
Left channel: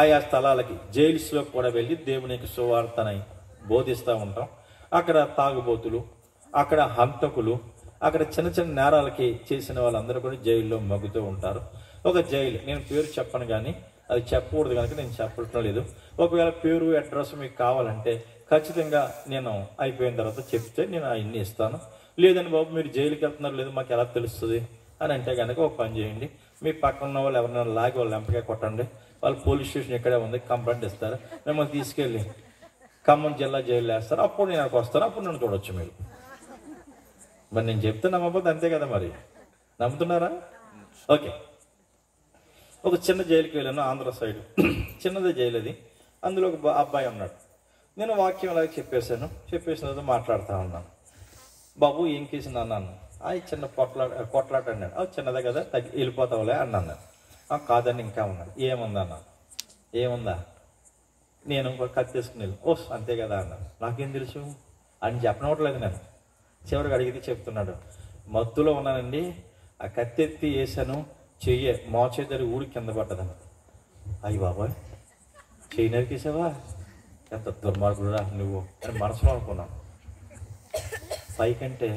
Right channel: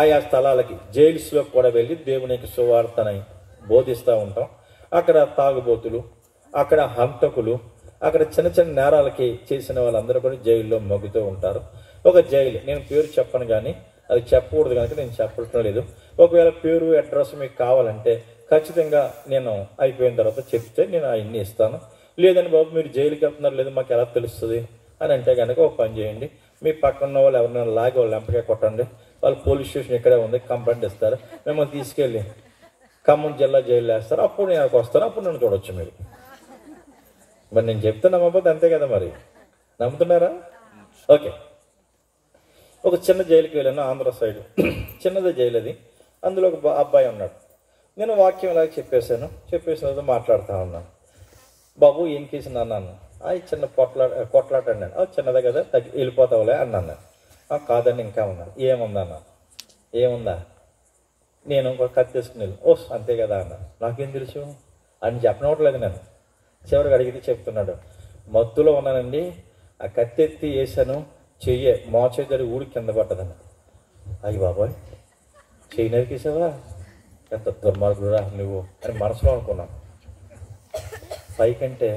ఆయా స్థలాలకి, జైల్స్లో కూడా వెళ్ళి దేవుని యొక్క సువార్తని బోధిస్తూ ఉంటాం. అక్కడ తాగుబోతులు, అక్కడ హంతకులు, అక్కడ చిన్న చిన్న నేరాలకి చేసిన వాళ్ళందరూ కూడా జైల్లో మగ్గుతూ ఉంటారు. ఒక జైలు, నేను పేరు చెప్పను కానీ అది చెప్పకూడదు కనుక నేను చెప్పడం లేదు. ఒకవేళ పేరు అడ్రస్ మీకు కావాలంటే ఖచ్చితంగా నేను అయిపోయిన తర్వాత చెప్తే నేను అవన్నీ ఇస్తాను. లేదని బాబు మీరు జైలుకి వెళ్తున్నారు లేదు మాకు ఎలా తెలుస్తుంది అని అంటే కనుక ఒక పని చేయండి, మీ పక్కన ఉన్న వాళ్ళు ఎవరైనా లాగి వాళ్ళు ఎంపగా కొట్టండి, వాళ్ళు పోలీస్ స్టేషన్ ఇక్కడే ఉంది, కంప్లైంట్ ఇస్తారు, మిమ్మల్ని తీసుకెళ్ళి ఖమ్మం జిల్లా జైలు వేస్తారు. అప్పుడు నేను వస్తాను, అప్పుడు నన్ను చూడొచ్చు మీరు. మరి నేను చెప్తే నమ్మకపోతే అంతే కదా, మరి నమ్ముతున్నారా? ఓకే, ఒక చిన్న జైలుకి వెళ్ళాను, ఆంధ్ర సైడ్ చిన్నదే జైలు అది. అందులో ఒక అబ్బాయి ఉన్నాడు. నేను వాక్యం అలాగే చెప్పేసిన తర్వాత మాట్లాడుతూ ఉన్నాను. బాబు ఏం కేసింది అన్నాను. అది చిన్న కొట్లాట అన్నాను. చిన్నదే కదా వెళ్ళిపోతావులే అన్నాను. కాదని ఇంకా ఉన్నాను. ఏముందన్నా? ఏముందా? నేను ఒక కత్తి తీసుకుని వెళ్ళి అంతే కదా అన్నా. నాకేం తెలుసు అని చెప్పనవట్లేదు. నేను చివరికి అడిగితే చెప్తున్నాడు, మత్తులో ఉన్నానండి, ఆ కత్తి ఎత్తి వేసాను, చెయ్యి మోచేతడి ఊడి కింద పట్టదని. అయ్యి బాబాయ్ చెయ్యి నరికేసావా, ఎంత దుర్మార్గుడా నువ్వు అని మనసులో అనుకున్నాను. పైకంటే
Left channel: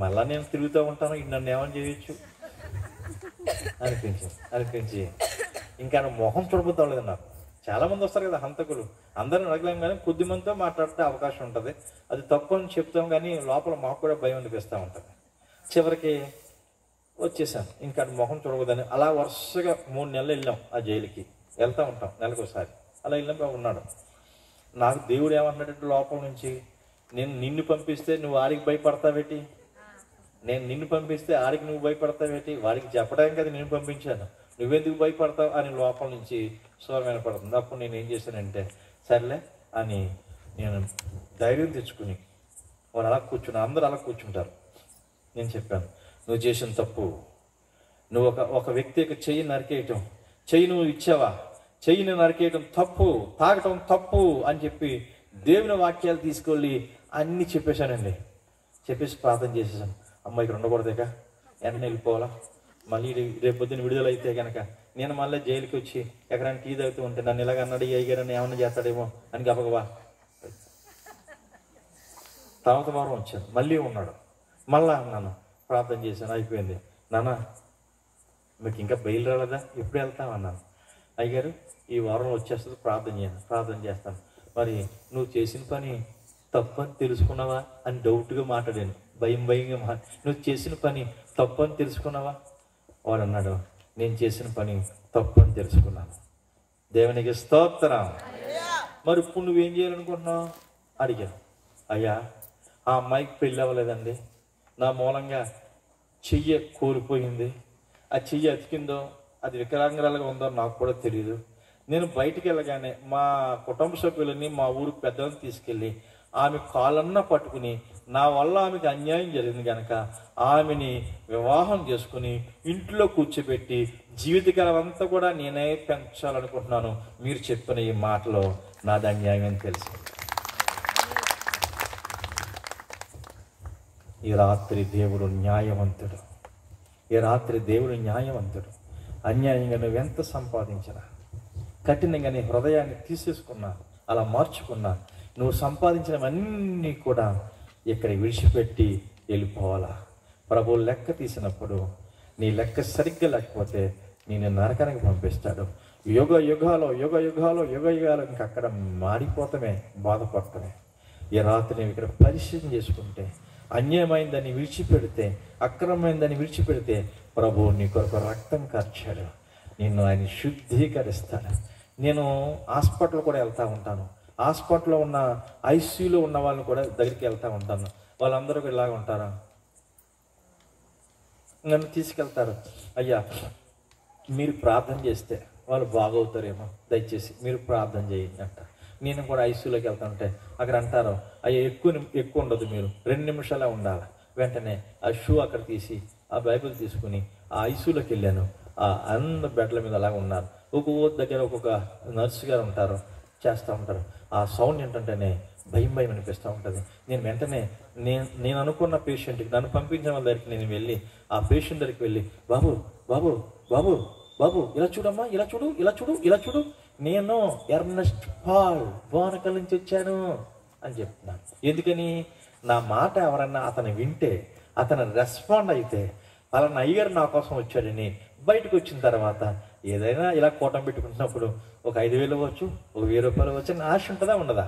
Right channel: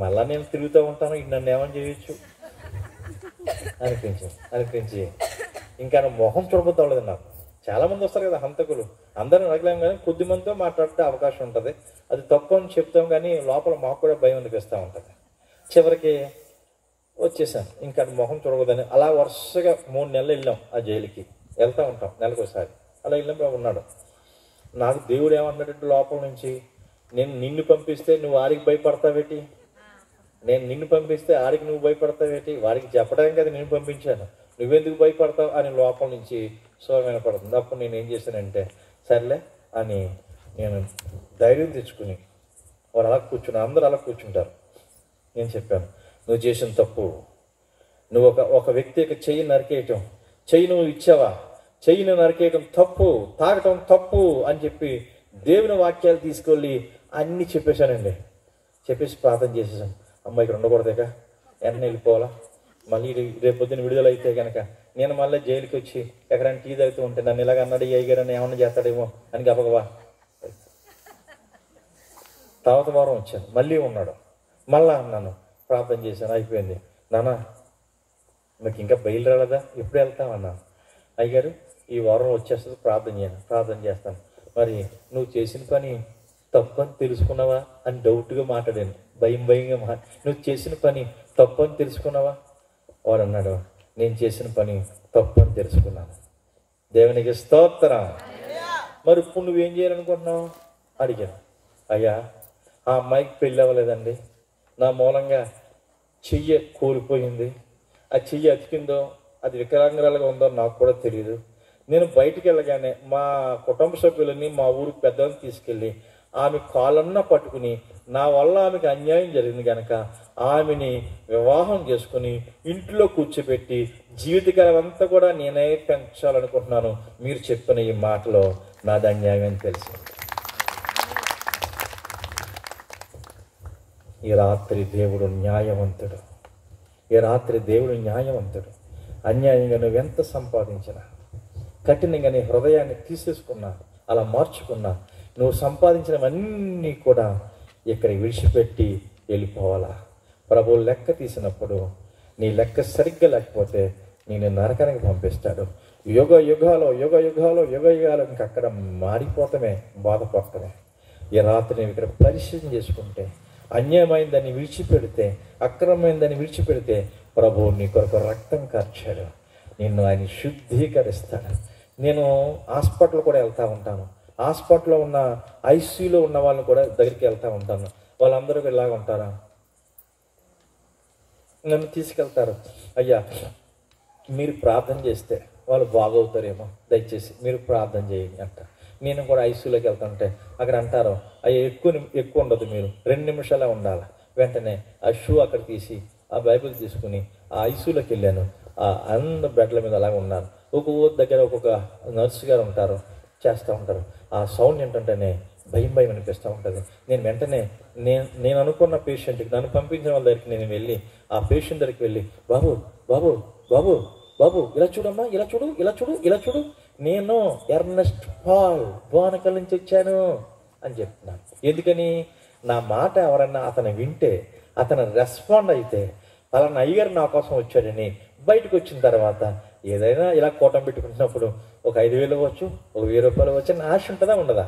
మళ్ళా నేను తిరుగుతూ ఉంటాను, నన్ను ఏమని చేయొచ్చు అనిపించి ఇంకా మొహం చూడబోతాలేదు నాకు. చాలా మంది వస్తారు కదా హంతకులు, అందరిని అడగలేం కానీ కొద్ది మందితో మాట్లాడితే అవకాశం ఉంటుంది. అది తప్పు అని చెప్తాం కానీ లోపల మాకు కూడా భయం అనిపిస్తూ ఉంటుంది. చివరికి వచ్చేసాను, ఇంకా మొహం చూడకూడదని. అలా వరుసగా 3 నెలలు వెళ్ళాం ఆ జైలుకి. వెళ్తూ ఉంటాం నెలకోసారి. అలా వెళ్ళినప్పుడు ఉన్నాడు. నాకు దేవుడు ఏమంటున్నాడంటే లోపల నుంచి, నేను నిన్ను పంపిస్తే నువ్వు ఆడికి భయపడతావేటి, నేను నిన్ను పంపిస్తే ఆడికి నువ్వు భయపడతావేటి, వాడికి చెప్పడానికి కదా నేను పంపించాను, నువ్వెందుకు భయపడతావు అని లోపల నుంచి స్వరం పడుతుంది. అప్పుడు నేను ఏం చేశానంటే సర్లే అని నేను ధైర్యం తెచ్చుకుని వాడు అలా కూర్చుని, అందరూ అలా కూర్చుంటారు. నేను చెప్పాను, నువ్వు చేసిన తప్పు, నువ్వు ఒక వ్యక్తి యొక్క చెయ్యి నరికేయటం, చెయ్యి నువ్వు ఇచ్చావా, చెయ్యిని నరికేయటం తప్పు, తాగటం తప్పు అని చెప్పి దేవుని వాక్యాలు తీసుకెళ్ళి అన్నీ చెప్పేశానండి. చెప్పేసి ప్రార్థన చేసేసాను. అమ్మాయికి ఉండకూడదేక, వెంటనే వెళ్ళిపోవాలా, మళ్ళీ రేపు పొద్దున విడుదలైతే కనుక నేను మళ్ళీ జైలుకి వచ్చి ఎక్కడైనా టీ తాగుతూ ఉంటే నన్ను ఇలాగ అన్నాడు అయ్యారని ఏమన్నా చేస్తాడేమో అని గబగబా. తర్వాత వారం వచ్చాను, మళ్ళీ ఉన్నాడు. మళ్ళా అన్నాను, ప్రార్థన చేశాను, అయిపోయింది. నాన్న మీకు ఇంకా బయలు రాలేదా, ఎప్పుడు వెళ్తావు అన్నాను. అయ్యగారు ఈ వారం వచ్చేస్తుంది, ప్రార్థన చేస్తాను. మరి నువ్వు చేసిన పని తప్పు అని తెలుసుకున్నావా అని డౌట్గా మాట్లాడాను, భయంగా నువ్వు చేసిన పని తప్పు అని తెలుసుకున్నావా? వాడు అన్నాడు, నేను చేసిన పని తప్పు అని తెలుసుకున్నాను. దేవునికి స్తోత్రం. మరి ఇప్పుడు నువ్వేం చేయాలనుకుంటున్నావు అడిగాను. అయ్యా ఆ అమ్మాయికి పెళ్ళి అవ్వలేదండి, నా మూలంగా చెయ్యి కోల్పోయింది. ఆ చెయ్యి అతికిందో అది వికలాంగురాలుగా ఉందో నాకు కూడా తెలియదు. నేను బయటికి వెళ్ళగానే మా కుటుంబ సభ్యులని మా ఊరికి పెద్దలను తీసుకెళ్ళి ఆమె కాలన్నా పట్టుకుని నా వల్ల ఆమెకి అన్యాయం జరిగింది కనుక ఆమెని వివాహం చేసుకుని ఇంట్లో కూర్చోబెట్టి జీవితకాలం అంతా కూడా నేనే పెంచాలనుకుంటున్నాను. మీరు చెప్పిన ఈ మాటలో నాది అన్యాయం అని తెలిసింది. ఈ రాత్రి దేవుడు న్యాయవంతుడు. ఈ రాత్రి దేవుడు న్యాయవంతుడు. అన్యాయంగా నువ్వెంత సంపాదించినా, కఠినంగా నీ హృదయాన్ని తీసేసుకున్నా, అలా మార్చుకున్నా, నువ్వు సంపాదించినవన్నీ కూడా ఇక్కడ విడిచిపెట్టి వెళ్ళిపోవాలా. ప్రభువు లెక్క తీసినప్పుడు నీ లెక్క సరిగ్గా లేకపోతే నేను నరకానికి పంపిస్తాడు. యుగ యుగాలు ఇంకా అక్కడ మారిపోతామే, బాధపడటమే. ఈ రాత్రి నేను ఇక్కడ పరిశీలన చేసుకుంటే, అన్యాయమైందని విడిచిపెడితే, అక్రమమైందని విడిచిపెడితే ప్రభువు నీ కొరకు రక్తం కార్చాడు. నిన్ను ఆయన శుద్ధీకరిస్తాడు. నేను హాస్పిటల్ కూడా వెళ్తూ ఉంటాను. హాస్పిటల్లో ఉన్న ఐసీయూలో ఉన్న వాళ్ళని కూడా దగ్గరికి వెళ్తూ ఉంటాను. వాళ్ళందరూ ఇలాగ ఉంటారా, నన్ను తీసుకెళ్తారు. అయ్యా మీరు ప్రార్థన చేస్తే వాళ్ళు బాగవుతారేమో, దయచేసి మీరు ప్రార్థన చేయండి అంట. నేను కూడా ఐసీయూలోకి వెళ్తుంటే అక్కడ అంటారు, అయ్యా ఎక్కువ ఉండదు, మీరు 2 నిమిషాలే ఉండాలి. వెంటనే ఆ షూ అక్కడ తీసి ఆ బైబిల్ తీసుకుని ఆ ఐసీయూలోకి వెళ్ళాను. ఆ అందరు బెడ్ల మీద అలాగ ఉన్నారు. ఒక్కొక్క దగ్గర ఒక్కొక్క నర్సు గారు ఉంటారు, చేస్తూ ఉంటారు. ఆ సౌండ్ ఏంటంటేనే భయం అనిపిస్తూ ఉంటుంది. నేను వెంటనే నేను అనుకున్న పేషెంట్కి, నన్ను పంపించిన వాళ్ళ దగ్గరికి నేను వెళ్ళి ఆ పేషెంట్ దగ్గరికి వెళ్ళి, బాబు బాబు బాబు బాబు ఇలా చూడమ్మా, ఇలా చూడు, నేను ఎర్నెస్ట్ పాల్ బోనకల్ నుంచి వచ్చాను అని చెప్తున్నాను. ఎందుకని నా మాట ఎవరన్నా అతను వింటే, అతను రెస్పాండ్ అయితే, పలానా అయ్యగారు నా కోసం వచ్చాడని బయటకు వచ్చిన తర్వాత ఏదైనా ఇలా కోటం పెట్టుకుంటున్నప్పుడు ఒక 5,000 అవ్వచ్చు, ఒక 1,000 రూపాయలు అవ్వచ్చు అని ఆశ ఉంటుందా ఉండదా?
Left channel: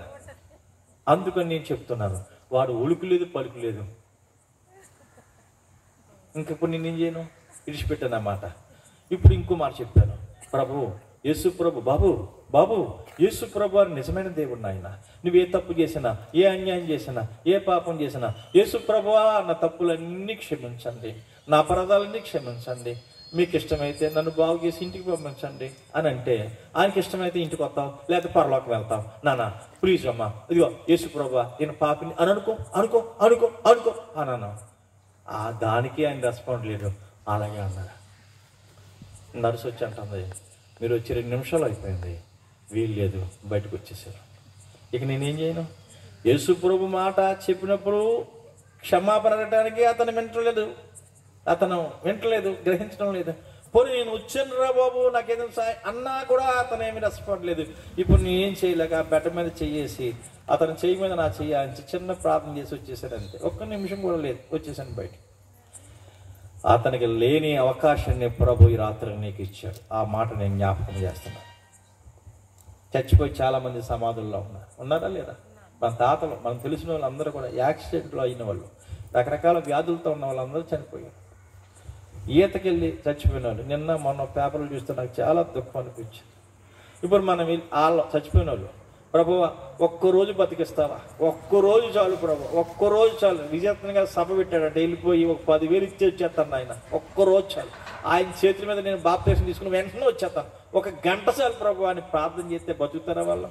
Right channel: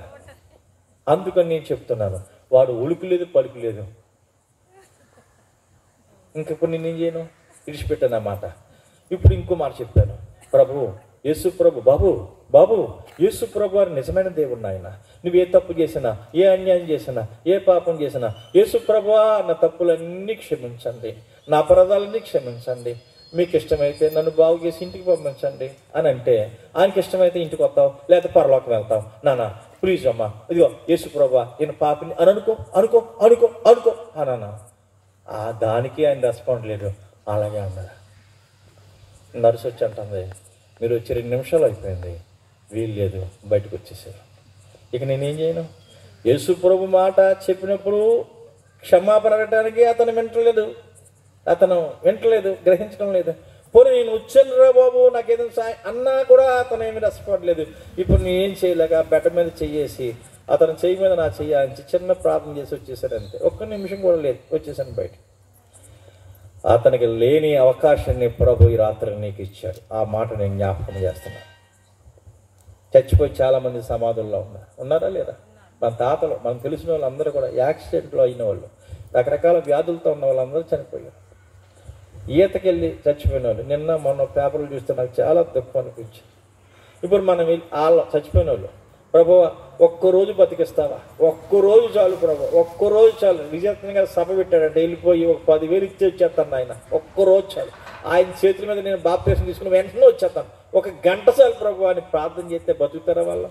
అందుకని నేను చెప్తున్నాను, వాడు ఉలుకు లేదు పలుకు లేదు. ఇంకప్పుడు నేనేం చేయను, విడిచిపెట్టాను అన్నమాట. ఇప్పుడు ఇంకో మాట చెప్పాను, యేసు ప్రభు బాబు యేసు ప్రభు వారు నిజమైన దేవుడు ఆయన. నువ్వు ఏ తప్పు చేసినా, ఏ అన్యాయం చేసినా, ఏ పాపం చేసినా, యేసు ప్రభువా నా తప్పులన్నీ క్షమించండి, నా అపరాధాలన్నీ క్షమించండి, మీకు ఇష్టమైతే నన్ను బాగు చేసి ఇంటికి పంపించండి అని అంటే, ఆయనకి ఇష్టమైతే ఇంటికి వస్తావు, లేకపోతే పరలోకం వెళ్తావు. నాన్న ప్లీజ్ అమ్మా, ఇదిగో యేసు ప్రభువా నేను పాపిని అని అనుకో అన్నాను. దానికి ఆయన రెస్పాండ్ లేదు. అలాగే అన్నారు. నర్సు వచ్చి అంటుంది, మీరు వచ్చి 2 నిమిషాలు అయిపోయింది, వీలు లేదు, బయటకు వచ్చేసారు. ఇక నేనేం చేయను? యేసు ప్రభు మాట చెప్పినప్పుడు క్షమాపణ అడగడానికి అతను వింటలేదు, గ్రహించడం లేదు. పోనీ నేను వచ్చాను రా బాబు నాకేదైనా సాయం అన్నా కూడా అతను ఏమి రెస్పాండ్ లేదు. ఇప్పుడు నేను ఏం చేయలేక బెట్ట మీద చెయ్యేసి అతను చెయ్యి మీద నా చెయ్యాలని చిన్న ప్రార్థన చేసి వచ్చేసాడు. అంతే, 1 నిమిషం కూడా లేదు, వచ్చేసాను బయట. అతనికి లేని అవకాశాన్ని ప్రభు ఈ రాత్రి నీకు ఇచ్చాడు. ఆ మాట నేను జ్ఞాపకం చేస్తున్నా. చచ్చిపోయి చాలా మంది సమాధుల్లో ఉన్నారా లేదా? మన తాతలు, మనం తెలిసిన వాళ్ళు అందరూ కూడా యాక్సిడెంట్లో అయిన వాళ్ళు, రకరకాల వ్యాధులతో ఉన్న వాళ్ళందరూ చనిపోయారు. ఈతకెళ్ళి చచ్చిపోయిన వాళ్ళు. నిన్న మొన్న పేపర్లు చూస్తే నాకు చాలా దుఃఖం అనిపించింది. ఇప్పుడు మనం వాళ్ళ చచ్చిపోయిన వాళ్ళు, ప్రభు ఒక్కరోజు బతికిస్తావా, ఒక్కరోజు చాలు ప్రభు, ఒక్కరోజు చాలు. విజయత్నంగా సభ పెట్టాడంటే వెళ్ళిపోయి ఒక 10,000 ఇచ్చి వచ్చేస్తాను ఆయన, ఒక్కరోజు చాలు. ఆయన చేతుల మీద నేను బాప్తిసం తీసుకుని వెంటనే వచ్చేస్తాను, 1 గంట చాలు ప్రభు అని ప్రార్థన చేస్తే బతుకుతారా వాళ్ళ?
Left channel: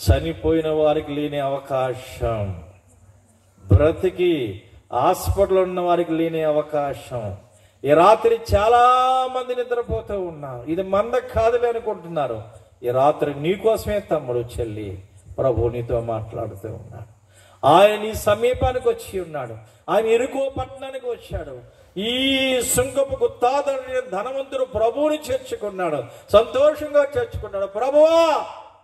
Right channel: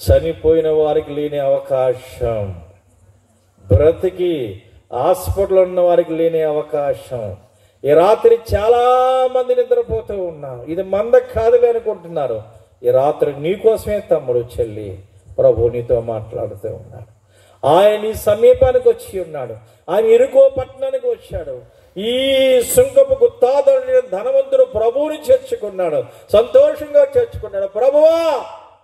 చనిపోయిన వారికి లేని అవకాశం, బ్రతికి హాస్పిటల్ ఉన్న వారికి లేని అవకాశం. ఈ రాత్రి చాలా మంది నిద్రపోతూ ఉన్నారు. ఇది మంద కాదులే అనుకుంటున్నారు. ఈ రాత్రి నీకోసమే తమ్ముడు చెల్లి ప్రభు నీతో మాట్లాడుతూ ఉన్నాడు. ఆయన నీ సమీపానికి వచ్చి ఉన్నాడు. ఆయన ఎరుకో పట్టణానికి వచ్చాడు. ఈ సుంకపు గుత్తాదరుని ధనవంతుడు ప్రభువుని చేర్చుకున్నాడు, సంతోషంగా చేర్చుకున్నాడు. ప్రభువా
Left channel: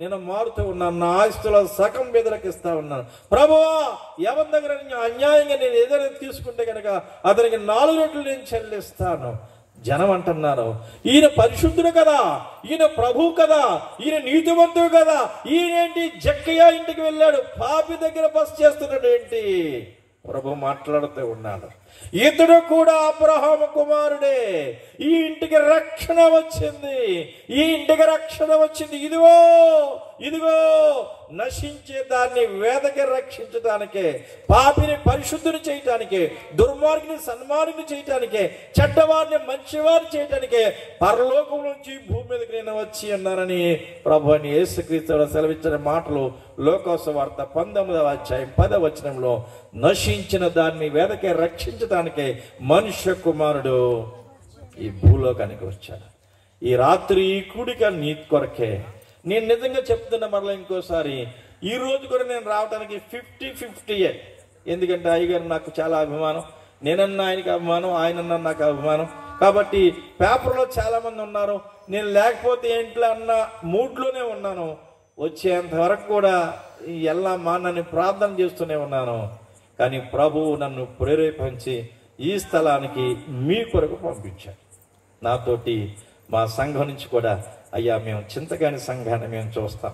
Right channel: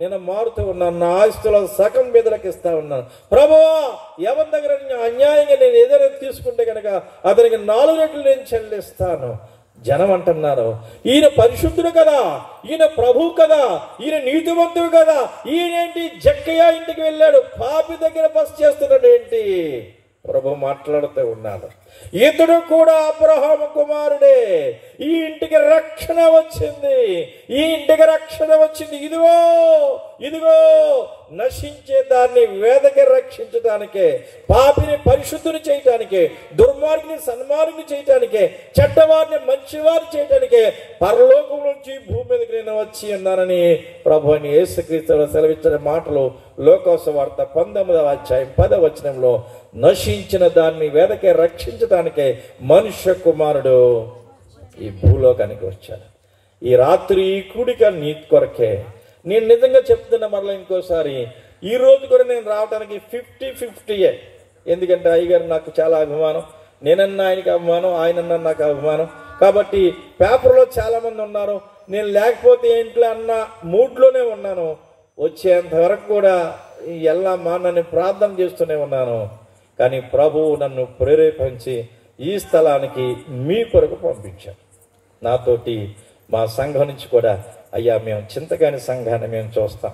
నేను మారుతూ ఉన్నాను, నా ఆస్తుల సగం బెదలకు ఇస్తా ఉన్నాను. ప్రభువా ఎవరి దగ్గర అన్యాయంగా నేను ఏదైనా తీసుకుంటే కనుక అతనికి 4 రెట్లు నేను చెల్లిస్తాను. జనం అంటున్నారు, ఈయన పరిశుద్ధుడు కదా, ఈయన ప్రభువు కదా, ఈయన నీతివంతుడు కదా, ఈయనేంటి జక్కయ్య ఇంటికి వెళ్ళాడు, పాపి దగ్గర బస చేస్తున్నాడు ఏంటి? ప్రభు మాట్లాడుతూ ఉన్నాడు, ఇతడు కూడా అబ్రహాము కుమారుడే, ఈ ఇంటికి రక్షణ వచ్చింది, ఈ ఇంటికి రక్షణ వచ్చింది. ఇదిగో ఇదిగో నశించే దాన్ని వేదకి రక్షించడానికే, పాపిని పరిశుద్ధిని చేయటానికే, దుర్మార్గిని సన్మార్గిని చేయటానికే, చెడ్డవారిని మంచివారిని చేయటానికే పరలోకం నుంచి భూమి మీదకి నేను వచ్చి అన్నారని ప్రభు అని యేసుక్రీస్తు సెలవిచ్చిన మాటలు లోకాసువార్త 19వ అధ్యాయం 10వ వచనంలో, నశించిన దాన్ని వేదకే రక్షించడానికే మనుష్య కుమారుడు ఈ భూలోకానికి వచ్చాడు. ఈ రాత్రి ఈ కూడిక నీ కొరకే. నేను నిజంగా చెప్తున్నా మరలా ఇంకోసారి, ఈ రోజు కూడా నేను రావడానికి 50-50. ఎందుకంటే అయ్యగారు నాకు చాలా అభిమానం, నేనన్నా ఆయనకి అభిమానం, ఆయనన్నా నాకు అభిమానం. కాబట్టి పేపర్లో చాలా మంది ఉన్నారు, నేను లేకపోతే ఇంట్లో అన్న మూడ్లోనే ఉన్నాను. వచ్చేంత వరకు కూడా ఎల్లమ్మా నన్ను ప్రార్థన చేస్తూనే ఉన్నాను. కానీ ప్రభువు నన్ను ప్రేరేపించి ఈ స్థలానికి మీ కొరకు పంపించాను. నాతోటి మా సంఘం నుంచి కూడా, అయ్యా మేము చింతకాని సంఘాన్ని మేము చూస్తాం,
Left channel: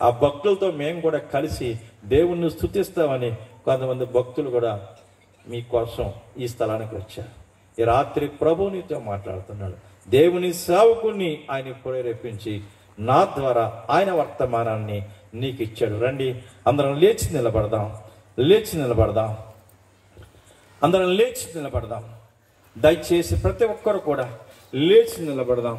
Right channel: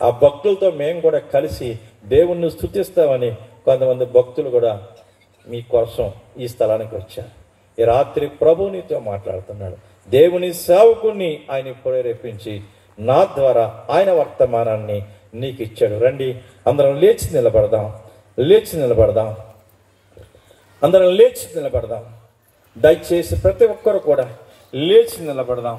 ఆ భక్తులతో మేము కూడా కలిసి దేవుణ్ణి స్తుతిస్తామని కొంతమంది భక్తులు కూడా మీకోసం ఈ స్థలానికి వచ్చారు. ఈ రాత్రి ప్రభు నీతో మాట్లాడుతున్నాడు. దేవుని సేవకుని ఆయన ప్రేరేపించి నా ద్వారా ఆయన వర్తమానాన్ని నీకు ఇచ్చాడు. రండి అందరం లేచి నిలబడదాం, లేచి నిలబడదాం, అందరం లేచి నిలబడదాం. దయచేసి ప్రతి ఒక్కరు కూడా లేచి నిలబడదాం.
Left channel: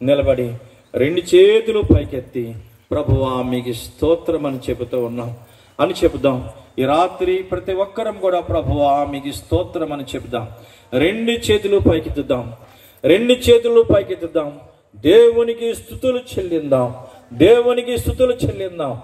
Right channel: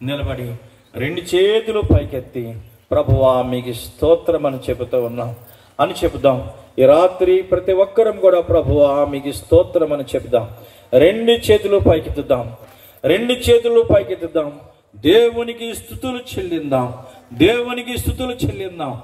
నిలబడి 2 చేతులు పైకెత్తి ప్రభువా మీకు స్తోత్రం అని చెబుతూ ఉన్నాం అని చెబుదాం. ఈ రాత్రి ప్రతి ఒక్కరం కూడా ప్రభువా మీకు స్తోత్రం అని చెబుదాం. 2 చేతులు పైకెత్తుదాం, 2 చేతులు పైకెత్తుదాం. దేవునికి స్తుతులు చెల్లిందాం, దేవునికి స్తుతులు చెల్లిందాం.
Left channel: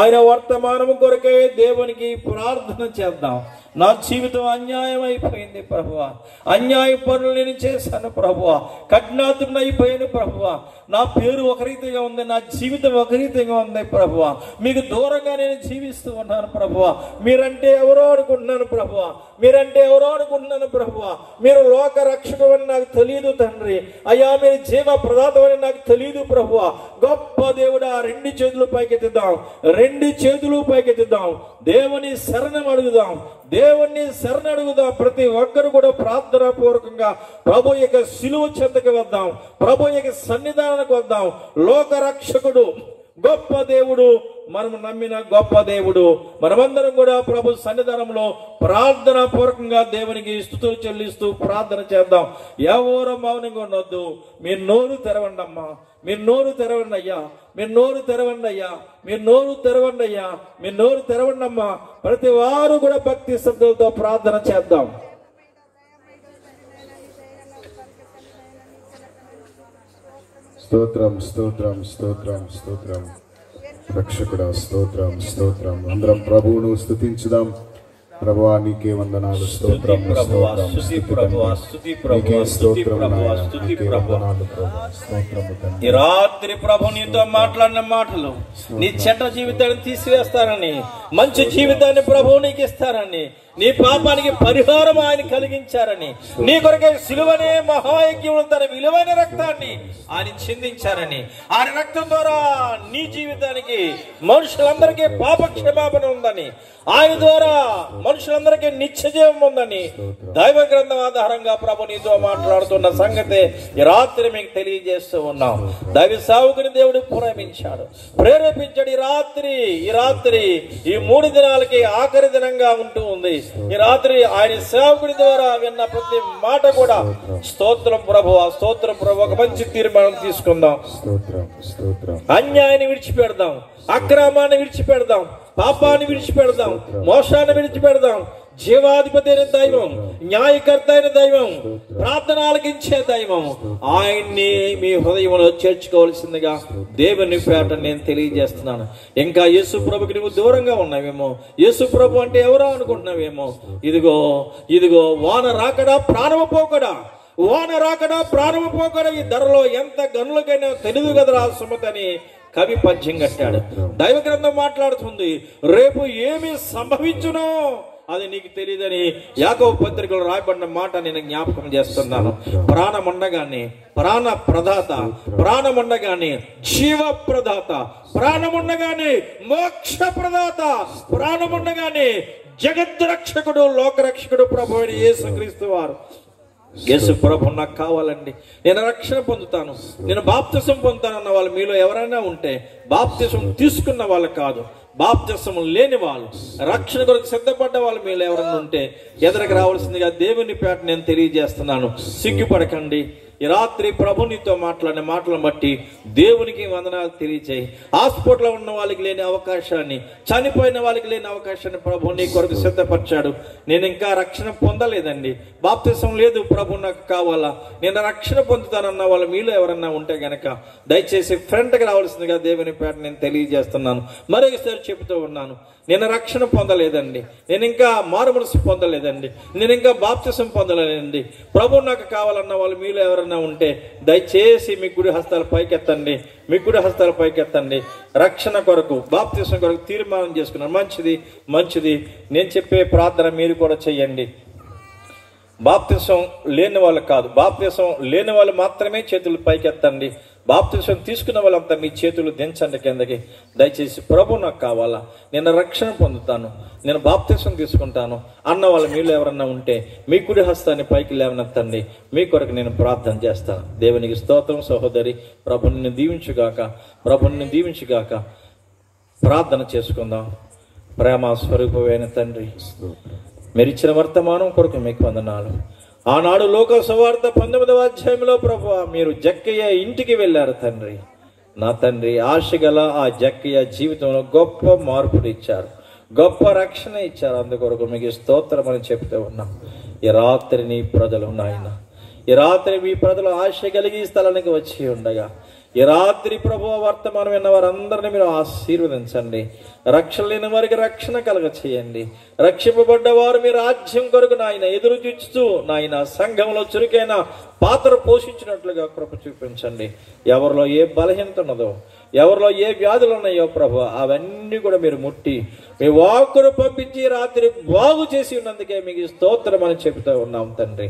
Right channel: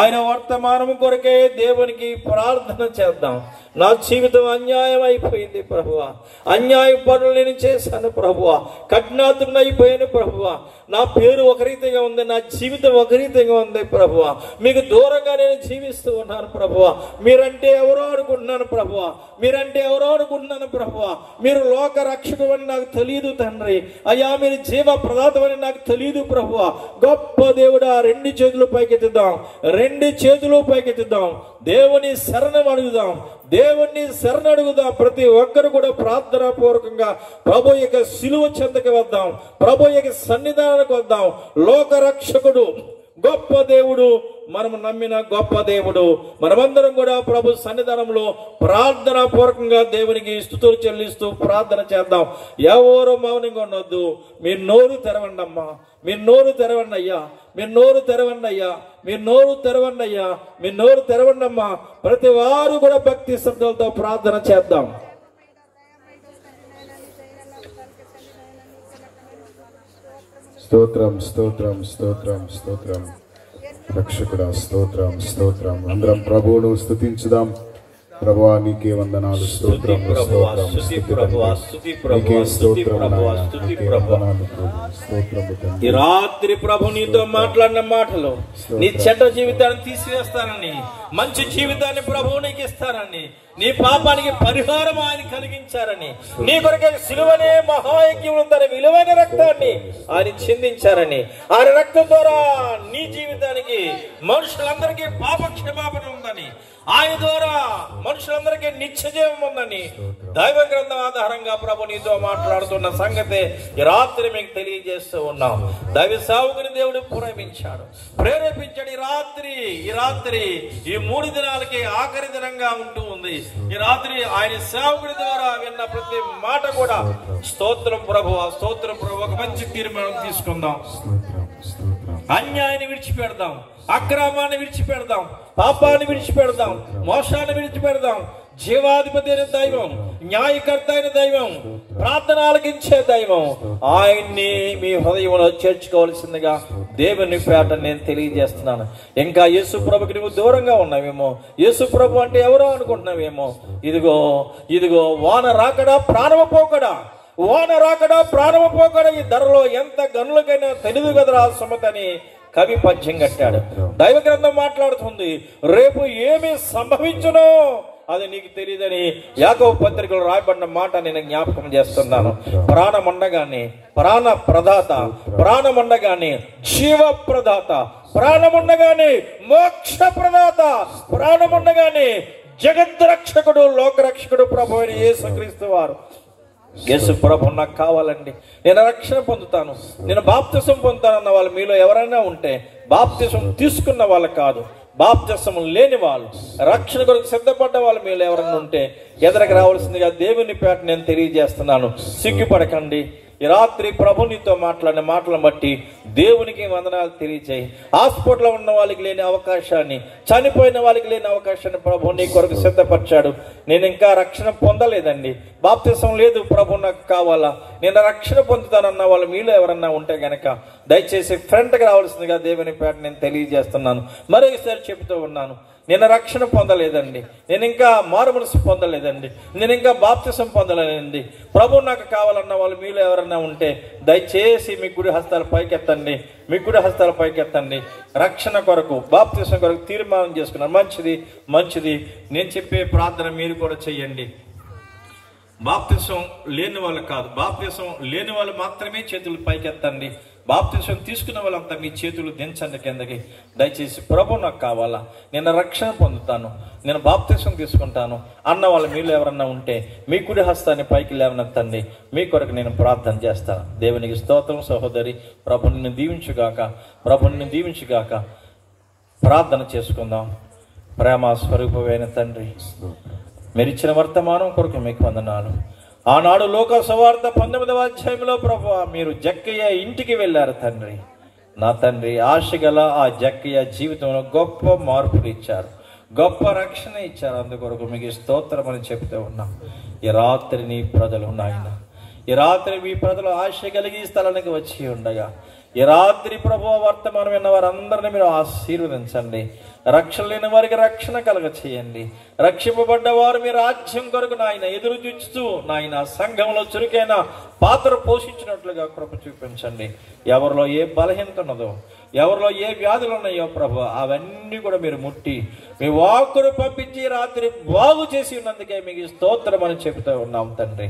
ఆయన వర్తమానము కొరకే దేవునికి ప్రార్థన చేద్దాం. నా జీవితం అన్యాయం అయిపోయింది ప్రభువా, అన్యాయ పనులు నేను చేశాను ప్రభువా, కఠినాతుడిని అయిపోయాను ప్రభువా, నా పేరు ఒక రీతిగా ఉంది, నా జీవితం ఒక రీతిగా ఉంది ప్రభువా, మీకు దూరంగా నేను జీవిస్తూ ఉన్నాను ప్రభువా. మీరంటే ఎవరో అనుకుంటున్నాను ప్రభువా, మీరంటే ఎవరో అనుకుంటున్నాను ప్రభువా. మీరు లోక రక్షకుడు అని నాకు తెలియదు తండ్రి. అయ్యా మీరు జీవ ప్రదాతం అని నాకు తెలియదు ప్రభువా. గొప్ప దేవుడా 2 చేతులు పైకెత్తుదాం, 2 చేతులు పైకెత్తుదాం. దేవుని శరణం అడుగుదాం, దేవుణ్ణి శరణడుగుదాం. ప్రతి ఒక్కరు కూడా ప్రార్థనా పూర్వకంగా ప్రభు యొక్క శిలువ చెంతకు వద్దాం, ప్రభు యొక్క సన్నిధానానికి వద్దాం. లోక రక్షకుడు గొప్ప దేవుడు, మనము నమ్మిన గొప్ప దేవుడు. మనమందరం కూడా ప్రభు సన్నిధానంలో ప్రార్థనా పూర్వకంగా దేవునికి స్తుతులు చెల్లిస్తూ ప్రార్థన చేద్దాం. ఎవరు మౌనంగా ఉండొద్దు. మీరు నోరు తెరవండి అమ్మా, మీరు నోరు తెరవండి అయ్యా, మీరు నోరు తెరవండి అయ్యా, మీరు నోరు తెరవండి అయ్యా, మీరు నోరు తెరవండి అమ్మా. ప్రతి వారు కూడా భక్తి శ్రద్ధలతో ప్రార్థన చేద్దాం. స్తోత్రం స్తోత్రం స్తోత్రం స్తోత్రం రక్షకుడా స్తోత్రం స్తోత్రం. అందరం ప్రభువును స్తుతించుదాం. ప్రభువా నీకే వందనాలు, స్తోత్రం స్తోత్రం నీకే స్తోత్రం నీకే వందనాలు స్తోత్రం. ఈ రాత్రి ప్రభు నీతో మాట్లాడిన మాటలు నీ చెడ్డ జీవితాన్ని తీసివేస్తానని, మంచి జీవితాన్ని ప్రభు నీకు ఇస్తానని, నీ పాపానికి పరిహారం ఆయన కలిగించారని, నీ కొరకే సిలువనే మహాయజ్ఞంలో తన విలువైన రక్తాన్ని ఆయన చిందించారని, ఆయన రక్తం ద్వారా నీ జీవితానికి మనుషులందరికీ పాప క్షమాపణ ఉందని, ఆయన ద్వారా మనుషులందరికీ నిత్యజీవం ఉందని దైవ గ్రంథం ఆధారంగా ప్రభు నీతో మాట్లాడుతున్న సంగతి ఈ రాత్రి మీకు తెలియజేస్తూ ఉన్నాం. దైవ సేవకుని దేవుడు ప్రేరేపించాడు. ఈ రాత్రి ఈ 3 దినాలకి ఆఖరి దినంగా ఉంటూ ఉంది. ఈ రాత్రి ఆయన సేవకుడి ద్వారా విన్న ప్రతి మాట కూడా స్తోత్రం ప్రభు, స్తోత్రం ప్రభు. ఒక మంచి తీర్మానం తీసుకుందాం. అన్యాయాన్ని విడిచిపెడదాం, అక్రమాన్ని విడిచిపెడదాం, పాపాన్ని విడిచిపెడదాం, మోసాన్ని విడిచిపెడదాం, జీవాధిపతి అయిన దైవం, న్యాయకర్త అయిన దైవం, ప్రార్థన ఆలకించే దైవం, ఆయన్ని మీ హృదయంలో చేర్చుకోవాల్సిందిగా దేవుని పేట నేను తెలియజేస్తున్నాను. ఇంకా యేసు ప్రభుకి నువ్వు దూరంగా ఉన్నావేమో, యేసు ప్రభు అంటే ఎవరో అనుకుంటున్నావేమో. ఇదిగో ఇదిగో వాన రాకడా ప్రాణము పోకడా, వాన రాకడా ప్రాణము పోకడా, ఈ ధరలో ఎంత గనులకైనా తెలివి కదరా సుమతి అని కవి పద్యం కట్టాడు. దైవ గ్రంథం మాట్లాడుతుంది, రేపు ఏమి సంభవించునో అది నీకు తెలియదని యాకోబు పత్రికలో రాయబడిన మాట నేను జ్ఞాపకం చేస్తున్నాను. ప్రాణముండగానే ప్రాణ ప్రదాత, ప్రాణముండగానే జీవ ప్రదాత, ప్రాణముండగానే మోక్ష ప్రదాత, ప్రాణముండగానే జగద్రక్షకుడు, లోకరక్షకుడు ప్రభు అయిన యేసుక్రీస్తు వారు. యేసు ప్రభు నాకు కావాలండి, నేను రక్షణ పొందుతాను, నేను బాప్తిసం పొందుతానన్న వాళ్ళు మీలో ఎవరైనా ఉంటే, బాప్తిసం తీసుకున్న వాళ్ళు కాదు, బాప్తిసం లేని వాళ్ళు, రక్షణ కొరకు సిద్ధపడ్డ వాళ్ళు మీలో ఎవరైనా ఉంటే ఎదురుకు రావాల్సిందిగా దేవుని పేట నేను తెలియజేస్తున్నాను. సిగ్గుపడకండి. ఈ రాత్రి ప్రభు నీతో మాట్లాడిన మాటలను బట్టి దేవునికి వందనాలు తెలియచేయి. హాస్పిటల్లో ఉన్న వాళ్ళకి లేని అవకాశాన్ని, చనిపోయిన వాళ్ళకి లేని అవకాశాన్ని ప్రభు నీ కొరకు సిద్ధపరిచాడు. నేను ఇంకా రక్షణ పొందలేదండి, బాప్తిసం లేదు, ప్రభు నాకు కావాలా, నేను రక్షణ పొందుతానన్న వాళ్ళు మీలో ఎవరన్నా ఉంటే గనక దయచేసి ఫ్రంట్కి రావాల్సిందిగా దేవుని పేట నేను తెలియజేస్తున్నాను. మరొకసారి చెబుతూ ఉన్నాను, నేను రక్షణ పొందలేదండి, నేను ఇంకా మారుమనసు పొందలేదండి, నేను ఇంకా బాప్తిసం పొందలేదండి, ప్రభు నాకు కావాలన్న వాళ్ళు మీలో ఎవరైనా ఉంటే దయచేసి మీ గుడి హస్తాల పైకెత్తండి, మీ గుడి హస్తాల పైకెత్తండి. రక్షణ కొరకు, బాప్తిసం కొరకు తీర్మానం చేసుకున్నాను. మంచిది మంచిది. నేను చెప్పే ప్రార్థన మీరు కూడా చెయ్యండి. బాప్తిసం లేని వాళ్ళు కాదు, బాప్తిసం లేని వాళ్ళు మాత్రమే చేతులు పైకెత్తండి. బాప్తిసం తీసుకున్న వాళ్ళంతా మీ చేతులు దించండి కిందకి. దయచేసి ప్రభు నాకు కావాలా, నేను రక్షణ పొందుతాను, నేను బాప్తిసం తీసుకుంటాను అన్న వాళ్ళు మీలో ఎవరన్నా ఉంటే మీ కుడి హస్తాన్ని పైకి లేవనెత్తండి. మీ కొరకు నేను ప్రార్థన చేస్తాను. దేవునికి స్తోత్రం. సహోదరి, ప్రభు నిన్ను దీవించుగాక, ప్రభు నిన్ను దీవించుగాక. ప్రార్థన చేసుకుందాం. ప్రేమ స్వరూపమైన తండ్రి, మీరు ఇచ్చిన వర్తమానం కొరకు మీకు వందనాలు. ఆనాడు లోక సువార్త 19వ అధ్యాయంలో ప్రభువా మీరు జక్కయ్య ఇంటికి వెళ్ళారు తండ్రి. నా తండ్రి, ఆశగల ఆ జక్కయ్య జీవితంలో గొప్ప మార్పులు ఇచ్చారు, గొప్ప రక్షణ ఇచ్చారు. అందుకొరకు మీకు స్తోత్రం అని చెప్తూ ఉన్నాం. ఈ రాత్రి నీ ప్రజలు నాయన, ఈ రాత్రి మీ ప్రజలు ఆశ కలిగి ఈ స్థలానికి వచ్చి ఉండగా, ఈ రాత్రి ప్రభువా వర్తమానం విన్న వారందరినీ మీరు ఆశీర్వదించండి. రక్షణ లేని వారికి రక్షణ కలగ చేయండి. రక్షింపబడ్డ వారు మీ రాజ్యం కొరకు నాయన ఎదురు చూస్తూ నాయన సంఘంలో చురుకైన పాత్ర పోషించినట్లుగా కృప చూపించండి. ఎవరిలో ఏ బలహీనత ఉన్నదో, ఎవరిలో ఏ వ్యాధులు ఉన్నాయో ప్రభు అవన్నీ కూడా మీరు ముట్టి మీ వాక్కును పంపించి రాత్రి బాగు చేసి ఉన్నందుకే మీకు స్తోత్రం అని చెబుతూ ఉన్నాం తండ్రి.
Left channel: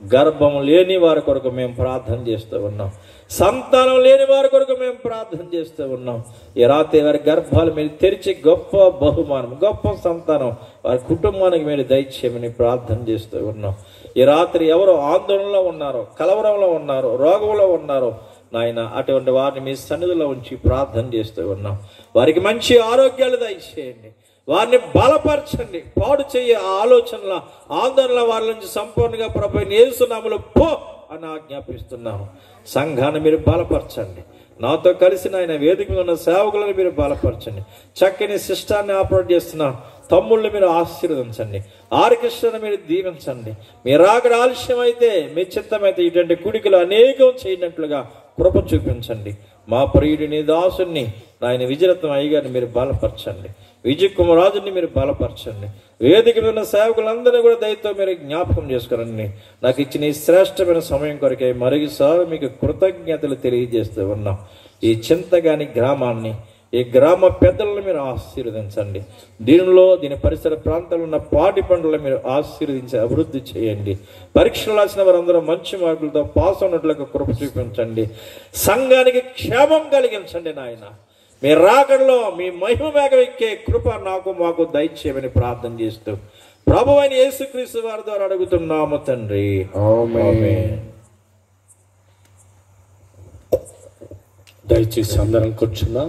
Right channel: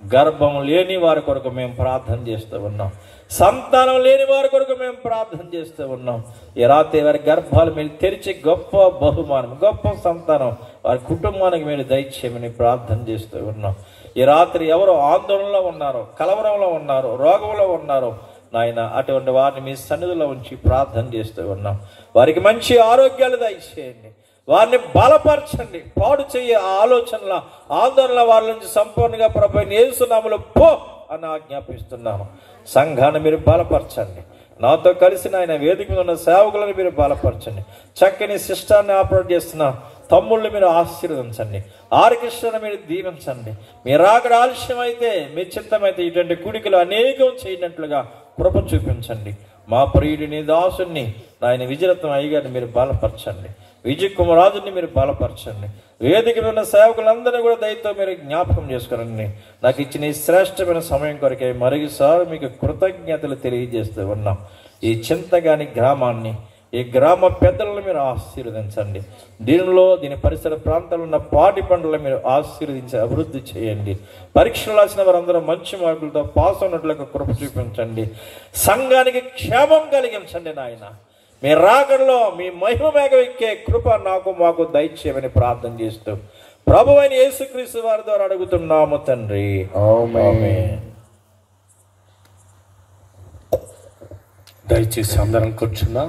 గర్భం లేని వారి కొరకు మేము ప్రార్థన చేస్తూ ఉన్నాం, సంతానం లేని వారి కొరకు మేము ప్రార్థన చేస్తూ ఉన్నాం. ఈ రాత్రి వారి గర్భాలు మీరు తెరిచి గొప్ప బహుమానం, గొప్ప సంతానం వారి కుటుంబానికి మీరు దయచేయమని ప్రార్థన చేస్తూ ఉన్నాం. ఈ రాత్రి ఎవరో ఆందోళనలో ఉన్నారో, కలవరంలో ఉన్నారో, రోగంలో ఉన్నారో నాయన, అటువంటి వారిని మీ సన్నిధిలో ఉంచి ప్రార్థన చేస్తూ ఉన్నాం. వారికి మంచి ఆరోగ్యాలు దయచేయండి, వారిని బలపరచండి. పాడు చెయ్యే ఆలోచనల, ఆందోళన వారి నుంచి సంపూర్ణంగా ప్రభువైన యేసు నామములో పో అని ఆజ్ఞాపిస్తున్నాను. సంఘాన్ని మీరు బలపరచండి. నాతో కలిసి ఆయన వేదిక మీద ఉన్న సేవకులను మీరు బలపరచండి. చక్కని సిస్టాన్ని ఆపరేట్ చేస్తున్న తమ్ముళ్ళని మీరు ఆశీర్వదించండి. ఆర్కెస్ట్రాను మీరు దీవించండి. మీరు అక్కడ ఆలస్యం అయితే, మీ చిత్తమైతే ఇటువంటి కుడికలు అనేకం చేయనట్లుగా కృప చూపించండి. మా ప్రియుడిని, దాసుని ఆయన విజయరత్నం అయ్యగారిని మీరు బలపరచండి. విజయ్ కుమారాజుని మీరు బలపరచండి. వేదిక మీద సేవకులందరూ కూడా దయతో మీరు జ్ఞాపకం చేసుకోరండి. నాకు ఇచ్చిన ఈ శ్రేష్టమైన సమయం కొరకే మరొకసారి మీకు కృతజ్ఞతలు తెలియజేస్తూ ఉన్నాం. ఈ చింతగాని గ్రామాన్ని, ఈ గ్రామ పెద్దలను మీరు ఆశీర్వదించండి. దీని పరిసర ప్రాంతాల్లో ఉన్న పాటి పంటలను మీరు ఆశీర్వదించి అభివృద్ధి చేయండి. పరీక్షలు రాసిన వారందరూ మంచి మార్కులతో పాస్ అయినట్లుగా కృప చూపించండి. సంఘానికి క్షేమం కలిగించండి నాయన. మీ రాకడలో మీ మహిమ మేఘం ఎక్కే కృప నాకు మాకు దయచేయమని ప్రార్థన చేస్తూ ప్రభువైన యేసుక్రీస్తు వారి ద్వారా అడుగుతున్నాము తండ్రి, ఆమేన్. దయచేసి అందరం కూర్చున్నాం.